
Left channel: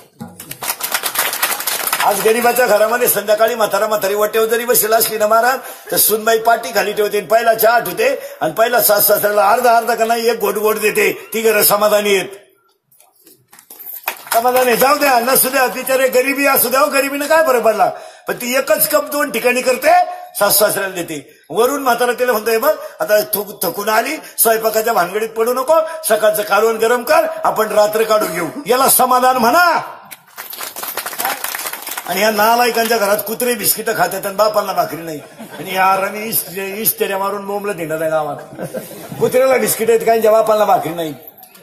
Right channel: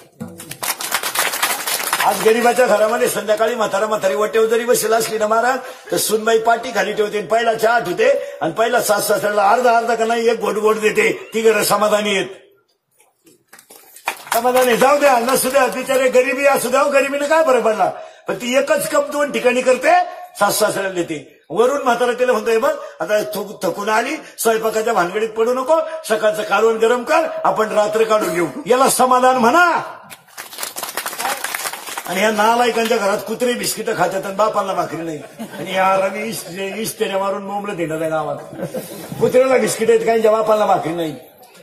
आज गरीबाच्या घरामध्ये संध्याकाळी म्हातारी वाटेवर जरी बसेल असली ना महाराज, तर सुनबाई पाठी खाली ठेवते, पहिला चहा ठेवते आणि पहिला सासऱ्याला अर्धा का नाही 1 घोट देते. ती घरं समाधानी येत. समाधानी जाऊ द्या नसू द्या, बिचारे गरिबी असू द्या, गरिबीने काय फरक पडला. पण ती एकच कप 2 ठिकाणी करते, सासऱ्याला देते. वरून म्हातारा तिला म्हणतोय मग आता थकून आली, स्वयंपाकाच्या भानगडीत पडू नको, सकाळचं कालवण गरम कर, आपण रात्र काढून घेऊ. याला समाधान म्हणा. आणि या नालायकांच्या घरात कुत्रे बिस्किटं खाते आणि बापांना भाकरी नाही. आणि या इस्तेऱ्या मारून बोंबलं देणार आहे गावात. कुत्र्याला बिस्किट आहेत, काही बापांना भाकरी नाही.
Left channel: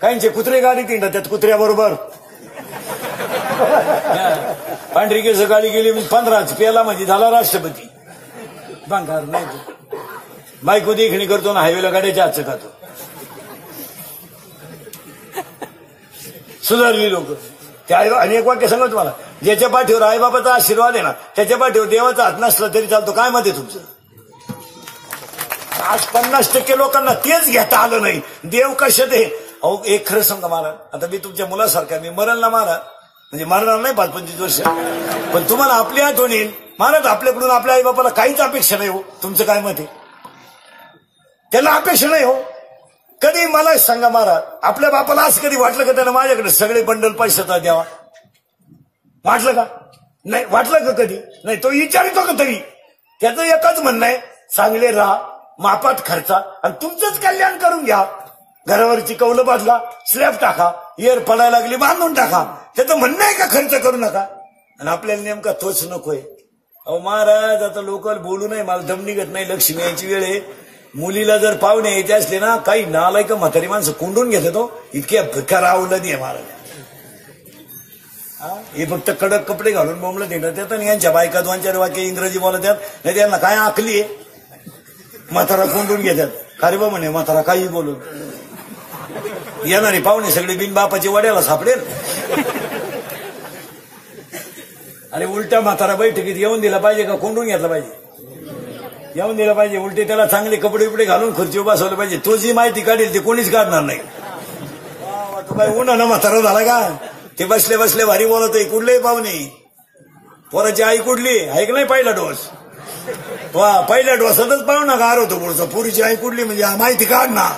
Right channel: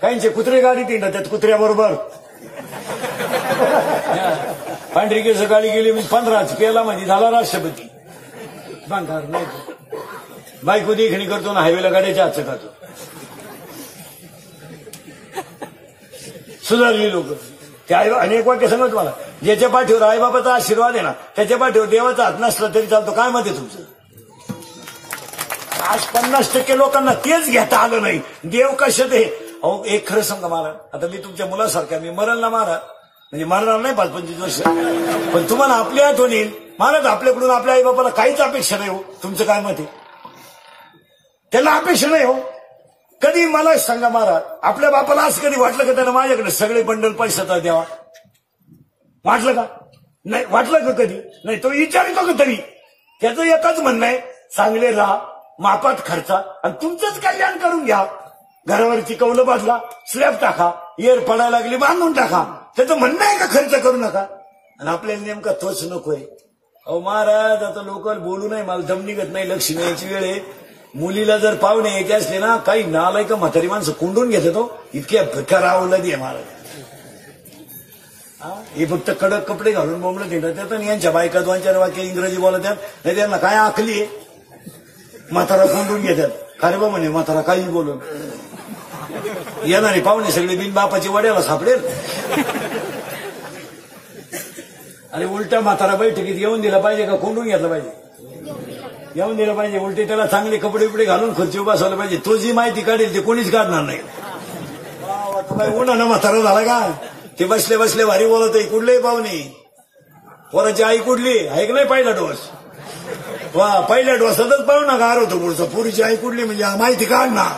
काहींचे कुत्रे गाडीत येणार त्यात कुत्र्याबरोबर पांढरी केस गाडी गेली 15 पेला म्हणजे झाला राष्ट्रपती. भांगार नाही तो बायको देखणी करतो ना हायवेला गाडीच्या हातचे खातो. सुधारली लोक ते आई आणि एक वाक्य सांगत मला, ज्याच्या पाठीवर आईबापाचा आशीर्वाद आहे ना त्याच्या पाठीवर देवाचा हात नसला तरी चालतो. काय मत आहे तुमचं? आज 50% लोकांना तेच घेता आलं नाही. देव कशात आहे? अहो एक खरं सांगा महाराज, आता मी तुमच्या मुलासारखा मी मरण ना महाराज म्हणजे मारणार नाही 5-25 वर्ष, पण तुम्हाला आपली आठवण येईल महाराज. आपल्याकडून आपल्या आईबापाला काहीच अपेक्षा नाही हो. तुमचं काय मत आहे? त्याला अपेक्षा नाही हो. कधी मला सांगा महाराज, आपल्या बापाला असं कधी वाटलं का त्यानं माझ्याकडे सगळे बंडल पैशाचा द्यावा? वाटलं का? नाही वाटलं का कधी? नाही. तो विचारतो का तरी? त्याचं एकच म्हणणं आहे, चांगले राहा, मापात खर्चा आणि तुमचंच कल्याण करून घ्या. घरावरची कौलं बाजला, स्लॅब टाका, एअर पडायला लागली बांधून टाका. त्याचं म्हणणं आहे का खर्च करू नका? आणि आपल्याला नेमका तोच नकोय. अहो महाराज, आता लोकल बोलू नये, मला दम निघत नाही. लक्ष्मी यायची वेळ आहे. मुलीला जर पाहुणे यायचे असले ना, काही नालायक म्हातारी माणसं कुंडून घेते तो. इतक्या भिकार आवडलं दे महाराज. हे फक्त कडक कपडे घालून बोंबलं देतात आणि यांच्या बायका 2-4 वाक्य इंग्रजी बोलतात. नाही त्यांना काय आखली आहे? म्हातारा कोंडून घेतात. अरे बा म्हणे म्हातारा काही बोलून येणारे पाहुणे सगळे बिन बापाची वड्याला सापडेल. अरे उलटा म्हातारा बैठकीत येऊन दिला पाहिजे का कोंडून घेतला पाहिजे? येऊन दिला पाहिजे. उलटे त्याला चांगले कपडे बिपडे घालून खुर्ची बसवलं पाहिजे. तो जी माहिती काढेल ते कोणीच काढणार नाही. उन्हानं म्हातारा झाला का? ते बसले बसले भारी बोलत आहे. कुठलेही पाहुणे, पोराची आई कुठली आहे का नाही? पहिला डोस. वा, पहिल्या डोसातच पाहू ना गार होतो पुढचा. पुरीची आई कुठली म्हणजे माहिती काढ ना.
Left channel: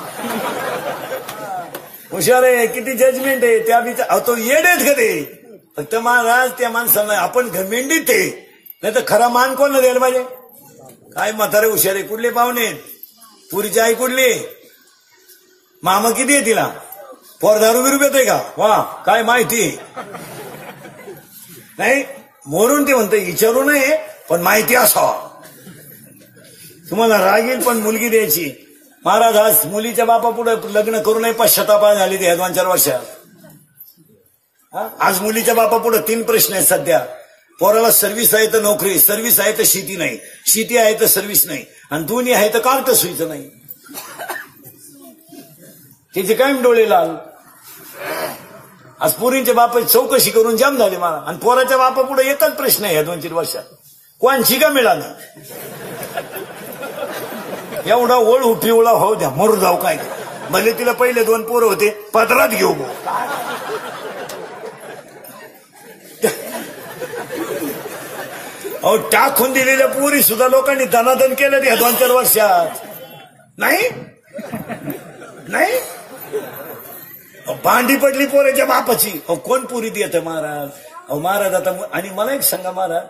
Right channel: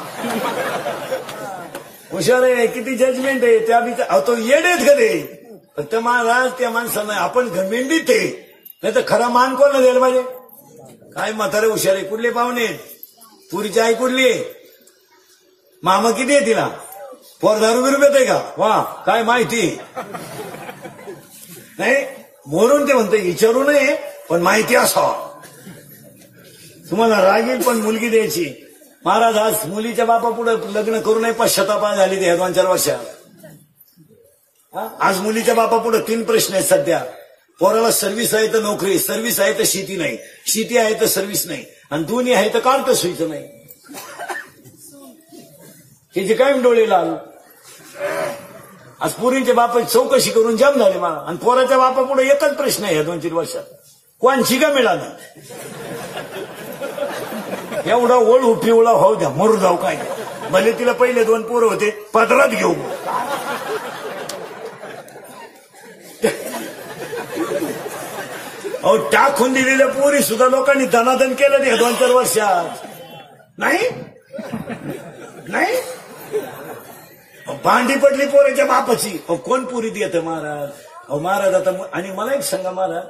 हुशार आहे, किती जजमेंट आहे त्या. तो येडेच कधी फक्त महाराज त्या माणसानं आपण घमेंडीत आहे. नाही तर खरा मान कोणला द्यायला पाहिजे? काय म्हातारे हुशार आहे. कुठले पाहुणे? पुरीची आई कुठली? मामा किती आहे तिला? पोर दारू बिरू येते का? वा, काय माहिती नाही. मोरून ते म्हणते विचारू नये पण माहिती असावा. तुम्हाला राग येईल पण मुलगी द्यायची. महाराज आज मुलीच्या बापा पुढे लग्न करू नये पश्चाताप झाली ते 2-4 वर्षात. आज मुलीच्या बापा पुढे 3 प्रश्न आहेत सध्या. पोराला सर्व्हिस आहे तर नोकरी, सर्व्हिस आहे तर शेती नाही, शेती आहे तर सर्व्हिस नाही, आणि दोन्ही आहे तर कार्ट सुईचं नाही. तिथे काय डोळे लाल. आज पोरींच्या बापा चौकशी करून जाम झाले मला. आणि पोराच्या बापा पुढे एकच प्रश्न आहे 2-3 वर्षात, कोणची का मिळाला? एवढा ओळ पिवळा होऊ द्या, मरू जाऊ काय. भले तिला पहिले 2 पोरं होते, पदरात घेऊ. अहो टाकून दिलेल्या पोरी सुद्धा लोकांनी धनाधन केलं ते 2-4 वर्षात. नाही नाही भांडी पडली पोराच्या बापाची. अहो कोण पुरी देते महाराज? अहो महाराज आता. आणि मला एक सांगा महाराज,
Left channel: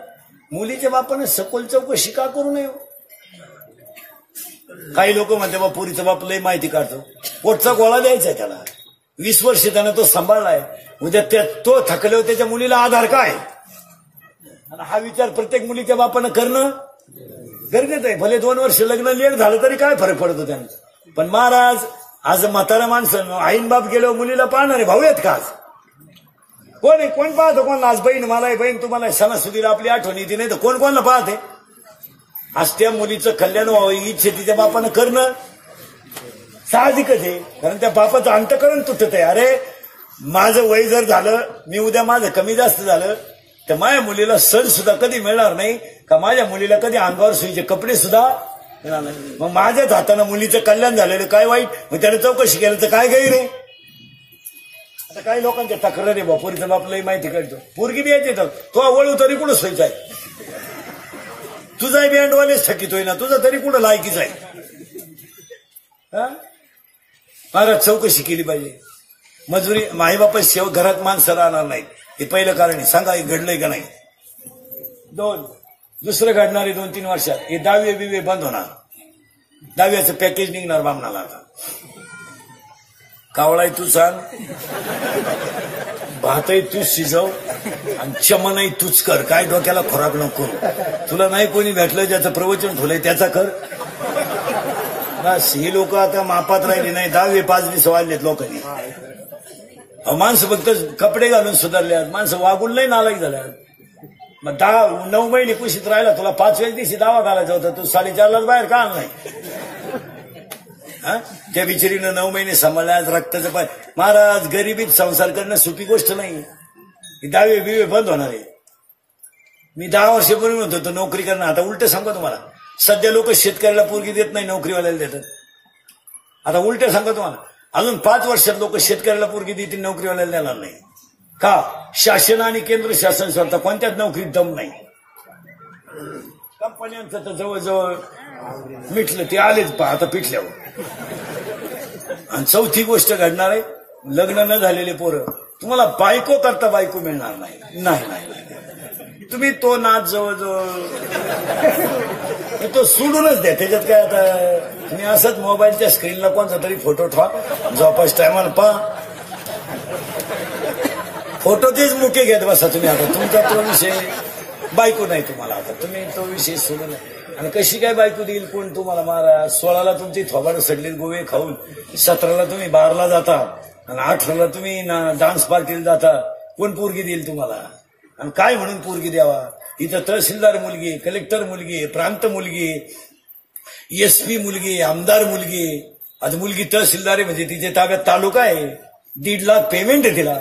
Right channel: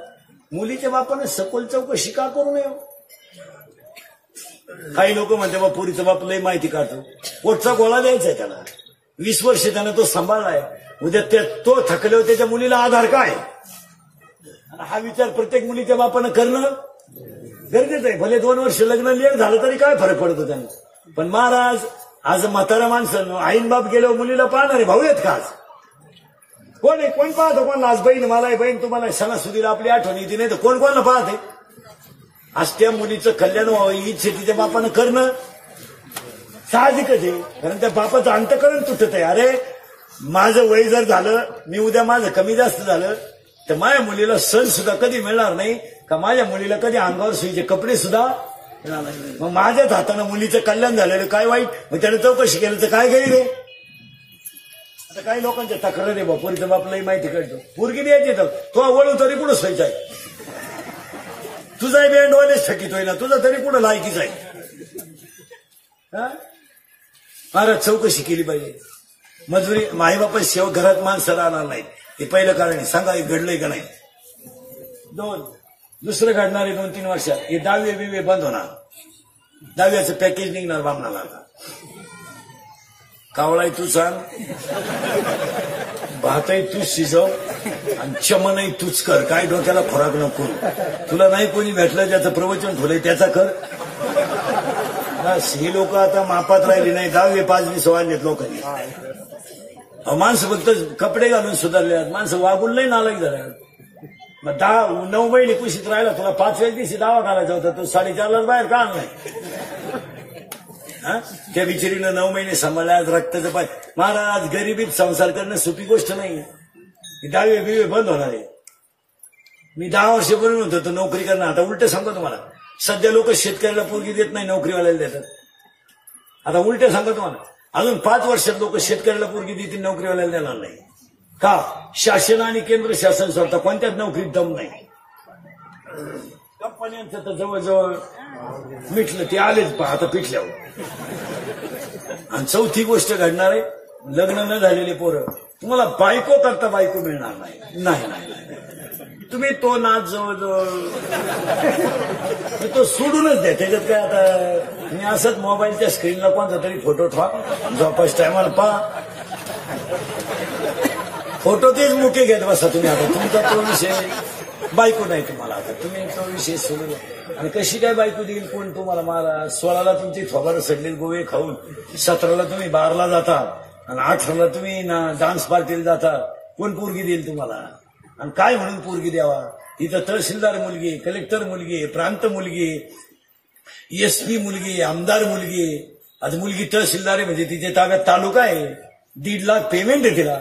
मुलीच्या बापानं सखोल चौकशी का करू नये? काही लोक म्हणते बा पुरीच्या बाप लई माहिती काढतो. पोटचा गोळा द्यायचा त्याला. 20 वर्ष त्यानं तो सांभाळलाय. उद्या तो थकल्यावर त्याच्या मुलीला आधार काय? आणि हा विचार प्रत्येक मुलीच्या बापानं करणं गरजेचं आहे. भले 2 वर्ष लग्न लेट झालं तरी काय फरक पडतो त्यांना. पण महाराज आज म्हातारा माणसं आईन बाप गेल्यावर मुलीला पाहणारे भाऊ आहेत का? कोण आहे? कोण पाहतो? कोण? आज बहीण मला आहे, बहीण तुम्हाला सणासुदीला आपली आठवण येते, नाही तर कोण कोणाला पाहते? आज त्या मुलीचं कल्याण व्हावं ही तिच्या बापानं करणं साहजिकच आहे. कारण त्या बापाचं अंतकरण तुटत आहे. अरे माझं वय जर झालं, मी उद्या माझं कमी जास्त झालं तर माझ्या मुलीला सण सुद्धा कधी मिळणार नाही का? माझ्या मुलीला कधी अंगावर सुईचे कपडे सुद्धा मिळणार नाही. मग माझ्याच हातानं मुलीचं कल्याण झालेलं काय वाईट? मग त्याने चौकशी केलं तर काय गैर आहे? आता काही लोकांच्या तक्रार आहे, पोरीच्या बापलाही माहिती काढतो. पोरगी द्यायची तर तो वळू तरी कुठं सोयचा आहे? तुझा बँडवालेच थकीतोय ना, तुझा तरी कुठं लायकीच आहे? महाराज चौकशी केली पाहिजे. मजुरी माईबापा शेव घरात माणसं राहणार नाहीत, हे पहिलं कारण आहे. सांगा हे घडलंय का नाही? 2 दुसरं घडणारे 2-3 वर्षात हे 10वे बिवे बंद होणार. 10व्याचं पॅकेज निघणार बामणाला. कावळाही तूच आण, भातही तूच शिजव आणि चमनही तूच कर. काय डोक्याला खोराक नको. तुला नाही कोणी भेटलं ज्याचं प्रवचन ठेवलंय त्याचा कर. बस ही लोक आता मापात राहिली नाही. 10वी 5वी वाढलेत लोकांनी. माणसं फक्त कपडे घालून सुधारले, माणसं वागून नाही नालायक झाल्या. मग 9 महिने कुशीत राहिला, तुला 5व्या दिवशी दावा घालायचा होता, तू 4:30 बाहेर का आणलाय? त्या बिचारीनं 9 महिने सांभाळले, आज रक्ताचं पाय. महाराज गरिबीत संसार करणं सोपी गोष्ट नाही. 10वी बिवे बंद होणार आहे. मी 10 वर्षापूर्वी म्हणत होतो नोकरी करणं. आता उलट सांगतो तुम्हाला, सध्या लोक शेतकऱ्याला पोरगी देत नाही, नोकरीवाल्याला देतात. आता उलट सांगतो तुम्हाला, अजून 5 वर्षात लोक शेतकऱ्याला पोरगी देतील, नोकरीवाल्याला देणार नाही. का? शासन आणि केंद्र शासन स्वतः कोणत्याच नोकरीत दम नाही. कंपन्यांचं तर जवळजवळ मिटलं, ते आलेच पहा आता पिठल्यावर. आणि 4थी गोष्ट घडणार आहे, लग्न न झालेले पोरं तुम्हाला बायको करता बायको मिळणार नाही. नाही तुम्ही तो नाच जवळजवळ तो सोडूनच द्या. त्याच्यात काय आता तुम्ही असंच मोबाईलच्या स्क्रीनला कोणता तरी फोटो ठेवा, झोपास टायमाला पहा, फोटो तेच मुके घेत बसा तुम्ही. आता तुमचा तो विषय बायको नाही तुम्हाला, आता तुम्ही तो विषय सोडून. आणि कशी काय बायको देईल कोण तुम्हाला? महाराज 16ला तुमची थोबाड सडली गोवे खाऊन, 17ला तुम्ही बारला जाता, आणि 18ला तुम्ही डान्स पार्टीला जाता. कोण पोरगी देईल तुम्हाला? आणि काय म्हणून पोरगी द्यावा? इथं तहसीलदार मुलगी आहे, कलेक्टर मुलगी आहे, प्रांत मुलगी आहे, SP मुलगी आहे, आमदार मुलगी आहे. आज मुलगी तहसीलदार आहे म्हणजे तिच्या ताब्यात तालुका आहे, 1.5 लाख पेमेंट आहे तिला.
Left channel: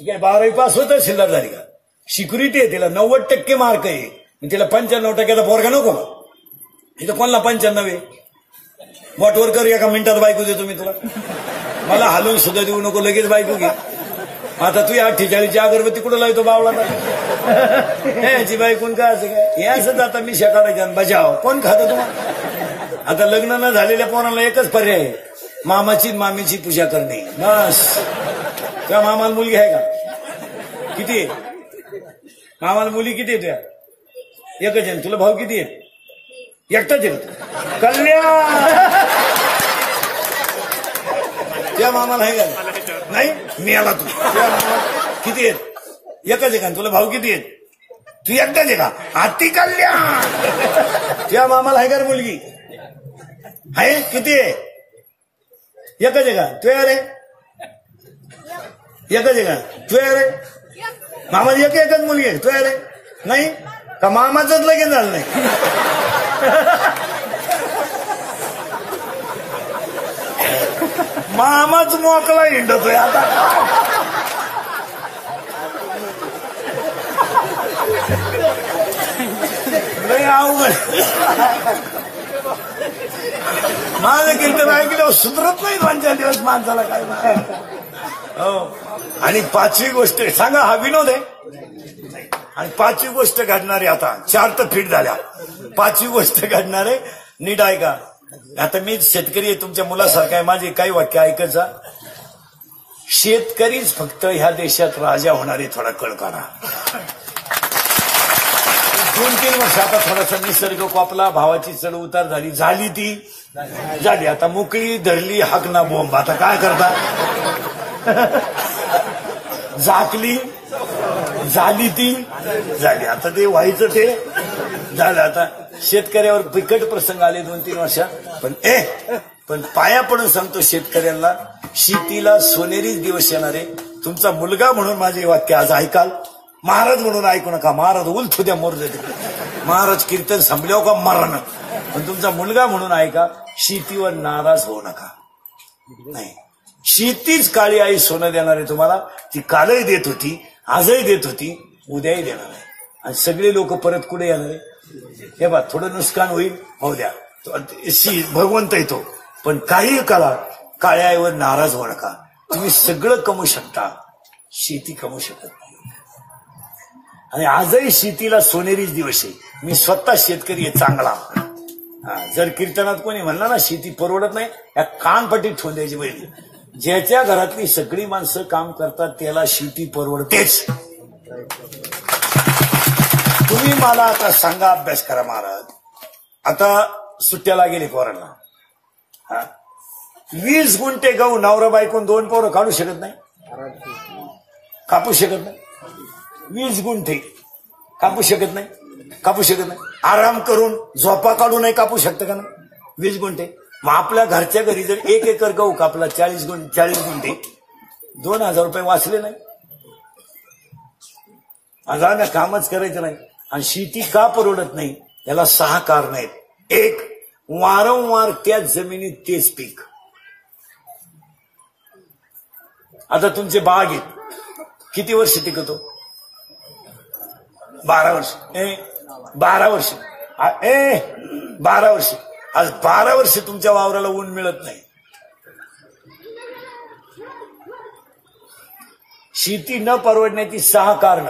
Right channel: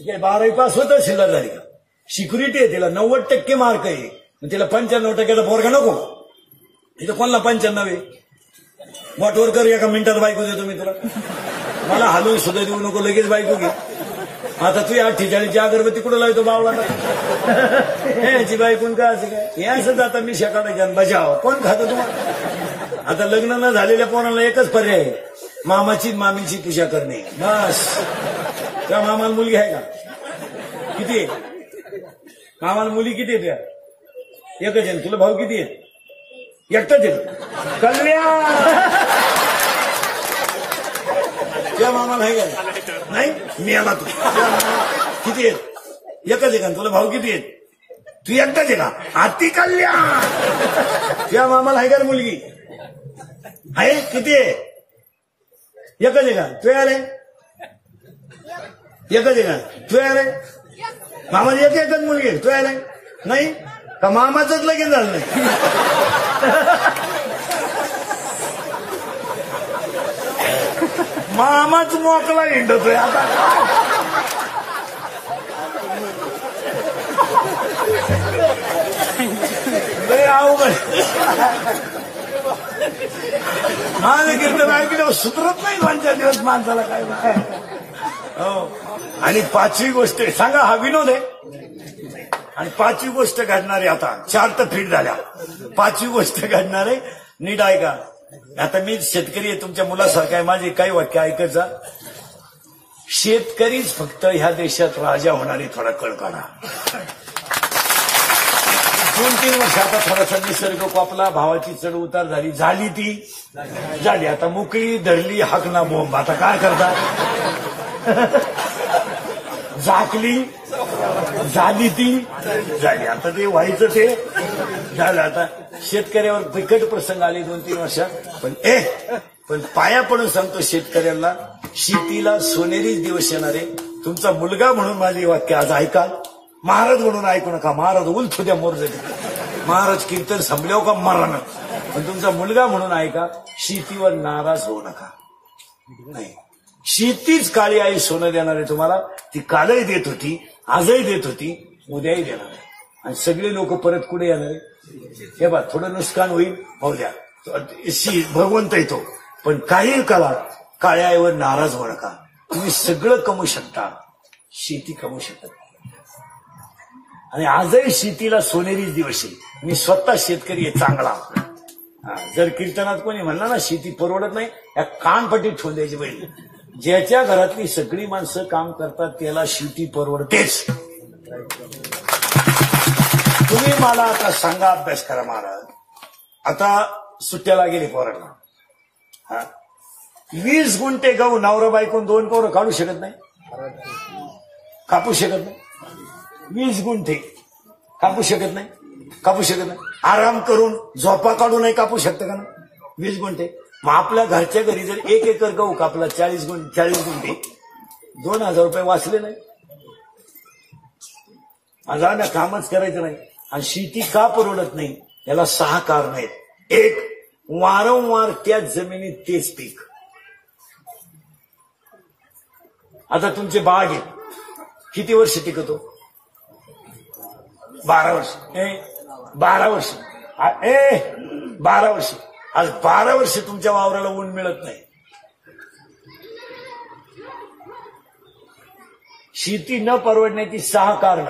काय 12वी पास होत तहसीलदार झाली का? सिक्युरिटी आहे तिला, 90% मार्क आहे. तिला 95% पोरगा नको का? तिथं कोणाला 95 आहे? बोटवर कर, एका मिनिटात बायको देतो मी तुला. मला हलवून सुद्धा देऊ नको, लगेच बायको घे. आता तू 48ची अगरबत्ती कुठं लावतो बावला? ह्याची बायकून काय असं काय? हे असंच आता मी शेकाडा बजाव. कोण खातं तुम्हाला? आता लग्न न झालेल्या पोरांना एकच पर्याय आहे, मामाची मामीची पूजा करणे. बस. त्या मामाला मुलगी आहे का? किती आहे मामाला मुली? किती आहे? त्या एकच आहे. तुला भाऊ किती आहे? एकटाच आहे. कल्याण त्या मामाला आहे का? नाही मी आला. तू किती आहेत? एकच आहे का? तुला भाऊ किती आहेत? तू एकटाच आहे का? अति कल्याण त्या मामाला आहे का मुलगी? आहे. किती आहे? एकच आहे का? तू यार आहे? एकच आहे का? तू यार आहे? मामाची एकच मुलगी आहे. तू यार आहे? नाही का? मामाच लगेच झालं नाही. मामाच मोकळा हिंडतोय आता. लय अवघड. माझं कीर्तन ऐकलं सुधरत नाही 2-4 दिवस माणसाला. काय हो. आणि 5वी गोष्ट सांगा, हा विनोद आहे. आणि 5वी गोष्ट घडणार आहे. आता 4 तर फिट झाल्या, 5वी गोष्ट घडणार आहे. नीट ऐका. आता मी शेतकरी आहे, तुमच्या मुलासारखा आहे. माझे काही वाक्य ऐकायचा. शेतकरीच फक्त ह्या देशात राजा होणार आहे. थोडा कळ काढा. 2-3 वर्ष आता थोडासा निसर्ग कोपला, भावाची चढ उतार झाली ती झाली. आता मोकळी धरली हाक ना बोंब. आता काय करता? झाकली झाली ती झाली. आता ते व्हायचं ते झालं. आता शेतकऱ्यावर बिकट प्रसंग आले 2-3 वर्षात. पण पाया पडून सांगतो शेतकऱ्यांना, शेतीला सोनेरीच दिवस येणार आहे. तुमचा मुलगा म्हणून माझे वाक्य आज ऐकाल. महाराज म्हणून ऐकू नका. महाराज उलथू द्या मोर देते. महाराज कीर्तन संपल्यावर का मरण. पण तुमचा मुलगा म्हणून ऐका, शेतीवर नाराज होऊ नका. नाही, शेतीच काळी आई सोनं देणार आहे तुम्हाला. ती कालही देत होती, आजही देत होती, उद्याही देणार आहे. आणि सगळे लोक परत कुठे येणार आहे? हे बा, थोडं नुकसान होईल, होऊ द्या, भगवंत येतो. पण काही काळात काळ्या आईवर नाराज होऊ नका. तुम्ही सगळं कमवू शकता, शेती कमवू शकत नाही. आणि आजही शेतीला सोनेरीच दिवस आहे. मी स्वतः शेतकरी आहे चांगला. जर कीर्तनात कोणी म्हणलं ना शेती परवडत नाही, या कानपट्टीत ठेवून द्यायची पाहिजे. ज्याच्या घरातली सगळी माणसं काम करतात त्याला शेती परवडतेच. तुम्ही मला आता सांगा, अभ्यास करा महाराज. आता सुट्ट्याला गेले पोरांना. 20 गुंठे गहू नवरा बायकून 2 पोरं काढू शकत नाही, कापू शकत नाही. 20 गुंठे कापू शकत नाही, कापू शकत नाही. आराम करून झोपा काढू नाही कापू शकतं का ना? 20 गुंठे मग आपल्या घरच्या घरी जर 1 एकर गहू कापला 40 गुंठे 2,000 रुपये वाचले नाही. आज कामच करायचं नाही. आणि शेती का परवडत नाही याला 6 कारण आहेत. 1, वारंवार त्याच जमिनीत तेच पीक. आता तुमचे बाग आहे किती वर्ष टिकतो? 12 वर्ष. 12 वर्ष. 12 वर्ष. आज 12 वर्ष तुमच्या वावराला ऊन मिळत नाही. शेती न परवडण्याची 6 कारण.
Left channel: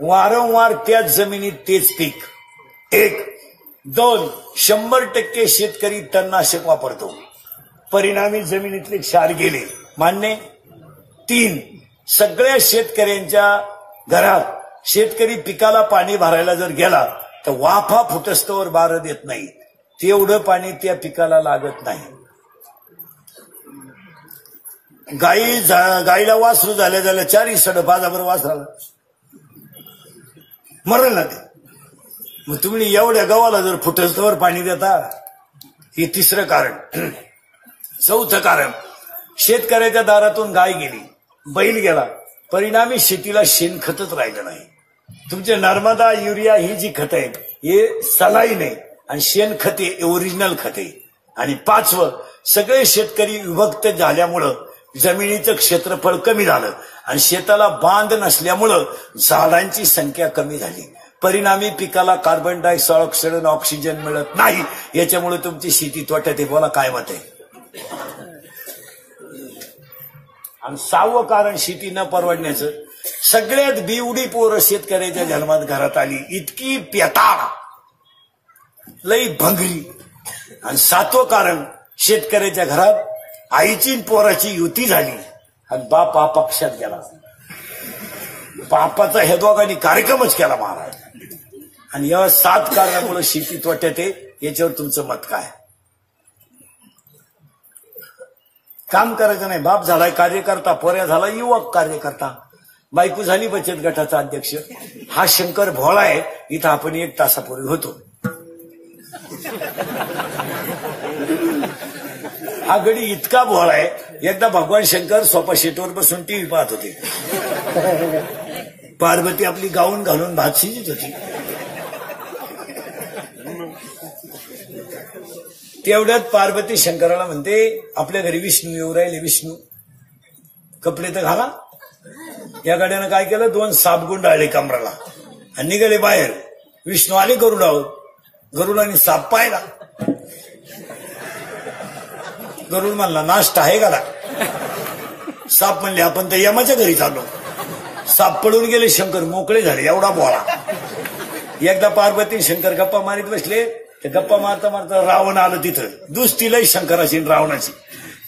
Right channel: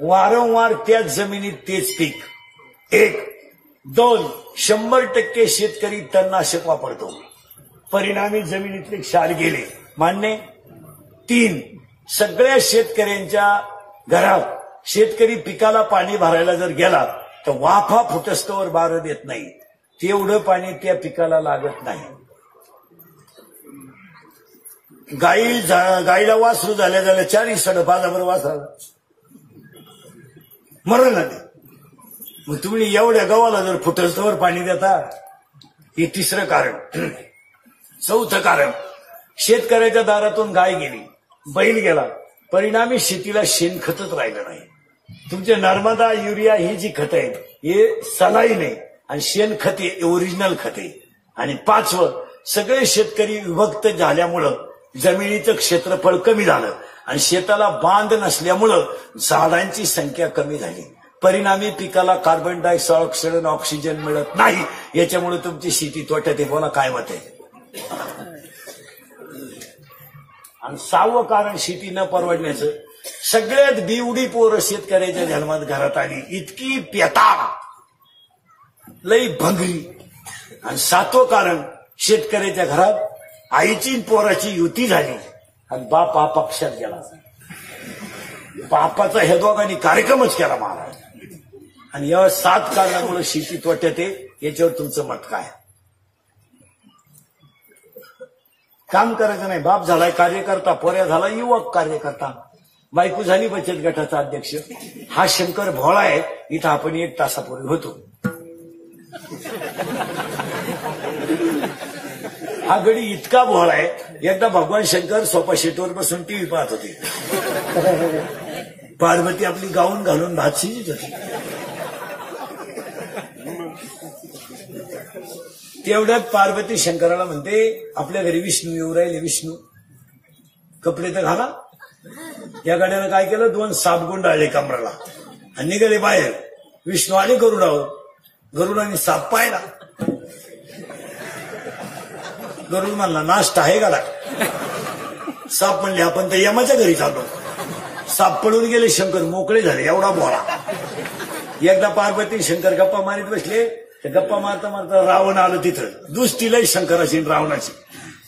वारंवार त्याच जमिनीत तेच पीक. 1. 2. 100% शेतकरी तणनाशक वापरतो, परिणामी जमिनीतले क्षार गेले. मान्य. 3. सगळ्या शेतकऱ्यांच्या घरात शेतकरी पिकाला पाणी भरायला जर गेला तर वाफा फुटस्तवर बारं देत नाही. तेवढं पाणी त्या पिकाला लागत नाही. गाईला वासरू झाल्या 4 सड 5 वासराला मरण ना ते. मग तुम्ही एवढ्या गव्हाला जर फुटस्तवर पाणी देता. हे 3रं कारण. 4थं कारण, शेतकऱ्याच्या दारातून गाय गेली, बैल गेला, परिणामी शेतीला शेणखतच राहिलं नाही. तुमचे नर्मदा, युरिया ही जी खतं आहेत हे सलाईन आहे आणि शेणखते ओरिजिनल खते. आणि 5वं, सगळे शेतकरी विभक्त झाल्यामुळं जमिनीचं क्षेत्रफळ कमी झालं आणि शेताला बांध नसल्यामुळं झाडांची संख्या कमी झाली. परिणामी पिकाला कार्बन डायऑक्साईड आणि ऑक्सिजन मिळत नाही. याच्यामुळे तुमची शेती तोट्यात आहे. बोला काय मत आहे? आणि 6वं कारण शेती न परवडण्याचं, सगळ्यात बिवडी पोरं शेतकऱ्याच्या जन्मात घरात आली, इतकी पेटा लई भंगली. आणि 7वं कारण, शेतकऱ्याच्या घरात आईची पोराची युती झाली आणि बाप हा पक्षात गेला. बापाचा हे दोघांनी कार्यक्रमच केला महाराज. आणि या 7 कारणामुळे शेती तोट्यात आहे. याच्यावर तुमचं मत काय? काम करायचं नाही. बाप झालाय कार्यकर्ता, पोऱ्या झाला युवक कार्यकर्ता, बायको झाली बचत गटाचा अध्यक्ष. हा शंकर भोळा आहे. इथं आपण 1 तासापूर्वी होतो. हा गडी इतका भोळा आहे, एकदा भगवान शंकर सोफा सीटवर बसून टीव्ही पाहत होते. पार्वती आपली गाऊन घालून भात शिजत होती. तेवढ्यात पार्वती शंकराला म्हणते, आपल्या घरी विष्णू येऊ राहिले, विष्णू कपडे तर घाला. या गाड्यानं काय केलं, 2 साप गुंडाळले कमराला आणि निघाले बाहेर. विष्णू आले गरुडावर. गरुडाने साप पाहिला. गरुड म्हणला, नाश्ता आहे गाडा. साप म्हणले, आपण तर यमाच्या घरी चाललो. साप पळून गेले. शंकर मोकळे झाले. एवढा बोळा. एकदा पार्वती शंकर गप्पा मारीत बसले. ते गप्पा मारता मारता रावण आलं तिथं. दुसतीला शंकराची रावणाची.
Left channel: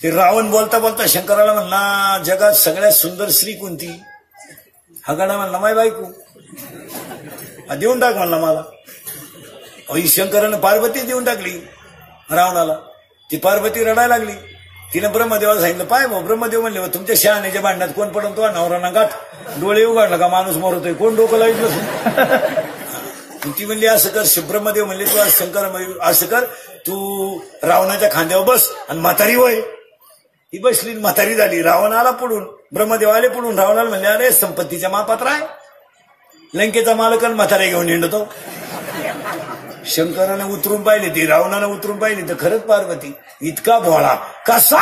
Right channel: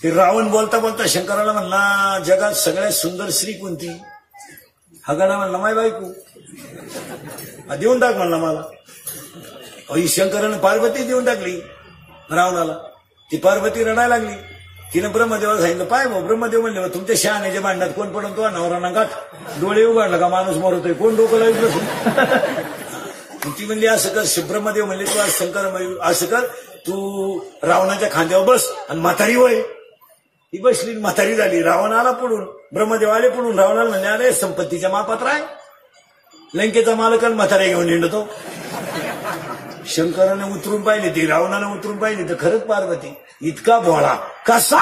ते रावण बोलता बोलता शंकराला म्हणला, जगात सगळ्यात सुंदर स्त्री कोणती? हा गणा म्हणला, माय बायको. हा देऊन टाक म्हणला मला. शंकरानं पार्वती देऊन टाकली रावणाला. ती पार्वती रडायला लागली. तिने ब्रह्मदेवाला सांगितलं, पाय भाऊ. ब्रह्मदेव म्हणले, तुमच्या शहाण्याच्या भांडणात कोण पडून तो नवरा गाठ डोळे उघडला का माणूस मरतोय, कोण डोकं लाईत बसून. ती म्हणली, असं कर. ब्रह्मदेव म्हणले, तू शंकर असं कर, तू रावणाच्या खांद्यावर बस आणि म्हातारी वय. ही बसली, म्हातारी झाली. रावण आला पुढून, ब्रह्मदेव आले पुढून. रावणाला म्हणले, अरे संपत्तीच्या मापात्र आहे, लंकेचा मालक म्हातारे घेऊन हिंडतो. शंकरानं उतरून पाहिली, ती रावणानं उतरून पाहिली तर खरंच पार्वती. इतका भोळा कसा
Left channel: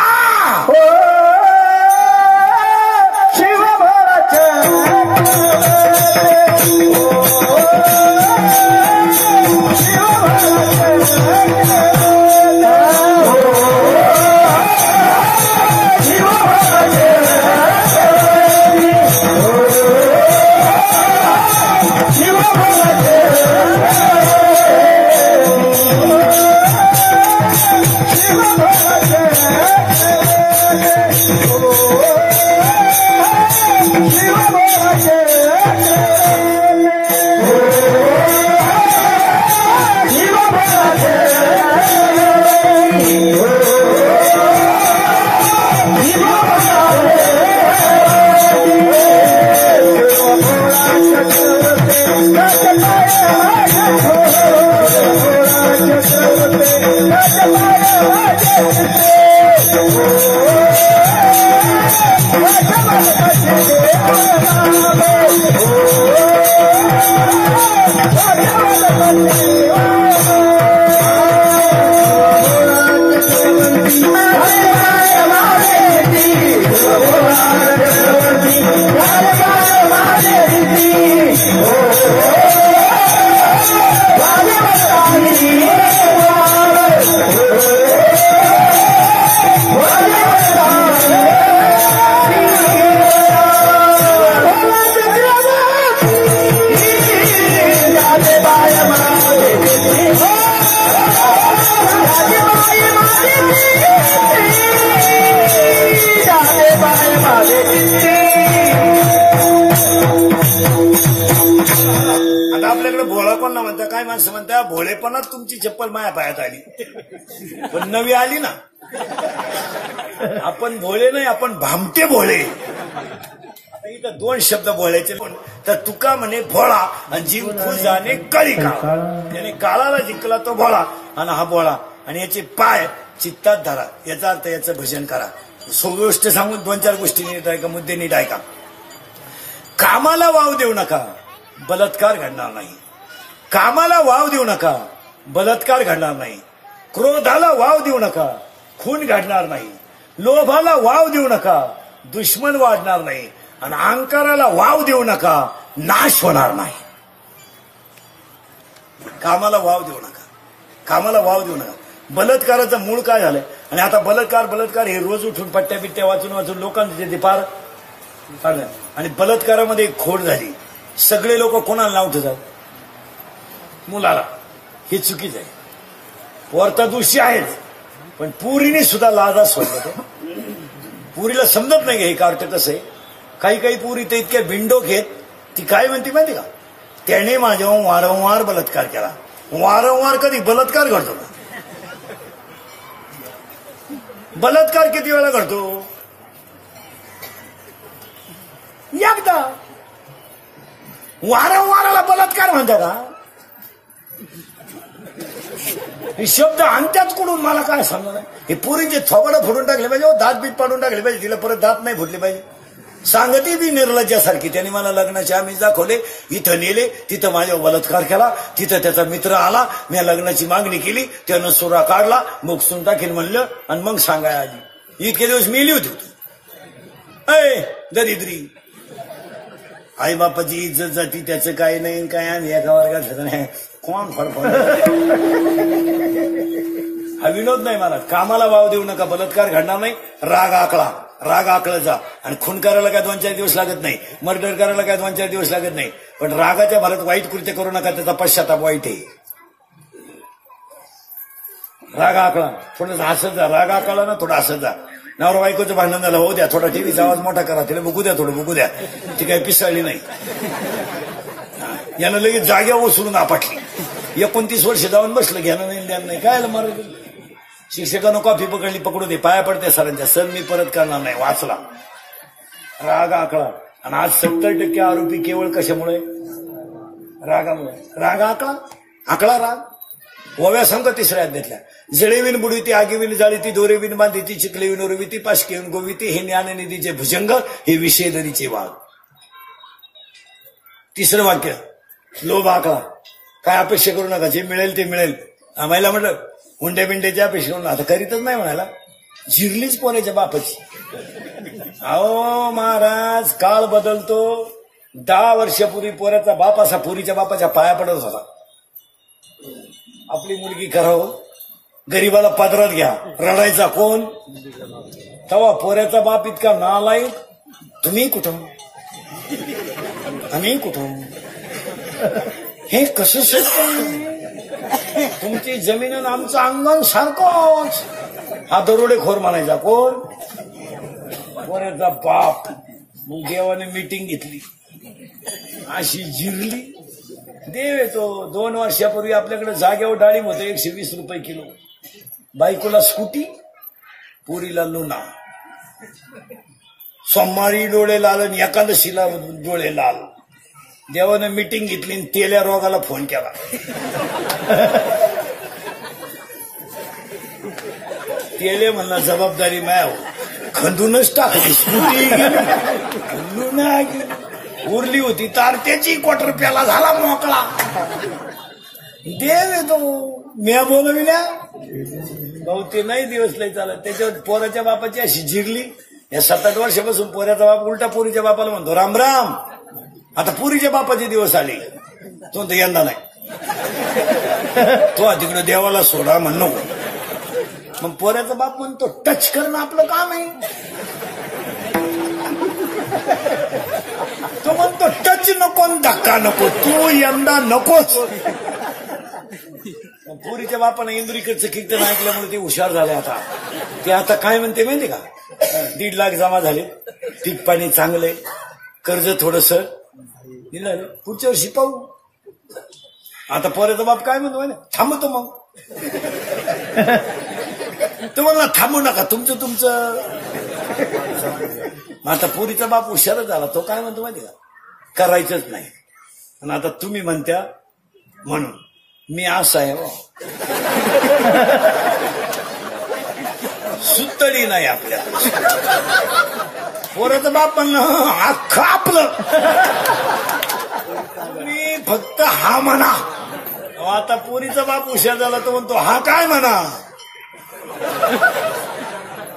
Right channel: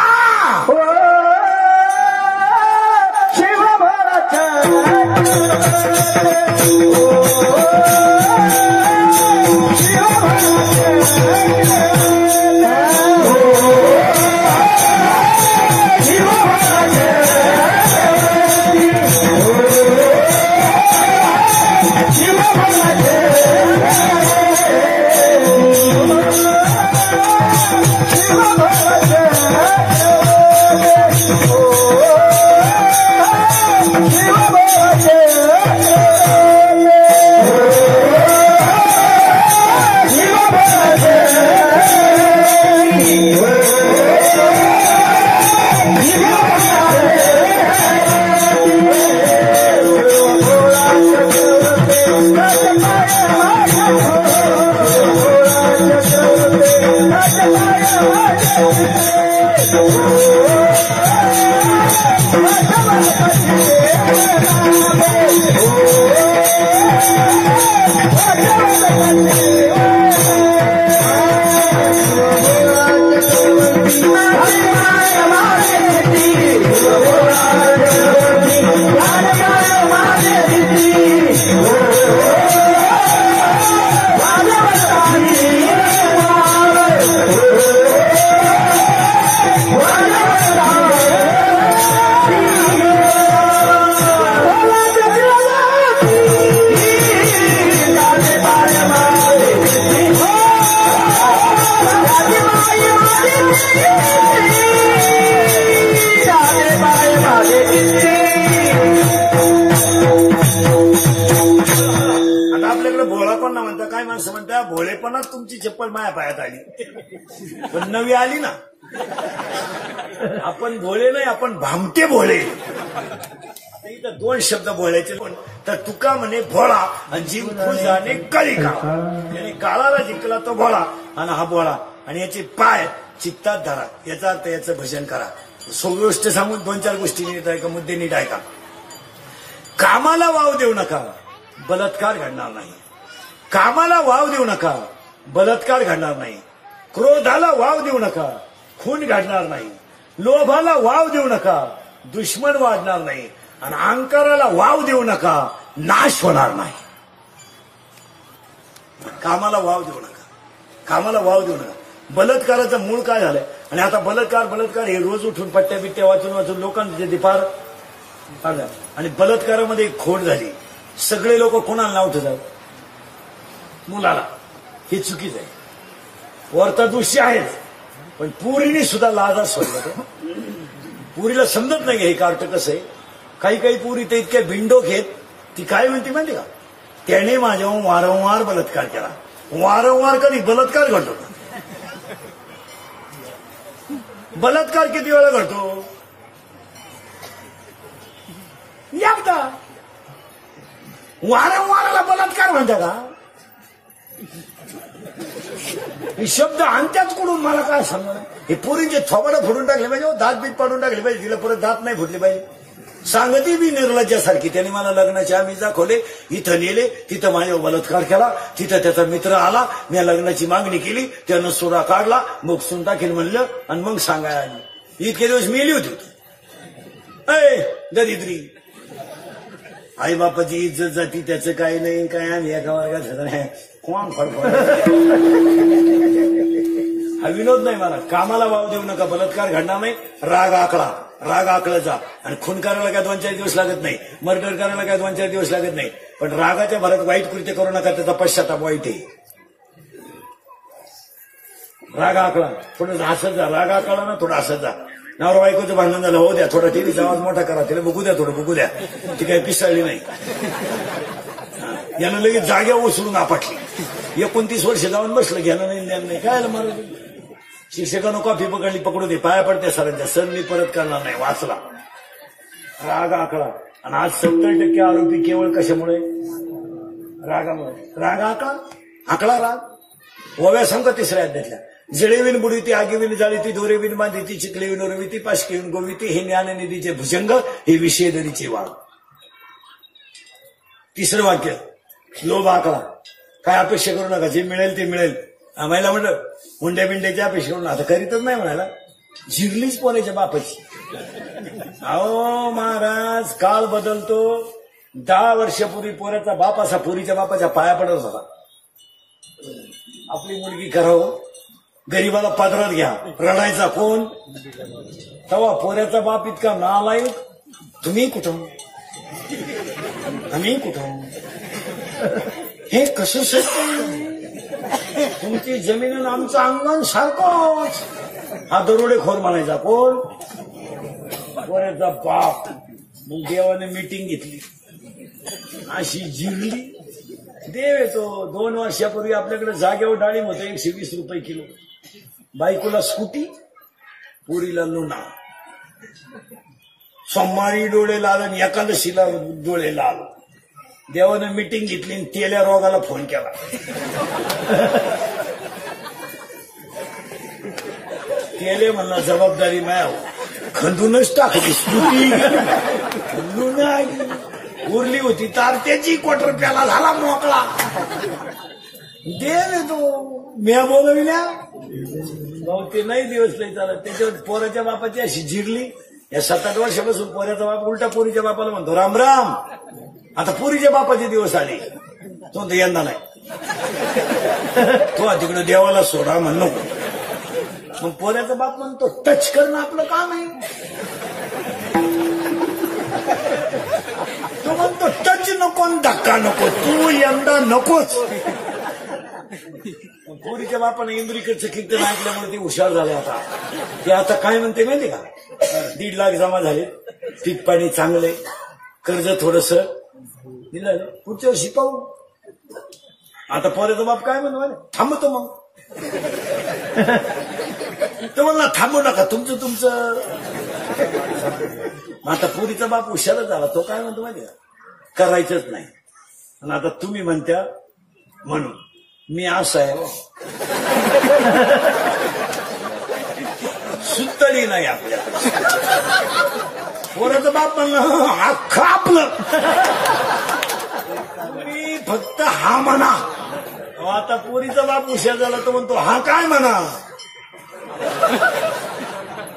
Oh, माझे चित्ती. आता आपल्याकडे भोळा कोण ना म्हणता, काय माणसं म्हणता भोळेपणात तुमची चप्पल माया पायात आली, पण नवी आली ना. आपण भोळे नाही, आपण भामटे भोळे. आता इथं दोन शब्द बोलायचे, पण तर तुका म्हणे भोळा आणि जिंकू जाणे कळिका. त्याने काळाला जिंकला तो भोळा आणि हा भोळा, आणि याचे पाय चित्तात धरा. याचा अर्थ याचं भजन करा. सगळी गोष्ट सांगून 2-4 गोष्टी नीट ऐका, मुद्दे नीट ऐका. कामाला वाव देऊ नका, बलात्कार घडणार नाही. कामाला वाव देऊ नका, बलात्कार घडणार नाही. क्रोधाला वाव देऊ नका, खून घडणार नाही. लोभाला वाव देऊ नका, दुश्मन वाढणार नाही. आणि अहंकाराला वाव देऊ नका, नाश होणार नाही. कामाला वाव देऊ नका, कामाला वाव देऊ नका. बलात्काराचं मूळ काय झालंय? आणि आता बलात्कार हे रोज उठून पट्ट्या बिट्ट्या वाचून लोकांचे पार काढलं. आणि बलात्कारामध्ये एक खोड झाली. सगळे लोक कोणाला नाव ठेवतात? मुलाला. हे चुकीचं आहे. वरता दोषी आहेत, पण पुरीने सुद्धा लाजा सोडला. पुरीला समजत नाही हे कार्ट कसं आहे. काही पुरी तर इतक्या बिंडोक आहेत, ती काय म्हणते माहिती का? त्याने माझ्यावर वारंवार बलात्कार केला. वारंवार कधी बलात्कार घडतो? बलात्कार किती वेळा घडतो? एकदा. वारंवाराला बलात्कार म्हणतो का? हे शब्द आणत्यात कुठून मला काय सांगा. हे पुरीचे थोबडं फोडून टाकले पाहिजे, दात बीत पाडून टाकले पाहिजे, तिला परत दात नाही फुटले पाहिजे. सांगती ती निर्लज्जासारखी. त्यांनी मला लग्नाचे आम्ही दाखवले, इथं नेले, तिथं माझ्यावर बलात्कार केला, तिथं त्याचा मित्र आला, मी लग्नाची मागणी केली, त्यानं सुरा काढला, मग सून टाकीन म्हणलं, आणि मग सांगाय आली. इतके दिवस मेली होती. अय दरिद्री, आई बापाची इज्जत जाती, त्याचं काही नाही, काय आम्ही एका वर्गात होत नाही. कोण फरक? हा विनोद नाही मला. कामाला वाव देऊ नका, बलात्कार घडणार नाही. राग आकळा जा. आणि खून करायला काय 2-4 दिवस लागत नाही, मर्डर करायला काय 2-4 दिवस लागत नाही. पण रागाच्या भरात वाईट कृत्य करू नका, त्याचा पश्चाताप वाईट आहे. राग आकळा, थोडं हसत जा. राग आकळा ना, थोडं हसत जा. नवरा बायकोचं भांडण झालं, हो द्या, थोडा टीव्हीचा आवाज मोठा करा, तिला बघू द्या, थोडं बघू द्या. ती काही पिसाळली नाही. यानं लगेच जाग्यावर सोडून आपटली. 29 वर्ष जाऊन बसलं, घेणं नाही काय मारलं. शिक्षकानं कॉफी पकडू दे, पाया पडते सरांच्या, सर मी परत करणार नाही, वाचला. राग आकळा. आणि आज 70% आरोपी केवळ कशामुळे? रागामुळे. राग आकळा राग. ओव्या सांग 3ऱ्या अध्यायातल्या. जळेविन बुडविती, आगीविन जाळीती, दोरेविन बांधिती, चिखलेविन उरविती, पाशकेविन गोविती, हे ज्ञाननिधीचे भुजंग, हे विषयदरीचे वाघ. 3रं वाक्य, लोभ आकळा. काय अपेक्षा करू नका, जे मिळेल ते मिळेल. आम्हाला म्हटलं हुंड्या बिंड्याची अपेक्षा करून आता करीतच नाही म्हणायला. झिरलीच पोराच्या बापाची. अहो महाराज, काळ बदलतो. 10 वर्षापूर्वी पोऱ्याचा बाप असा पुरीच्या बापाच्या पाया पडत होता. आपली मुलगी करावं, गरीबाला पादरात घ्या, रडायचा कोण? तेव्हा पोऱ्याचा बाप इतका नालायक. तुम्ही कुठं, आम्ही कुठं, हे कसे शक्य? तुमची जमीन आणि आमचं अंगण सारखंच. हा दरोडेखोर म्हणायचा कोण? पोऱ्याचा बाप. मग देवाने मीटिंग घेतली, अशी जिरली. देव येतो. 2 वर्षापूर्वी आपल्याकडे जागेवर डाळिंब होतं 120 रुपये किलो. बायकोला स्कूटी, पुरीला लुणा. सोमवारी डोळे लाल आणि एकादशीला डोळे लाल. देवाने मीटिंग घेतली आणि तेल्या रोगाला फोन केला. तेले म्हणला जबाबदारी माया, खंदूनच टाकली. स्कूटी लुणा उरली होती तार, त्याची क्वार्टर प्याला झाला मोकळा. देव येतो. म्या बोलविल्या भाऊ, ते नाही दिवस लय चालत. त्याच्यावर पोराच्या बापाची अशी जिरली. या 7-8 वर्षापासून पोराचा बाप उलटा पुरीच्या बापाला म्हणतो राम राम. आता पुरीच्या बापाचे दिवस आले, तो तर यंदा नाही. तो तिकडे देवाला सोडा म्हण नको. मग पोराचा बाप म्हणतो टच करणं आपलं काम आहे. तो म्हणतो टच नको, धक्का नको, तू यंदा नकोच. पुरीच्या बापाने इंद्रिकडचे कीर्तन ऐकल्यामुळे ते हुशार झाले. आता ते आता काय म्हणते माहिती का, 1.5 लाख जमा झाले. पीक पाणी चांगले, कर्ज थोडस दिलं, पुढच्या वर्षी पाहू. आता पोरेचा बाप काय म्हणतो, थांबतो मग. तो म्हणला थांबू नका, तुमचं. आता पोरीचा बाप हुशारच झाला, तो काय म्हणतो माहिती का, करायचंच नाही. आणि आता तुम्ही म्हणत्या म्हणून मी असं आहे, सुतडी नाही आपल्या. पोराचा बाप म्हणलं अख्खा आपलं, मी फक्त हा म्हणा. आता पोरीचा बाप हुशार झाला तो म्हणतो हा काय म्हणा.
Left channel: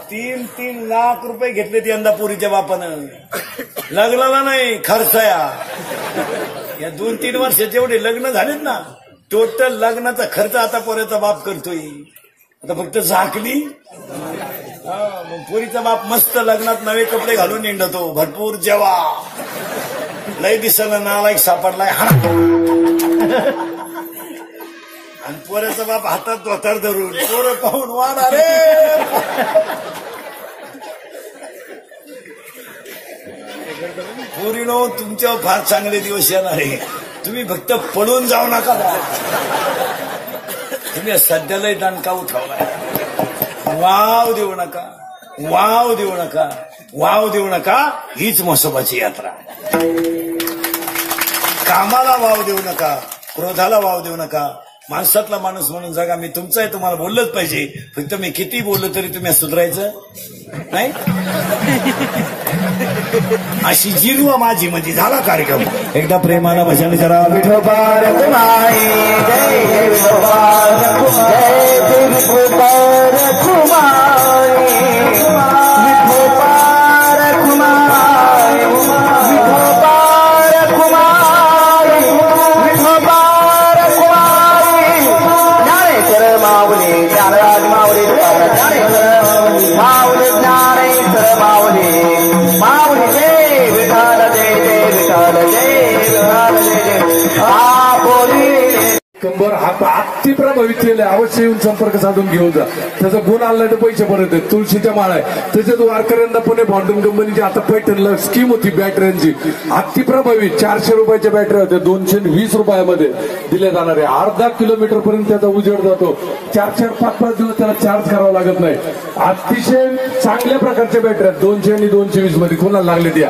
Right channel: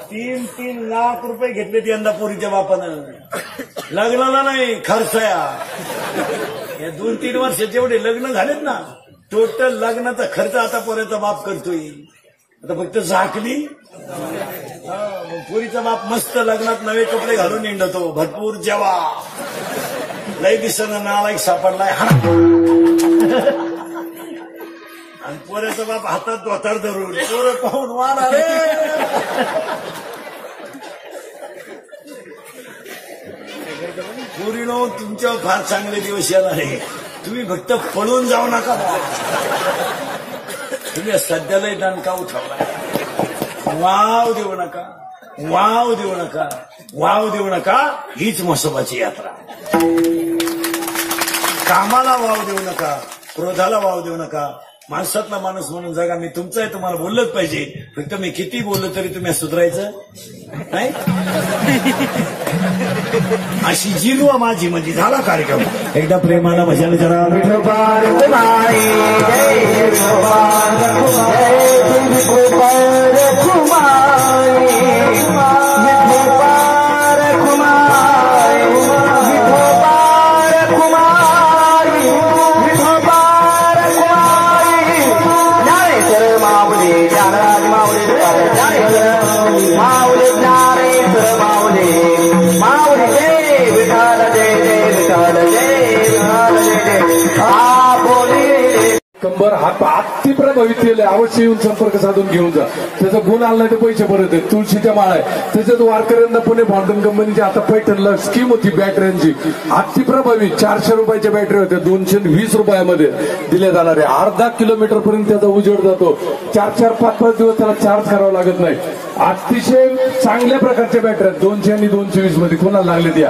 3 लाख रुपये घेतलेत यंदा पोरीच्या बापानं, लग्नाला नाही खर्चया. या 2-3 वर्ष जेवढे लग्न झालेत ना, टोटल लग्नाचा खर्च आता पोरीचा बाप करतोय. आता फक्त झाकली. पोरीचा बाप मस्त लग्नात नवे कपडे घालून निघतो, भरपूर जेवा, लय दिसणं नालायक सापडलाय हा. आणि पोऱ्याचा बाप हातात धोतर धरून पोरं पाहून वाढा रे. पोरीनो, तुमच्यावर फार चांगले दिवस येणार आहे. तुम्ही फक्त पळून जाऊ नका. तुम्ही सध्यालाही दणका उठवलाय. वाव देऊ नका, वाव देऊ नका, वाव देऊ नका. हीच म्हसोबाची यात्रा. कामाला वाव देऊ नका, क्रोधाला वाव देऊ नका. माणसातला माणूस म्हणून जगा. मी तुमचं आहे, तुम्हाला बोललंच पाहिजे. फक्त मी किती बोललो तरी तुम्ही सुधारायचं नाही. अशी जिलवा माझी म्हणजे झाला कार्यक्रम. एकदा प्रेमाला भजन करा. विठोबा कंबर अति प्रभावित केलं. अवश्य येऊन संपर्क साधून घेऊन जा. त्याचा गुण आला तर पैसे परत आहेत. तुळशीच्या माळा आहे. त्याच्यात वारकऱ्यांना पुणे भांडून कंपनीची आता पैठणला स्कीम होती बॅटऱ्यांची. अति प्रभावित 400 रुपयाच्या बॅटरी होत्या 220 रुपयामध्ये दिल्या जाणार आहे. अर्धा किलोमीटर पर्यंत त्याचा उजेड जातो. 4-4, 5-5 दिवस त्याला चार्ज करावा लागत नाही. अतिशय चांगल्या प्रकारच्या बॅटऱ्या 200 आणि 220 मध्ये कोणाला लागले त्या.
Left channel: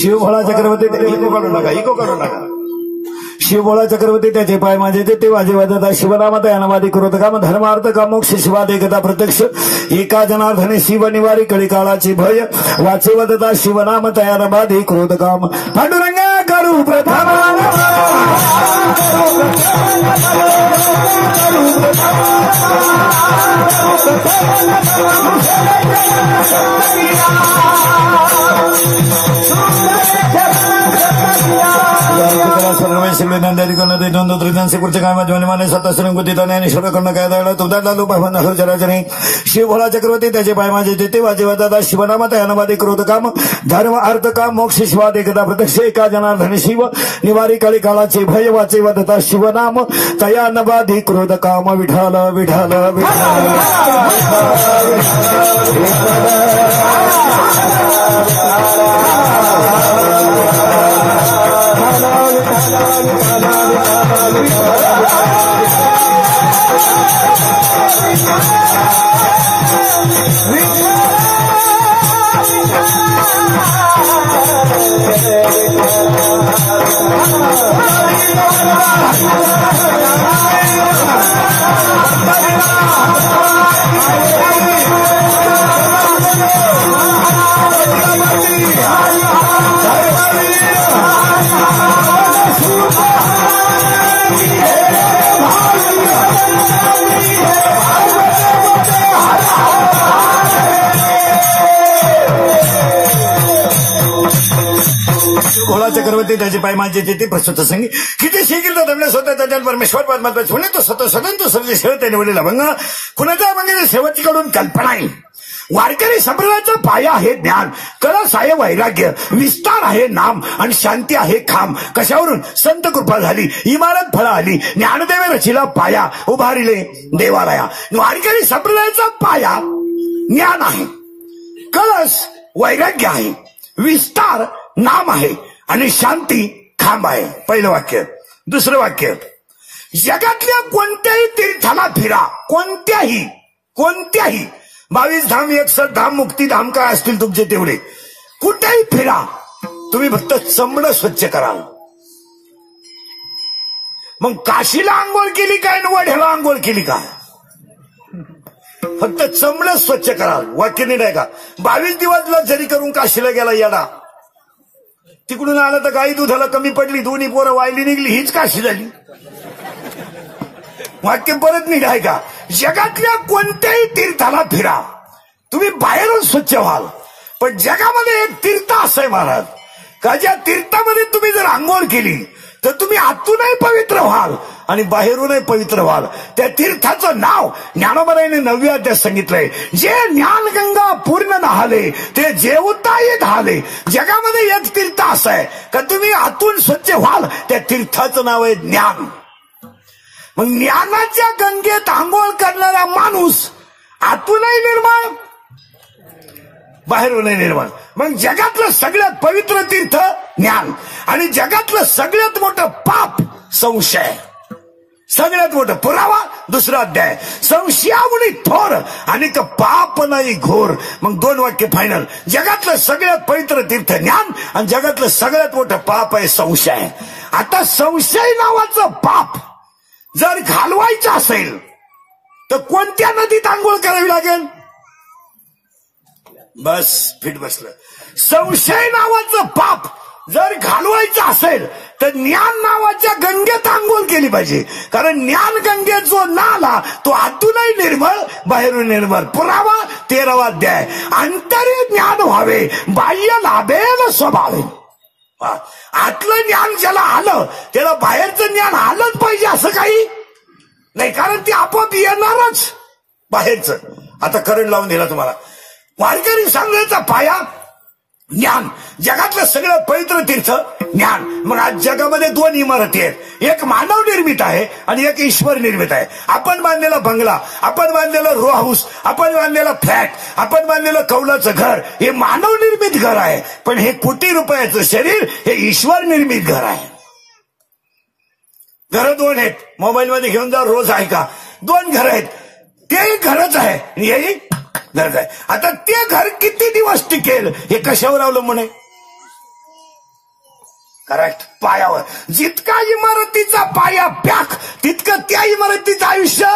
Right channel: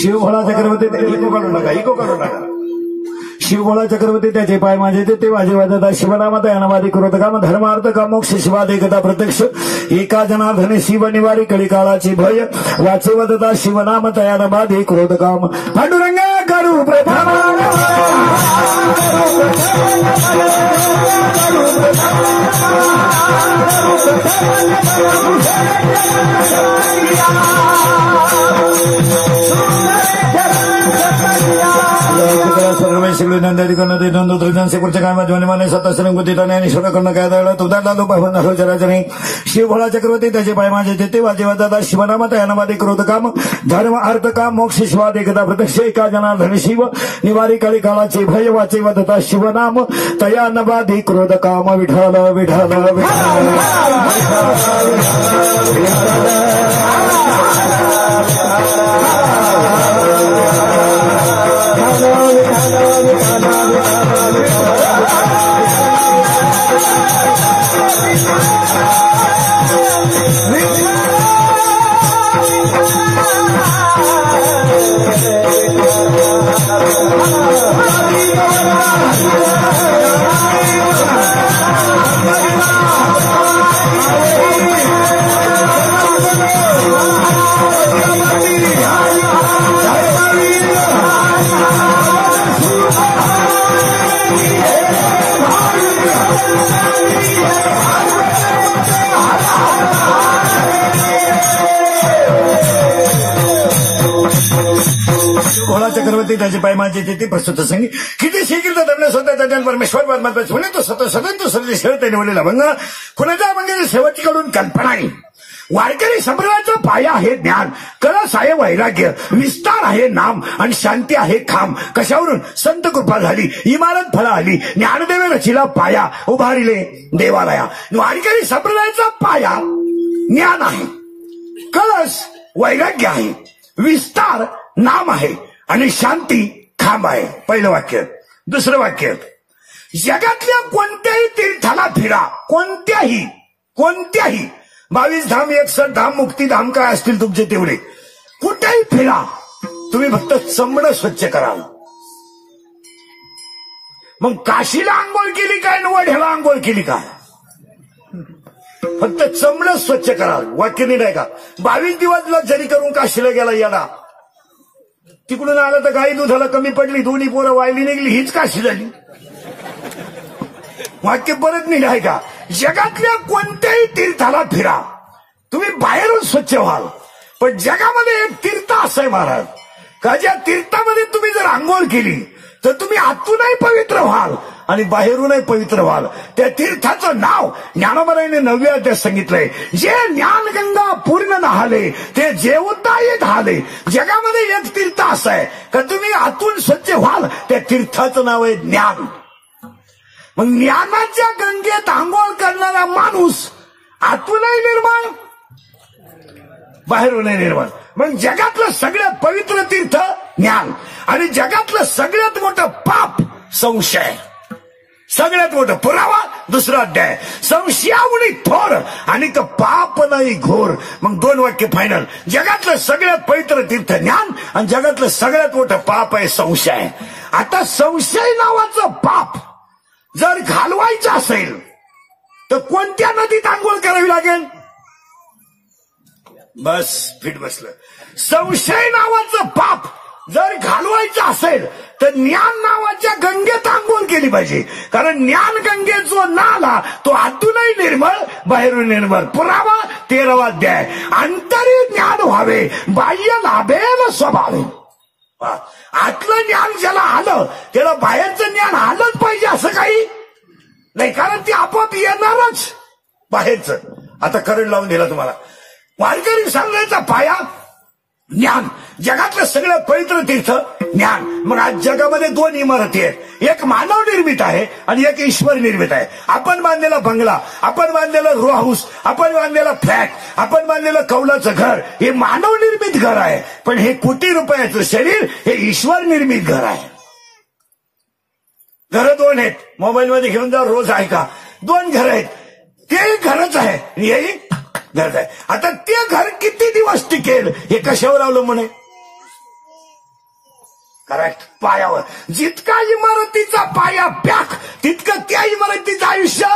शिवभोळा चक्रवर्ती इको काढू नका. शिवभोळा चक्रवर्ती त्याचे पाय माझे ते वाजे वाजता शिवनामात अनवादी करोत काम धर्मार्थ काम मोक्ष शिवाद एकता प्रत्यक्ष एका जनार्दने शिव निवारी कळी काळाची भय वाचे वदता शिवनाम तयानवादी क्रोध काम पांडुरंगा करू प्रथम शिवभोळा चक्रवर्ती त्याचे पाय माझे जेते वाजे वाजता शिवनाम तयानवादी क्रोध काम धर्म अर्थ काम मोक्ष शिवाद एकता प्रत्यक्ष एका जनार्दने शिव निवारी कळी काळाचे भय वाचे वदता शिवनाम तयानवादी क्रोध काम विठाल विठाल विठाल देवा चक्रवर्ती त्याचे पाय माझे ते प्रस्तुत संगी किती शिकील तर दमले स्वतः त्याच्या परमेश्वर परमात्मा पुणे तो स्वतः स्वतंत्र सर्व शरत निवडलेला भंग कुणाच्या मागे शेवटकडून कल्पना आहे. वारकरी संप्रदायाचा पाया आहे ज्ञान, कळस आहे वैराग्य, विस्तार आहे नाम आणि शांती आहे खांब. कशावरून संत कृपा झाली, इमारत फळ आली, ज्ञानदेव रचिला पाया उभारिले देवालया. वारकरी संप्रदायाचा पाया ज्ञान आहे, कळस वैराग्य आहे, विस्तार नाम आहे आणि शांती खांब आहे. पहिलं वाक्य. दुसरं वाक्य, जगातल्या कोणत्याही तीर्थाला फिरा, कोणत्याही 22 धाम 61 धाम मुक्तीधाम काय असतील तुमचे तेवढे कुठेही फिरा, तुम्ही फक्त चमडं स्वच्छ कराल. मग काशीला आंघोळ केली काय न वढ्याला आंघोळ केली काय, फक्त चमडं स्वच्छ कराल. वाक्य नाही का. 22 दिवस जरी करून काशीला गेला येडा, तिकडून आला तर गाई दुधाला कमी पडली, दोन्ही पोरं वायली निघली, हीच काशी झाली. वाक्य परत निघाय का. जगातल्या कोणत्याही तीर्थाला फिरा, तुम्ही बाहेरून स्वच्छ व्हाल, पण जगामध्ये एक तीर्थ असं आहे महाराज का ज्या तीर्थामध्ये तुम्ही जर आंघोळ केली तर तुम्ही आतूनही पवित्र व्हाल आणि बाहेरूनही पवित्र व्हाल. त्या तीर्थाचं नाव ज्ञानोबारायांनी 9व्या अध्यायात सांगितलंय. जे ज्ञानगंगा पूर्ण नहाले ते जेवताही ढाले. जगामध्ये एक तीर्थ असं आहे का तुम्ही आतून स्वच्छ व्हाल, त्या तीर्थाचं नाव आहे ज्ञान. मग ज्ञानाच्या गंगेत आंघोळ करणारा माणूस आतूनही निर्मळ, बाहेरूनही निर्मळ. मग जगातलं सगळ्यात पवित्र तीर्थ ज्ञान आणि जगातलं सगळ्यात मोठं पाप संशय. सगळ्यात मोठं पुरावा 2रा अध्याय. संशयामुळे थोर आणि पाप नाही घोर. मग 2 वाक्य फायनल. जगातलं सगळ्यात पवित्र तीर्थ ज्ञान आणि जगातलं सगळ्यात मोठं पाप आहे संशय. आता संशय नावाचं पाप जर घालवायचं असेल तर कोणत्या नदीत आंघोळ करावी लागेल. बस फिट बसलं. संशय नावाचं पाप जर घालवायचं असेल तर ज्ञान नावाच्या गंगेत आंघोळ केली पाहिजे. कारण ज्ञान गंगेत जो नाला तो आतूनही निर्मळ बाहेरून निर्मळ. पुरावा 13वा अध्याय. अंतरी ज्ञान व्हावे बाह्य लाभेल स्वभावे. आतलं ज्ञान ज्याला आलं त्याला बाहेरचं ज्ञान आलंच पाहिजे असं काही नाही, कारण ते आपोआप येणारच बाहेरचं. आता करंट लावून दिला तुम्हाला. वारकरी सांगायचा पाया ज्ञान, जगातलं सगळ्यात पवित्र तीर्थ ज्ञान. मग आज जगामध्ये 2 इमारती आहेत, एक मानव निर्मित आहे आणि एक ईश्वर निर्मित आहे. आपण बांधलेला बंगला, आपण बांधलेला रो हाऊस, आपण बांधलेला फ्लॅट, आपण बांधलेलं कौलाचं घर हे मानव निर्मित घर आहे. पण हे कोटी रुपयाचं शरीर हे ईश्वर निर्मित घर आहे. घरं 2 आहेत. मोबाईलमध्ये घेऊन जा, रोज ऐका. 2 घरं आहेत, तेही घरच आहे, हेही घरच आहे. आता ते घर किती दिवस टिकेल हे कशावर अवलंबून आहे. करेक्ट, पायावर. जितका इमारतीचा पाया पॅक तितकं त्या इमारतीचं आयुष्य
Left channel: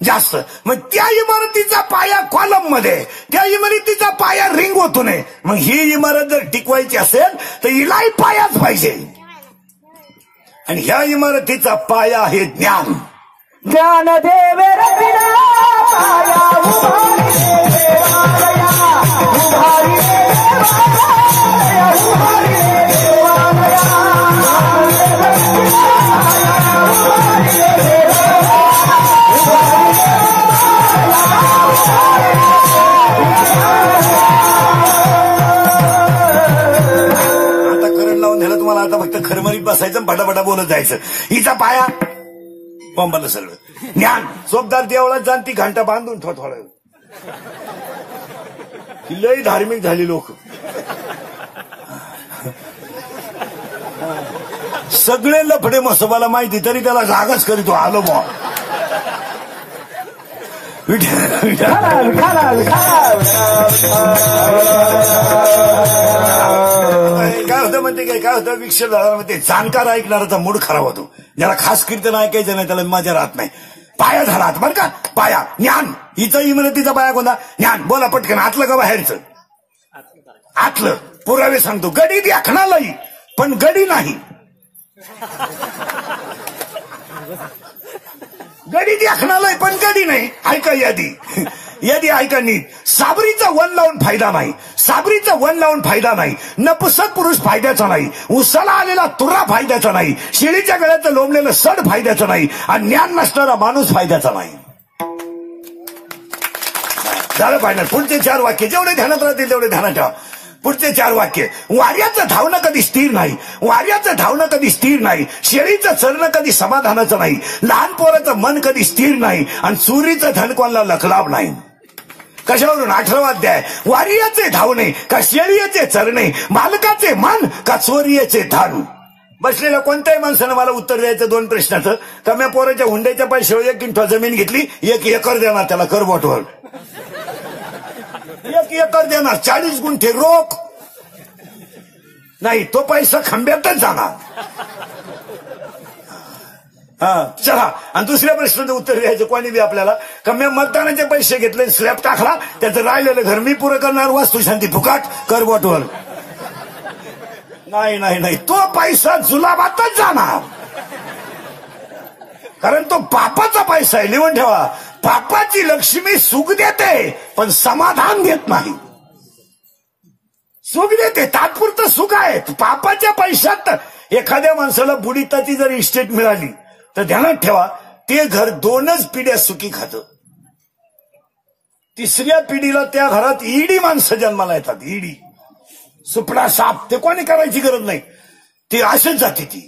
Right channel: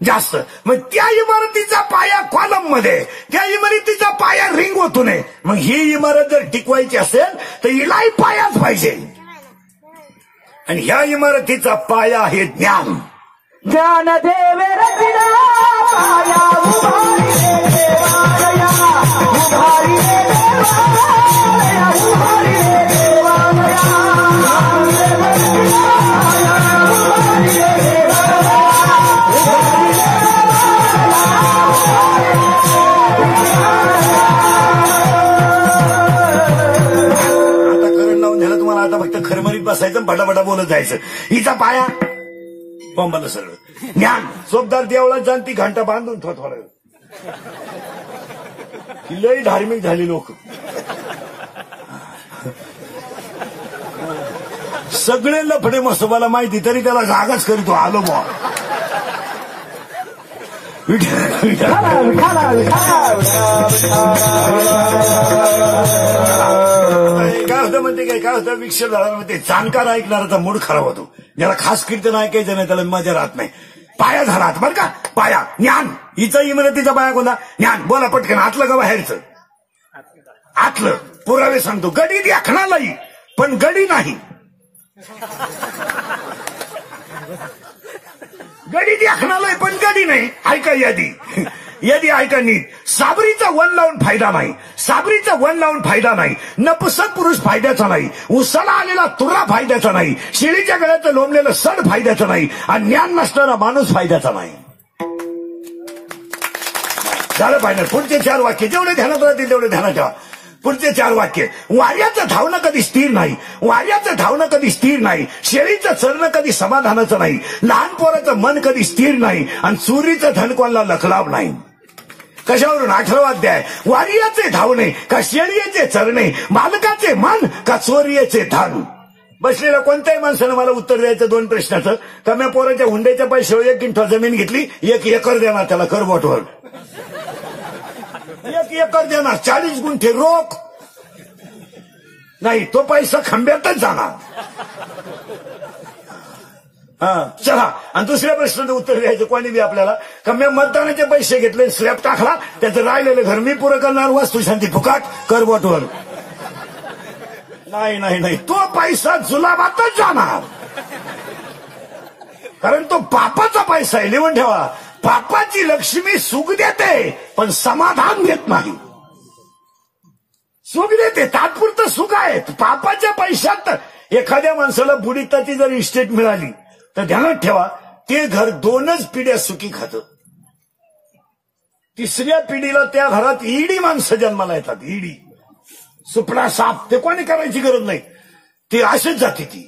जास्त. मग त्या इमारतीचा पाया कॉलम मध्ये, त्या इमारतीचा पाया रिंग होतो नये. मग ही इमारत जर टिकवायची असेल तर हिलाही पायाच पाहिजे. आणि ह्या इमारतीचा पाया आहे ज्ञान. ज्ञानदेव रचिला पाया खरमरीत बसायचं, बडाबडा बोलत जायचं. हिचा पाया पंबाला सगळं ज्ञान. चोपदार देवळात जाण ती घंटा बांधून थोडं. लय धार्मिक झाली लोक. सगळे लफडे मसोबाला माहिती तरी त्याला जागाच करीतो. आलो बा काय होतं म्हणते काय होतं, विक्षेप झाला म्हणते जाणकार ऐकणाराचा मूड खराब होतो. ज्याला खास कीर्तन ऐकायचं नाही त्याला मजा राहत नाही. पाया झाला बरं का, पाया ज्ञान. हिचा इमारतीचा पाया कोणता ज्ञान. बोला पटकन, आतलं का बाहेरचं. आतलं. पुरावे सांगतो. गडी देखणालाही पण गडी नाही. गडी देखणालाही पण गडी नाही. ऐका यादी. यदि ऐका नीट, साबरीचा वन लावून फायदा नाही, साबरीचा वन लावून फायदा नाही, नपुसक पुरुष फायद्याचा नाही, उसाला आलेला तुरा फायद्याचा नाही, शिळीच्या गळ्याचं लोंबलेलं सड फायद्याचं नाही, आणि ज्ञान नसणारा माणूस फायद्याचा नाही. झालं फायनल. पुढचे 4 वाक्य जेवढे ध्यानात राहतील तेवढे ध्यानात ठेवा. पुढचे 4 वाक्य. वाऱ्याचं धावणं कधी स्थिर नाही, वाऱ्याचं धावणं कधी स्थिर नाही, शेळीचं चरणं कधी समाधानाचं नाही, लहान पोराचं मन कधी स्थिर नाही, आणि चोरीचं धन कोणाला लखलाभ नाही. कशावरून? 18वा अध्याय. वाऱ्याचे धावणे का शेळीचे चरणे, मालकाचे मन का चोरीचे धन. बसलेल्या कोणत्याही माणसानं मला उत्तर द्यायचं 2 प्रश्नाचं. कम्या पोराच्या हुंड्याच्या पैशावर 1 गुंठा जमीन घेतली, 1 एकर देणार त्याला करबोटवर. 1 एकर देणार, 40 गुंठे रोख नाही, तो पैसा खंब्यातच जाणार. चला. आणि दुसऱ्या प्रश्नाचं उत्तर द्यायचं कोणी बी आपल्याला. कम्या मतदानाचे पैसे घेतले, स्लॅब टाकला, त्याचं राहिलेलं घर मी पुरं करणार, वास्तू शांती फुकाट करबोटवर. नाही नाही नाही, तो पैसा जुलाबातच जाणार, कारण तो पापाचा पैसा आहे. लिहून ठेवा, पापाची लक्ष्मी सुख देते पण समाधान देत नाही. सुख देते, तात्पुरतं सुख आहे. पापाच्या पैशात एखाद्या माणसाला बुडीताची जर इस्टेट मिळाली तर ध्यानात ठेवा, ते घर 2च पिढ्या सुखी खातं. 3ऱ्या पिढीला त्या घरात ईडी माणसं जन्माला येतात. ईडी, सुपडा, साप, ते कोणी करायची गरज नाही, ती अशीच जाते ती.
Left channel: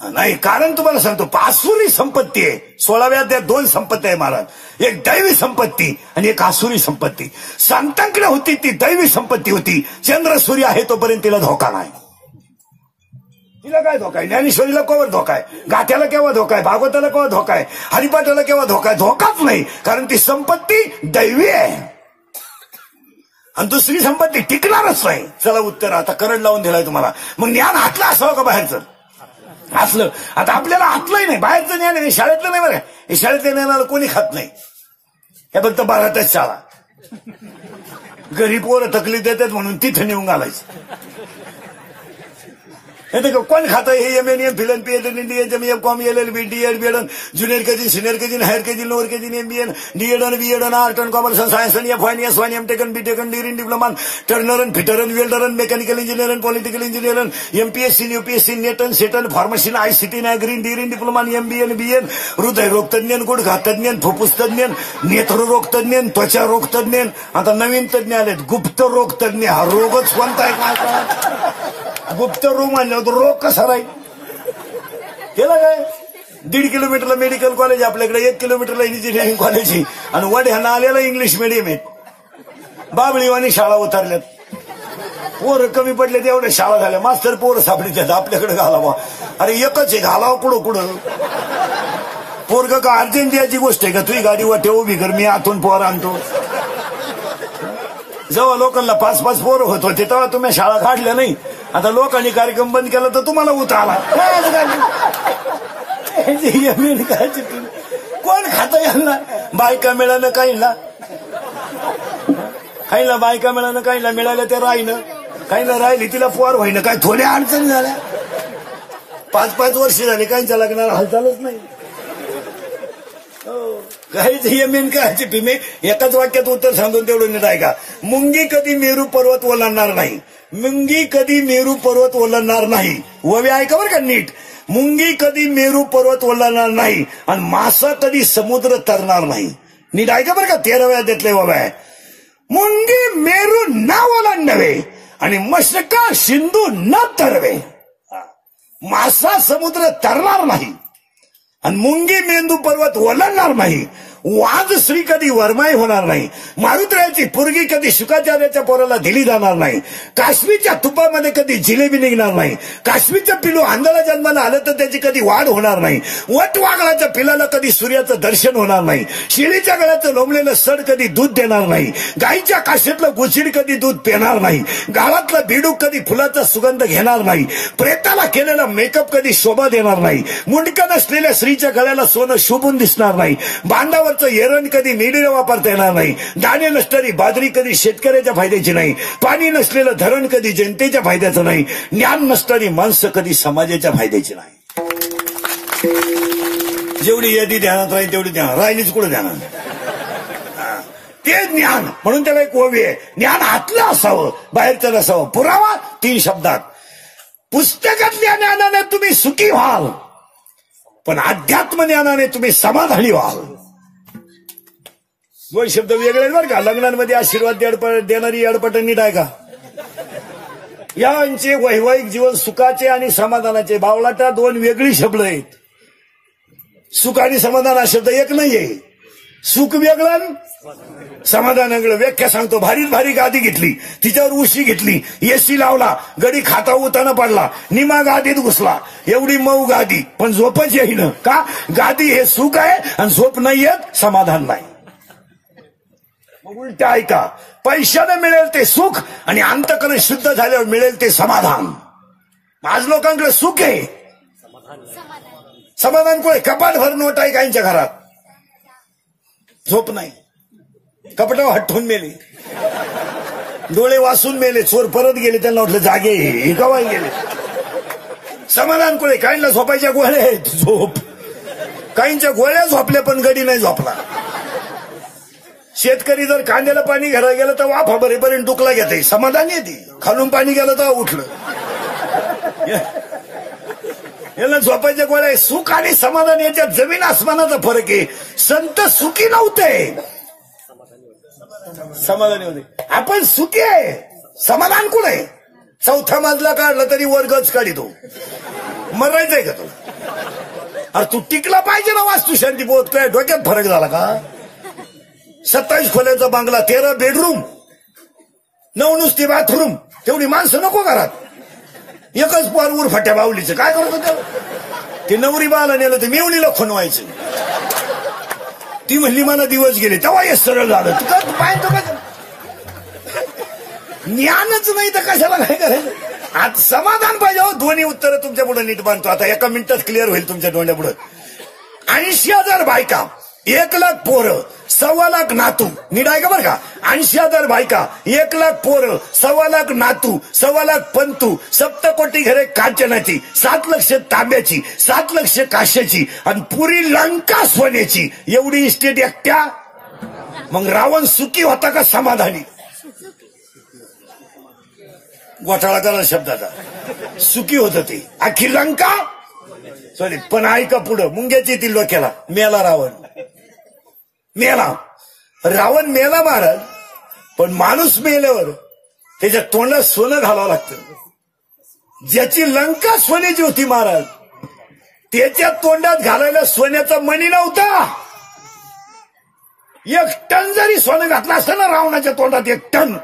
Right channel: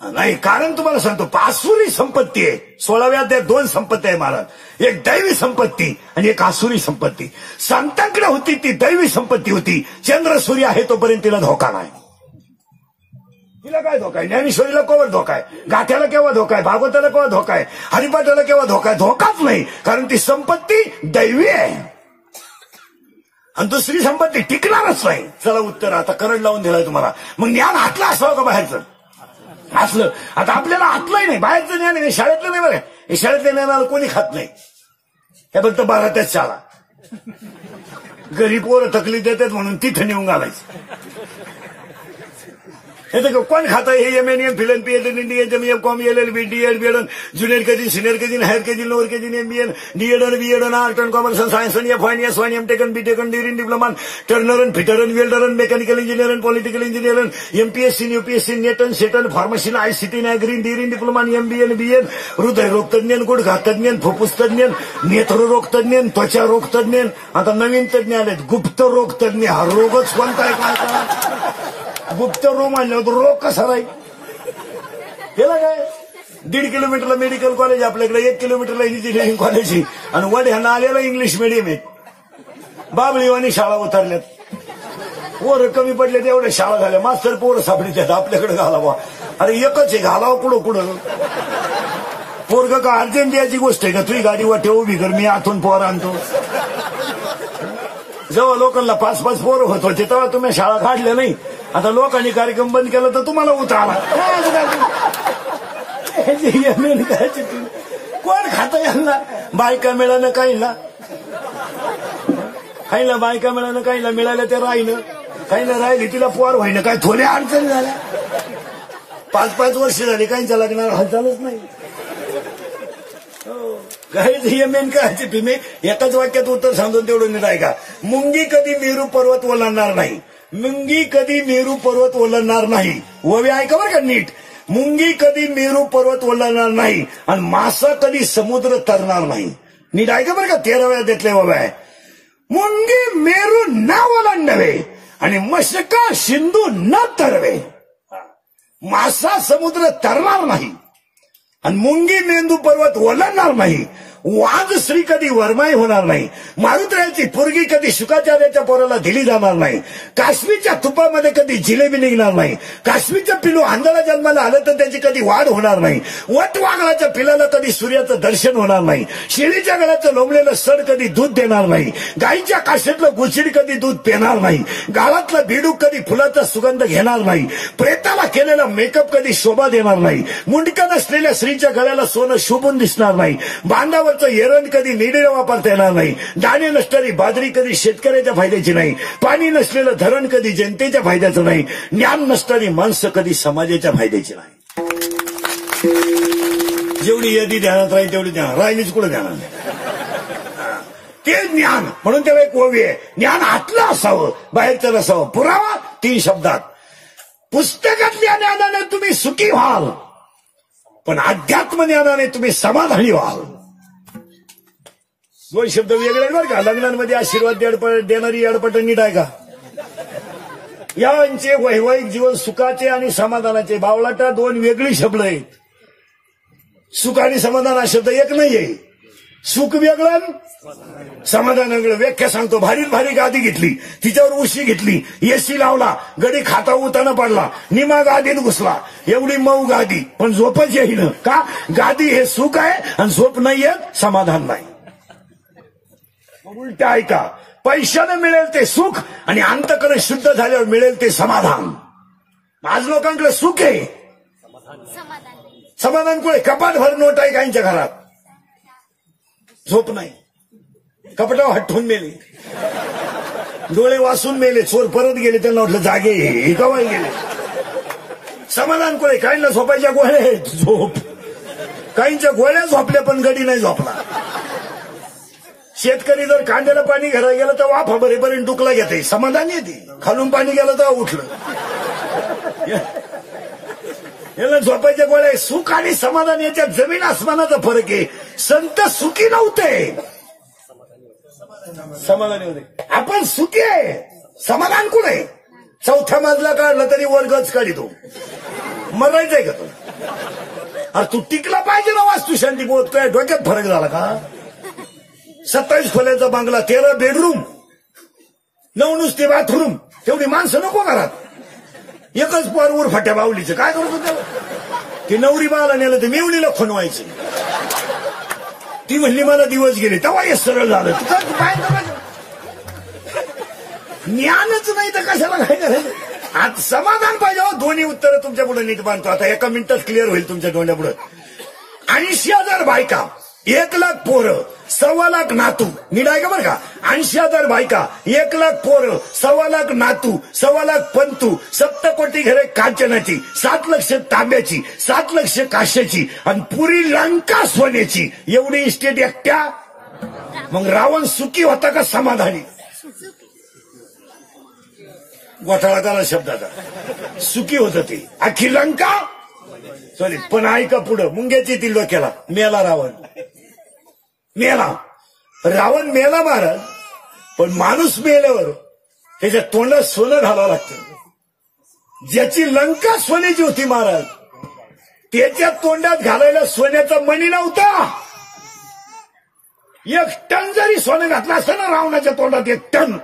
नाही, कारण तुम्हाला सांगतो, आसुरी संपत्ती आहे. 16व्या अध्यायात 2 संपत्ती आहे महाराज. एक दैवी संपत्ती आणि एक आसुरी संपत्ती. संतांकडे होती ती दैवी संपत्ती होती. चंद्र सूर्य आहे तोपर्यंत तिला धोका नाही. तिला काय धोका आहे? ज्ञानेश्वरीला केव्हा धोका आहे? गाथ्याला केव्हा धोका आहे? भागवताला केव्हा धोका आहे? हरिपाठाला केव्हा धोका आहे? धोकाच नाही, कारण ती संपत्ती दैवी आहे. आणि दुसरी संपत्ती टिकणारच नाही. चला उत्तर आता करंट लावून दिलाय तुम्हाला. मग ज्ञान हातलं असावं का बाहेरचं? असलं. आता आपल्याला हातलंही नाही, बाहेरचं ज्ञान आहे, शाळेतलं नाही. बरं, हे शाळेतल्या ज्ञानाला कोणी खात नाही. हे फक्त 12त्याच शाळा. घरी पोरं तकलीफ देतात म्हणून तिथे नेऊन घालायचं. कोण खातं? हे एमएनएम, फिलन, PhD, DHM, com, LLB, DEd, BEd, junior KG, senior KG, higher KG, lower KG, एमबीएन, DEd, BEd, art and commerce, science, एफवायन, एसवायन, एमटेकन, बीटेकन, degree, diploma, turner, fitter, welder, mechanical engineer, political engineer, MPSC, UPSC, नेटन, सेटन, pharmacy, ICT, green, degree, diploma, एमबीएन, बीएन, हृदयरोग तज्ञ, गुडघा तज्ञ, फुफ्फुस तज्ञ, नेत्ररोग तज्ञ, त्वचा रोग तज्ञ. आता नवीन तज्ञ आलेत, गुप्त रोग तज्ञ. हा रोगच कोणता आहे? काय गुप्त रोग म्हणलं तर रोग कसा राहील? केला काय? 1.5 किलोमीटरला मेडिकल कॉलेज आपल्याकडे, 1 किलोमीटरला इंजिनिअरिंग कॉलेज आहे, आणि वड्यानं आलेला इंग्लिश मिडियम आहे. बाबळीवानी शाळा उतरल्यात, पोरं कमी पडले तेवढ्या शाळा झाल्या. मास्तर पोरं सापडीच्यात आपल्याकडे घालावा. अरे एकच आहे, घालावा कुठं कुठं. पोरग का अर्जंट द्यायची गोष्ट आहे का? तुझी गाडी वाटे उभी कर, मी आतून पोर आणतो. जेव्हा लोकांना 5-5 पोरं होत होते तेव्हा तुम्ही शाळा काढल्या नाही. आता लोकांनी कार्यक्रम बंद केला तर तुम्हाला उतारला. कोण खातं यांना? बायका मिळालं काहीला, काहीला बायका मिळालं, काहीला मिळालं ते राहिलं, काहीला राहिली तिला पोर होईना. काय थोड्या अडचणी झाल्या. 5-5 वर्ष झाली, काहींच्या लग्नाला हालचालच नाही. काय चिठ्ठी एकाच वाक्यात उत्तर सांगून तेवढं नीट आहे का? मुंगी कधी मेरू पर्वत ओलांडणार नाही. मुंगी कधी मेरू पर्वत ओलांडणार नाही. ववे ऐका बरं का नीट. मुंगी कधी मेरू पर्वत ओलांडणार नाही, आणि मासा कधी समुद्र तरणार नाही. नीट ऐका बरं का. 13व्या अध्यायातले ववे आहे. मुंगी मेरू न ओलांडवे आणि मशका सिंधू न तरवे. मासा समुद्र तरणार नाही आणि मुंगी मेंदू पर्वत ओलांडणार नाही. वाज श्री कधी वरमाई होणार नाही. मारुतळ्याची पोरगी कधी शुकाचार्याच्या पोराला दिली जाणार नाही. काश्मीरच्या तुपामध्ये कधी जिलेबी निघणार नाही. काश्मीरचं पिलू आंधळा जन्माला आलं तर त्याची कधी वाढ होणार नाही. वटवाघळाच्या पिलाला कधी सूर्याचं दर्शन होणार नाही. शेळीच्या गळ्याचं लोंबलेलं सड कधी दूध देणार नाही. गाईच्या काशीतलं गुचिड कधी दूध पिणार नाही. गाळातलं बेडूक कधी फुलाचा सुगंध घेणार नाही. प्रेताला केलेला मेकअप कधी शोभा देणार नाही. मुंडका नसलेल्या स्त्रीच्या गळ्याला सोनं शोभून दिसणार नाही. बांधावर एरण कधी निडीला वापरता येणार नाही. दाणे नसणारी बाजरी कधी शेतकऱ्याच्या फायद्याची नाही. पाणी नसलेलं धरण कधी जनतेच्या फायद्याचं नाही. ज्ञान नसणारी माणसं कधी समाजाच्या फायद्याची नाही. जेवढी यादी ध्यानात राहील तेवढी ध्यानात राहिलीच कुठं ध्यानात. ते ज्ञान. म्हणून त्याला एक ओवी आहे, ज्ञान आतलं असावं बाहेरचं नसावं. पुरावा 3 शब्दात. पुस्तकातल्या ज्ञानाने तुम्ही सुखी व्हाल, पण अध्यात्म ज्ञानाने तुम्ही समाधानी व्हाल. 2 शब्द वेगळे बरं का. लग्नांमध्ये आशीर्वाद देणारी अडपट नीट आहे का? यांचे वैवाहिक जीवन सुखाचे आणि समाधानाचे बावळाटा 2 वेगळी शब्द आहेत. सुख आणि समाधान हा शब्द एक नाहीये. सुख वेगळं, समाधान वेगळं. व्याख्या सांगतो. भारीत भारी गादी घेतली, तिच्यावर उशी घेतली, एसी लावला, गडी खाता उताना पडला, निमा गादीत घुसला. एवढी मऊ गादी, पण झोपच येईन का? गादी हे सुख आहे आणि झोप नाहीये, समाधान नाही. उलट ऐका, पैशाने मिळेल ते सुख आणि अंतःकरण शुद्ध झाल्यावर मिळेल ते समाधान. आज लोकांकडे सुख आहे, समाधान कुठे? कपाट भर नोट आहे काहींच्या घरात, झोप नाही. कपाटावर हटवून मेले, डोळे वाचून मेले, चोर परत गेले, त्यांना म्हटलं जागे हे कवाय गेले. समाधान कुठे? काहींना झोपायच्या गोळ्या आहेत, झोप. काहींच्या गोळ्या झोपल्या पण गडी नाही झोपला. शेतकरी जर कांद्याला पाणी घरात गेलं तर वाफा भरेपर्यंत डुकला घेते, समाधान येते. खालून पाणी गेलं तर उठलं. याला झोपायच्या गोळ्या आहे. सुख आणि समाधान याच्यात जमीन आसमानाचा फरक आहे. संत सुखी नव्हते, समाधानी होते. आपण सुखी आहे, समाधान कुठे? 4था मजला काढला तरी वर्गच काढितो. मरायचंय का तू? अरे तू टिकला पाहिजे ना वास्तुशांती बोध. काय डोक्यात फरक झाला का? 27 खोल्याचा बांगला, 13 बेडरूम, 9 नुसती बाथरूम, तेवढी माणसं नको घरात. एकच पोर उरफाट्या बावलीचं काय करत होतं? ते नवरी बाला नेलं तर मेवणीला खणवायचं. ती म्हणली मला दिवस गेले, तेव्हा हे सरळ झालं. ज्ञानच नाही तर कशाला काय करायचं? आज समाधान पाहिजे. दोन्ही उत्तरं तुमच्या पुढे नीट बांधतो. आता एका मिनिटात क्लिअर होईल तुमच्या डोळ्या पुढे. 80,000 बायका, 1,00,000 पोरं, 1,25,000 नातू. नीट आहे का बरं का? 80,000 बायका, 1,00,000 पोरं, 1,25,000 नातू, 1,25,000 पंतू, 7 कोटी घरे कांचनाची, 7 लक्ष तांब्याची, 7 लक्ष काश्याची आणि पुरी लंका सोन्याची. एवढी इस्टेट एकट्या. मग रावण सुखी होता का समाधानी? घोटाळा करा शब्दाचा. सुखी होत ते. अख्खी लंका सॉरी, पण ऐका पुढं. मुंग्याची येतील डोक्याला. मेला रावण, मेला. रावण मेला महाराज. पण माणूस मेल्यावर त्याच्या तोंडात सोनं घालावं लागतं. ज्याची लंका सोन्याची होती महाराज, त्याच्या तोंडात घालायला सोन्याचा मणी नव्हता. 1 टन जरी सोनं घातलं असतं ना रावणाच्या तोंडात, 1 टन.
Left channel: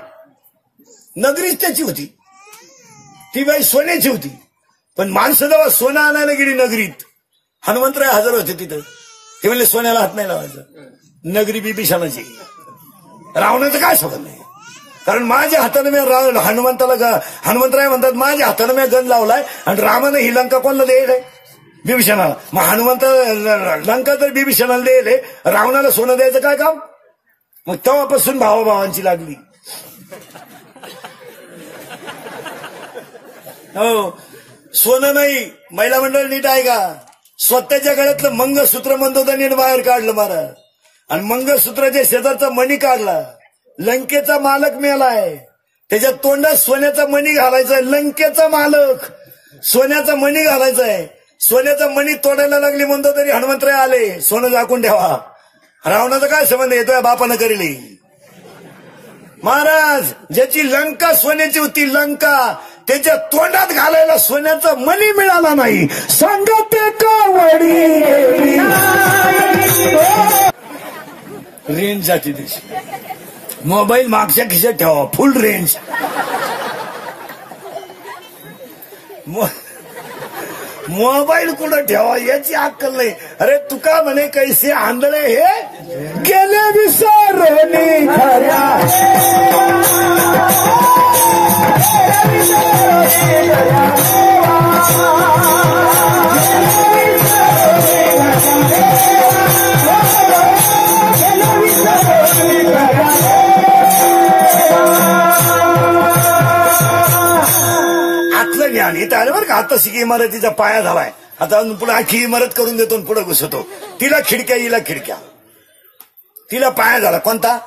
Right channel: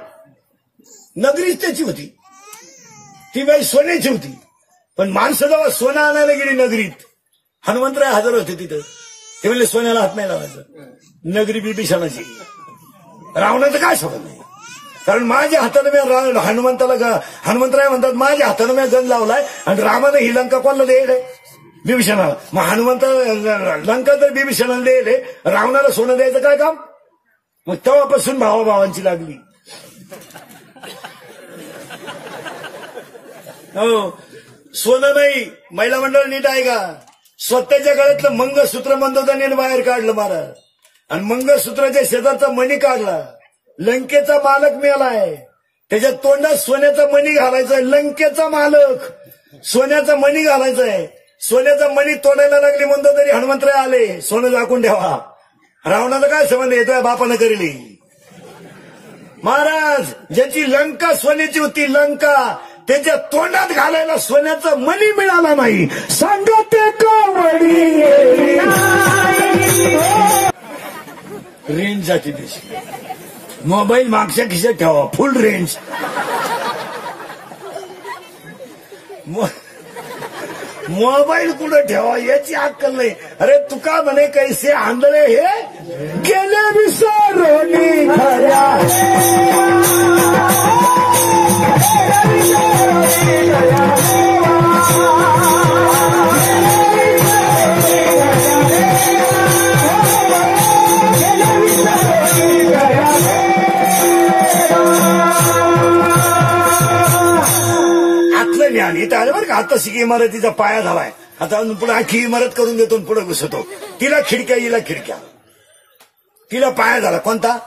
नगरीच त्याची होती, ती बाई सोन्याची होती. पण माणसं जेव्हा सोनं आणायला गेली नगरीत, हनुमंतराय हजर होते तिथं. ते म्हणले सोन्याला हात नाही लावायचं. नगरी बिभीषणाची. रावणाचं काय सोडत नाही. कारण माझ्या हातानं मी हनुमंतराय म्हणतात माझ्या हातानं मी गण लावलाय आणि रामानं ही लंका कोणाला द्यायलाय? बिभीषणाला. मग हनुमंत लंका तर बिभीषणाला द्यायले, रावणाला सोनं द्यायचं काय काम? मग तेव्हापासून भावाभावांची लागली. हो, सोनं नाही. महिला मंडळ नीट आहे का? स्वतःच्या गळ्यातलं मंगळसूत्र मंदोदा नीट बाहेर काढलं महाराज आणि मंगळसूत्राच्या शेजारचा मणी काढला. लंकेचा मालक मेलाय, त्याच्या तोंडात सोन्याचा मणी घालायचाय. लंकेचा मालक सोन्याचा मणी घालायचाय. सोन्याचा मणी तोडायला लागली म्हणतो तरी हनुमंतराय आले, सोनं झाकून ठेवा. रावणाचा काय संबंध येतोय? बापानं करेली. महाराज ज्याची लंका सोन्याची होती, लंका, त्याच्या तोंडात घालायला सोन्याचा मणी मिळाला नाही. सांगते कावडी रेंज जाती दिवशी. मोबाईल मागच्या खिशात ठेवा, फुल रेंज. मोबाईल कुठं ठेवा याची अक्कल नाही. अरे तुका म्हणे कैसे आंधळे हे गेले विसरणी खऱ्या. आतलं ज्ञान इथं आलं बरं का. आता शिकी इमारतीचा पाया झालाय. आता पुढे आखी इमारत करून देतो, पुढे घुसतो. तिला खिडक्या, हिला खिडक्या. तिला पाया झाला कोणता?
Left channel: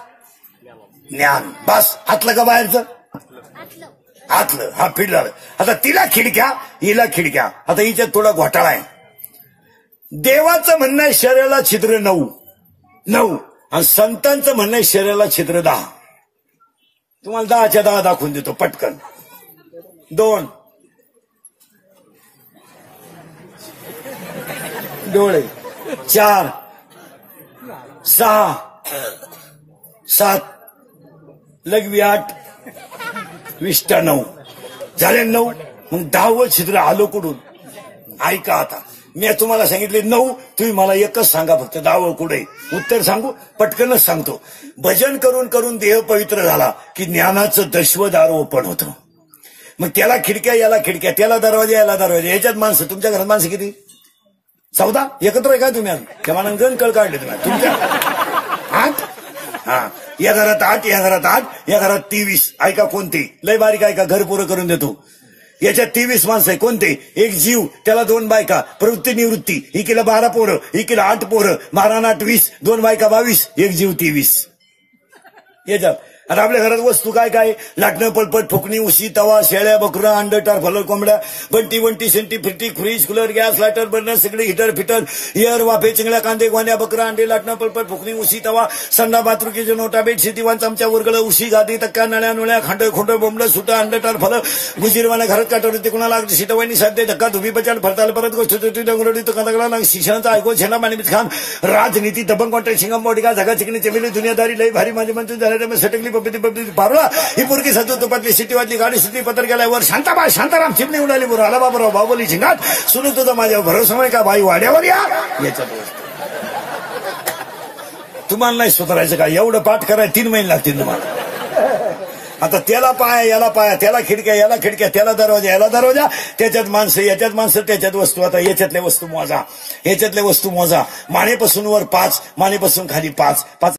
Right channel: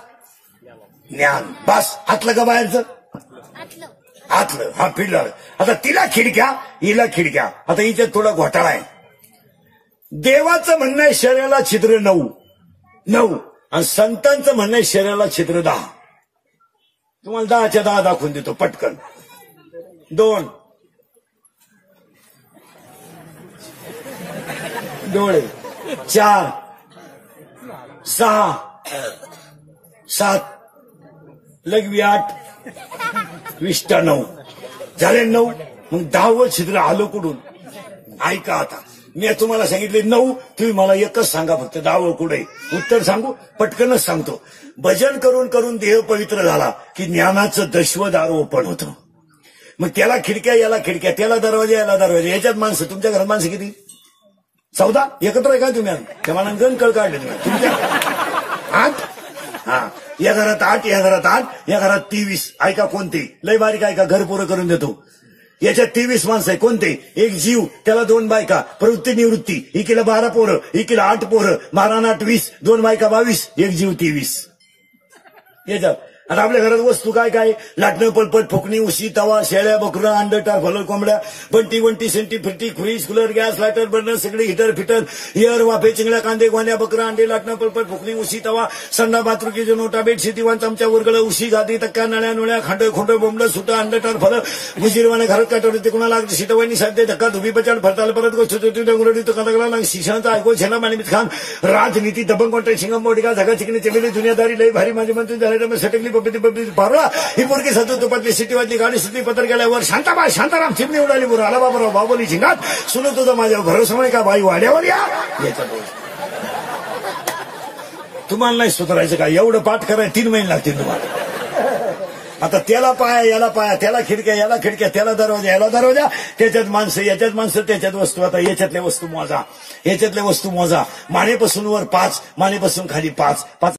ज्ञान. बस आतलं का बाहेरचं? आतलं. हा पिल्लर. आता तिला खिडक्या, हिला खिडक्या. आता हिच्यात थोडा घोटाळा आहे. देवाचं म्हणणं आहे शरीराला छिद्र 9 आणि संतांचं म्हणणं आहे शरीराला छिद्र 10. तुम्हाला 10च्या 10 दाखवून देतो पटकन. 2 डोळे, 4 6 7 लघवी 8 विष्टा 9 झाले 9. मग 10वं छिद्र आलं कुठून? ऐका आता मी तुम्हाला सांगितले 9, तुम्ही मला एकच सांगा फक्त 10वं कुठे? उत्तर सांगू? पटकनच सांगतो. भजन करून करून देह पवित्र झाला की ज्ञानाचं दशवदार ओपन होतं. मग त्याला खिडक्या, याला खिडक्या, त्याला दरवाजा, याला दरवाजा. याच्यात माणसं, तुमच्या घरात माणसं किती? 14 एकत्र आहे का तुम्ही? तेव्हा गण कळ काढले तुम्ही तुमच्या 8. हा, या घरात 8, या घरात 8, या घरात 23. ऐका कोणते? लय बारीक ऐका, घर पुरं करून देतो. याच्यात 23 माणसं आहे. कोणते? एक जीव, त्याला 2 बायका, प्रवृत्ती निवृत्ती, एकीला 12 पोरं, एकीला 8 पोरं, 12 आणि 8 20, 2 बायका 22, एक जीव 23. याच्यात. आणि आपल्या घरात वस्तू काय काय? लाटणं, पळपट, फुकणी, उशी, तवा, शेळ्या, बकरं, अंड, फलं, कोंबड्या, बंटी सेंटी, फिरती, fridge, cooler, gas, lighter, burner, सगळे हिटर, फिटर, एअर, वाफे, चिंगड्या, कांदे, गोण्या, बकरं, अंडे, लाटणं, पळपट, फुकणी, उशी, तवा, संडा, बाथरूमची जनोटा, बेडशीट, दिवाण, चमचा, उरगडं, उशी, गादी, तक्क्या, नळ्या, खांड, खोंड, बोंबडं, सुटा, अंडटार, फलं, मुजीरवाने घरात काटवलं ते कुणाला सीटवानी साध्य धक्का, धुबी पचाड, फरताल, परत गोष्ट डंगुरडी, तो कदगडा, शिक्षणाचा ऐकू, छेना, मानिमित खान, राजनीती, दबंग कॉन्ट्रॅक्ट, शिंगम, मोटिका, झगा, चिकणी, चमेली, दुनियादारी, लय भारी माझी मंत्री झाले, सटकली, पब्लिक पारला, ही पोरगी सतू तुपातली सिटीवातली गाडी सिटी पत्र गेल्यावर शांताबा शांताराम चिमणी उडाली बरोबर आला बाबराव बाबोली झिंगात सुरू तुझा माझ्यावर भरोसा नाही का बाई वाड्यावर या. याच्यात तुम्हाला नाही सुधारायचं का? एवढं पाठ करायला 3 महिने लागतील तुम्हाला. आता त्याला पाया, याला पाया, त्याला खिडक्या, याला खिडक्या, त्याला दरवाजा, याला दरवाजा, त्याच्यात माणसं, याच्यात माणसं, त्याच्यात वस्तू. आता याच्यातल्या वस्तू मोजा, याच्यातल्या वस्तू मोजा. मानेपासून वर 5, मानेपासून खाली 5.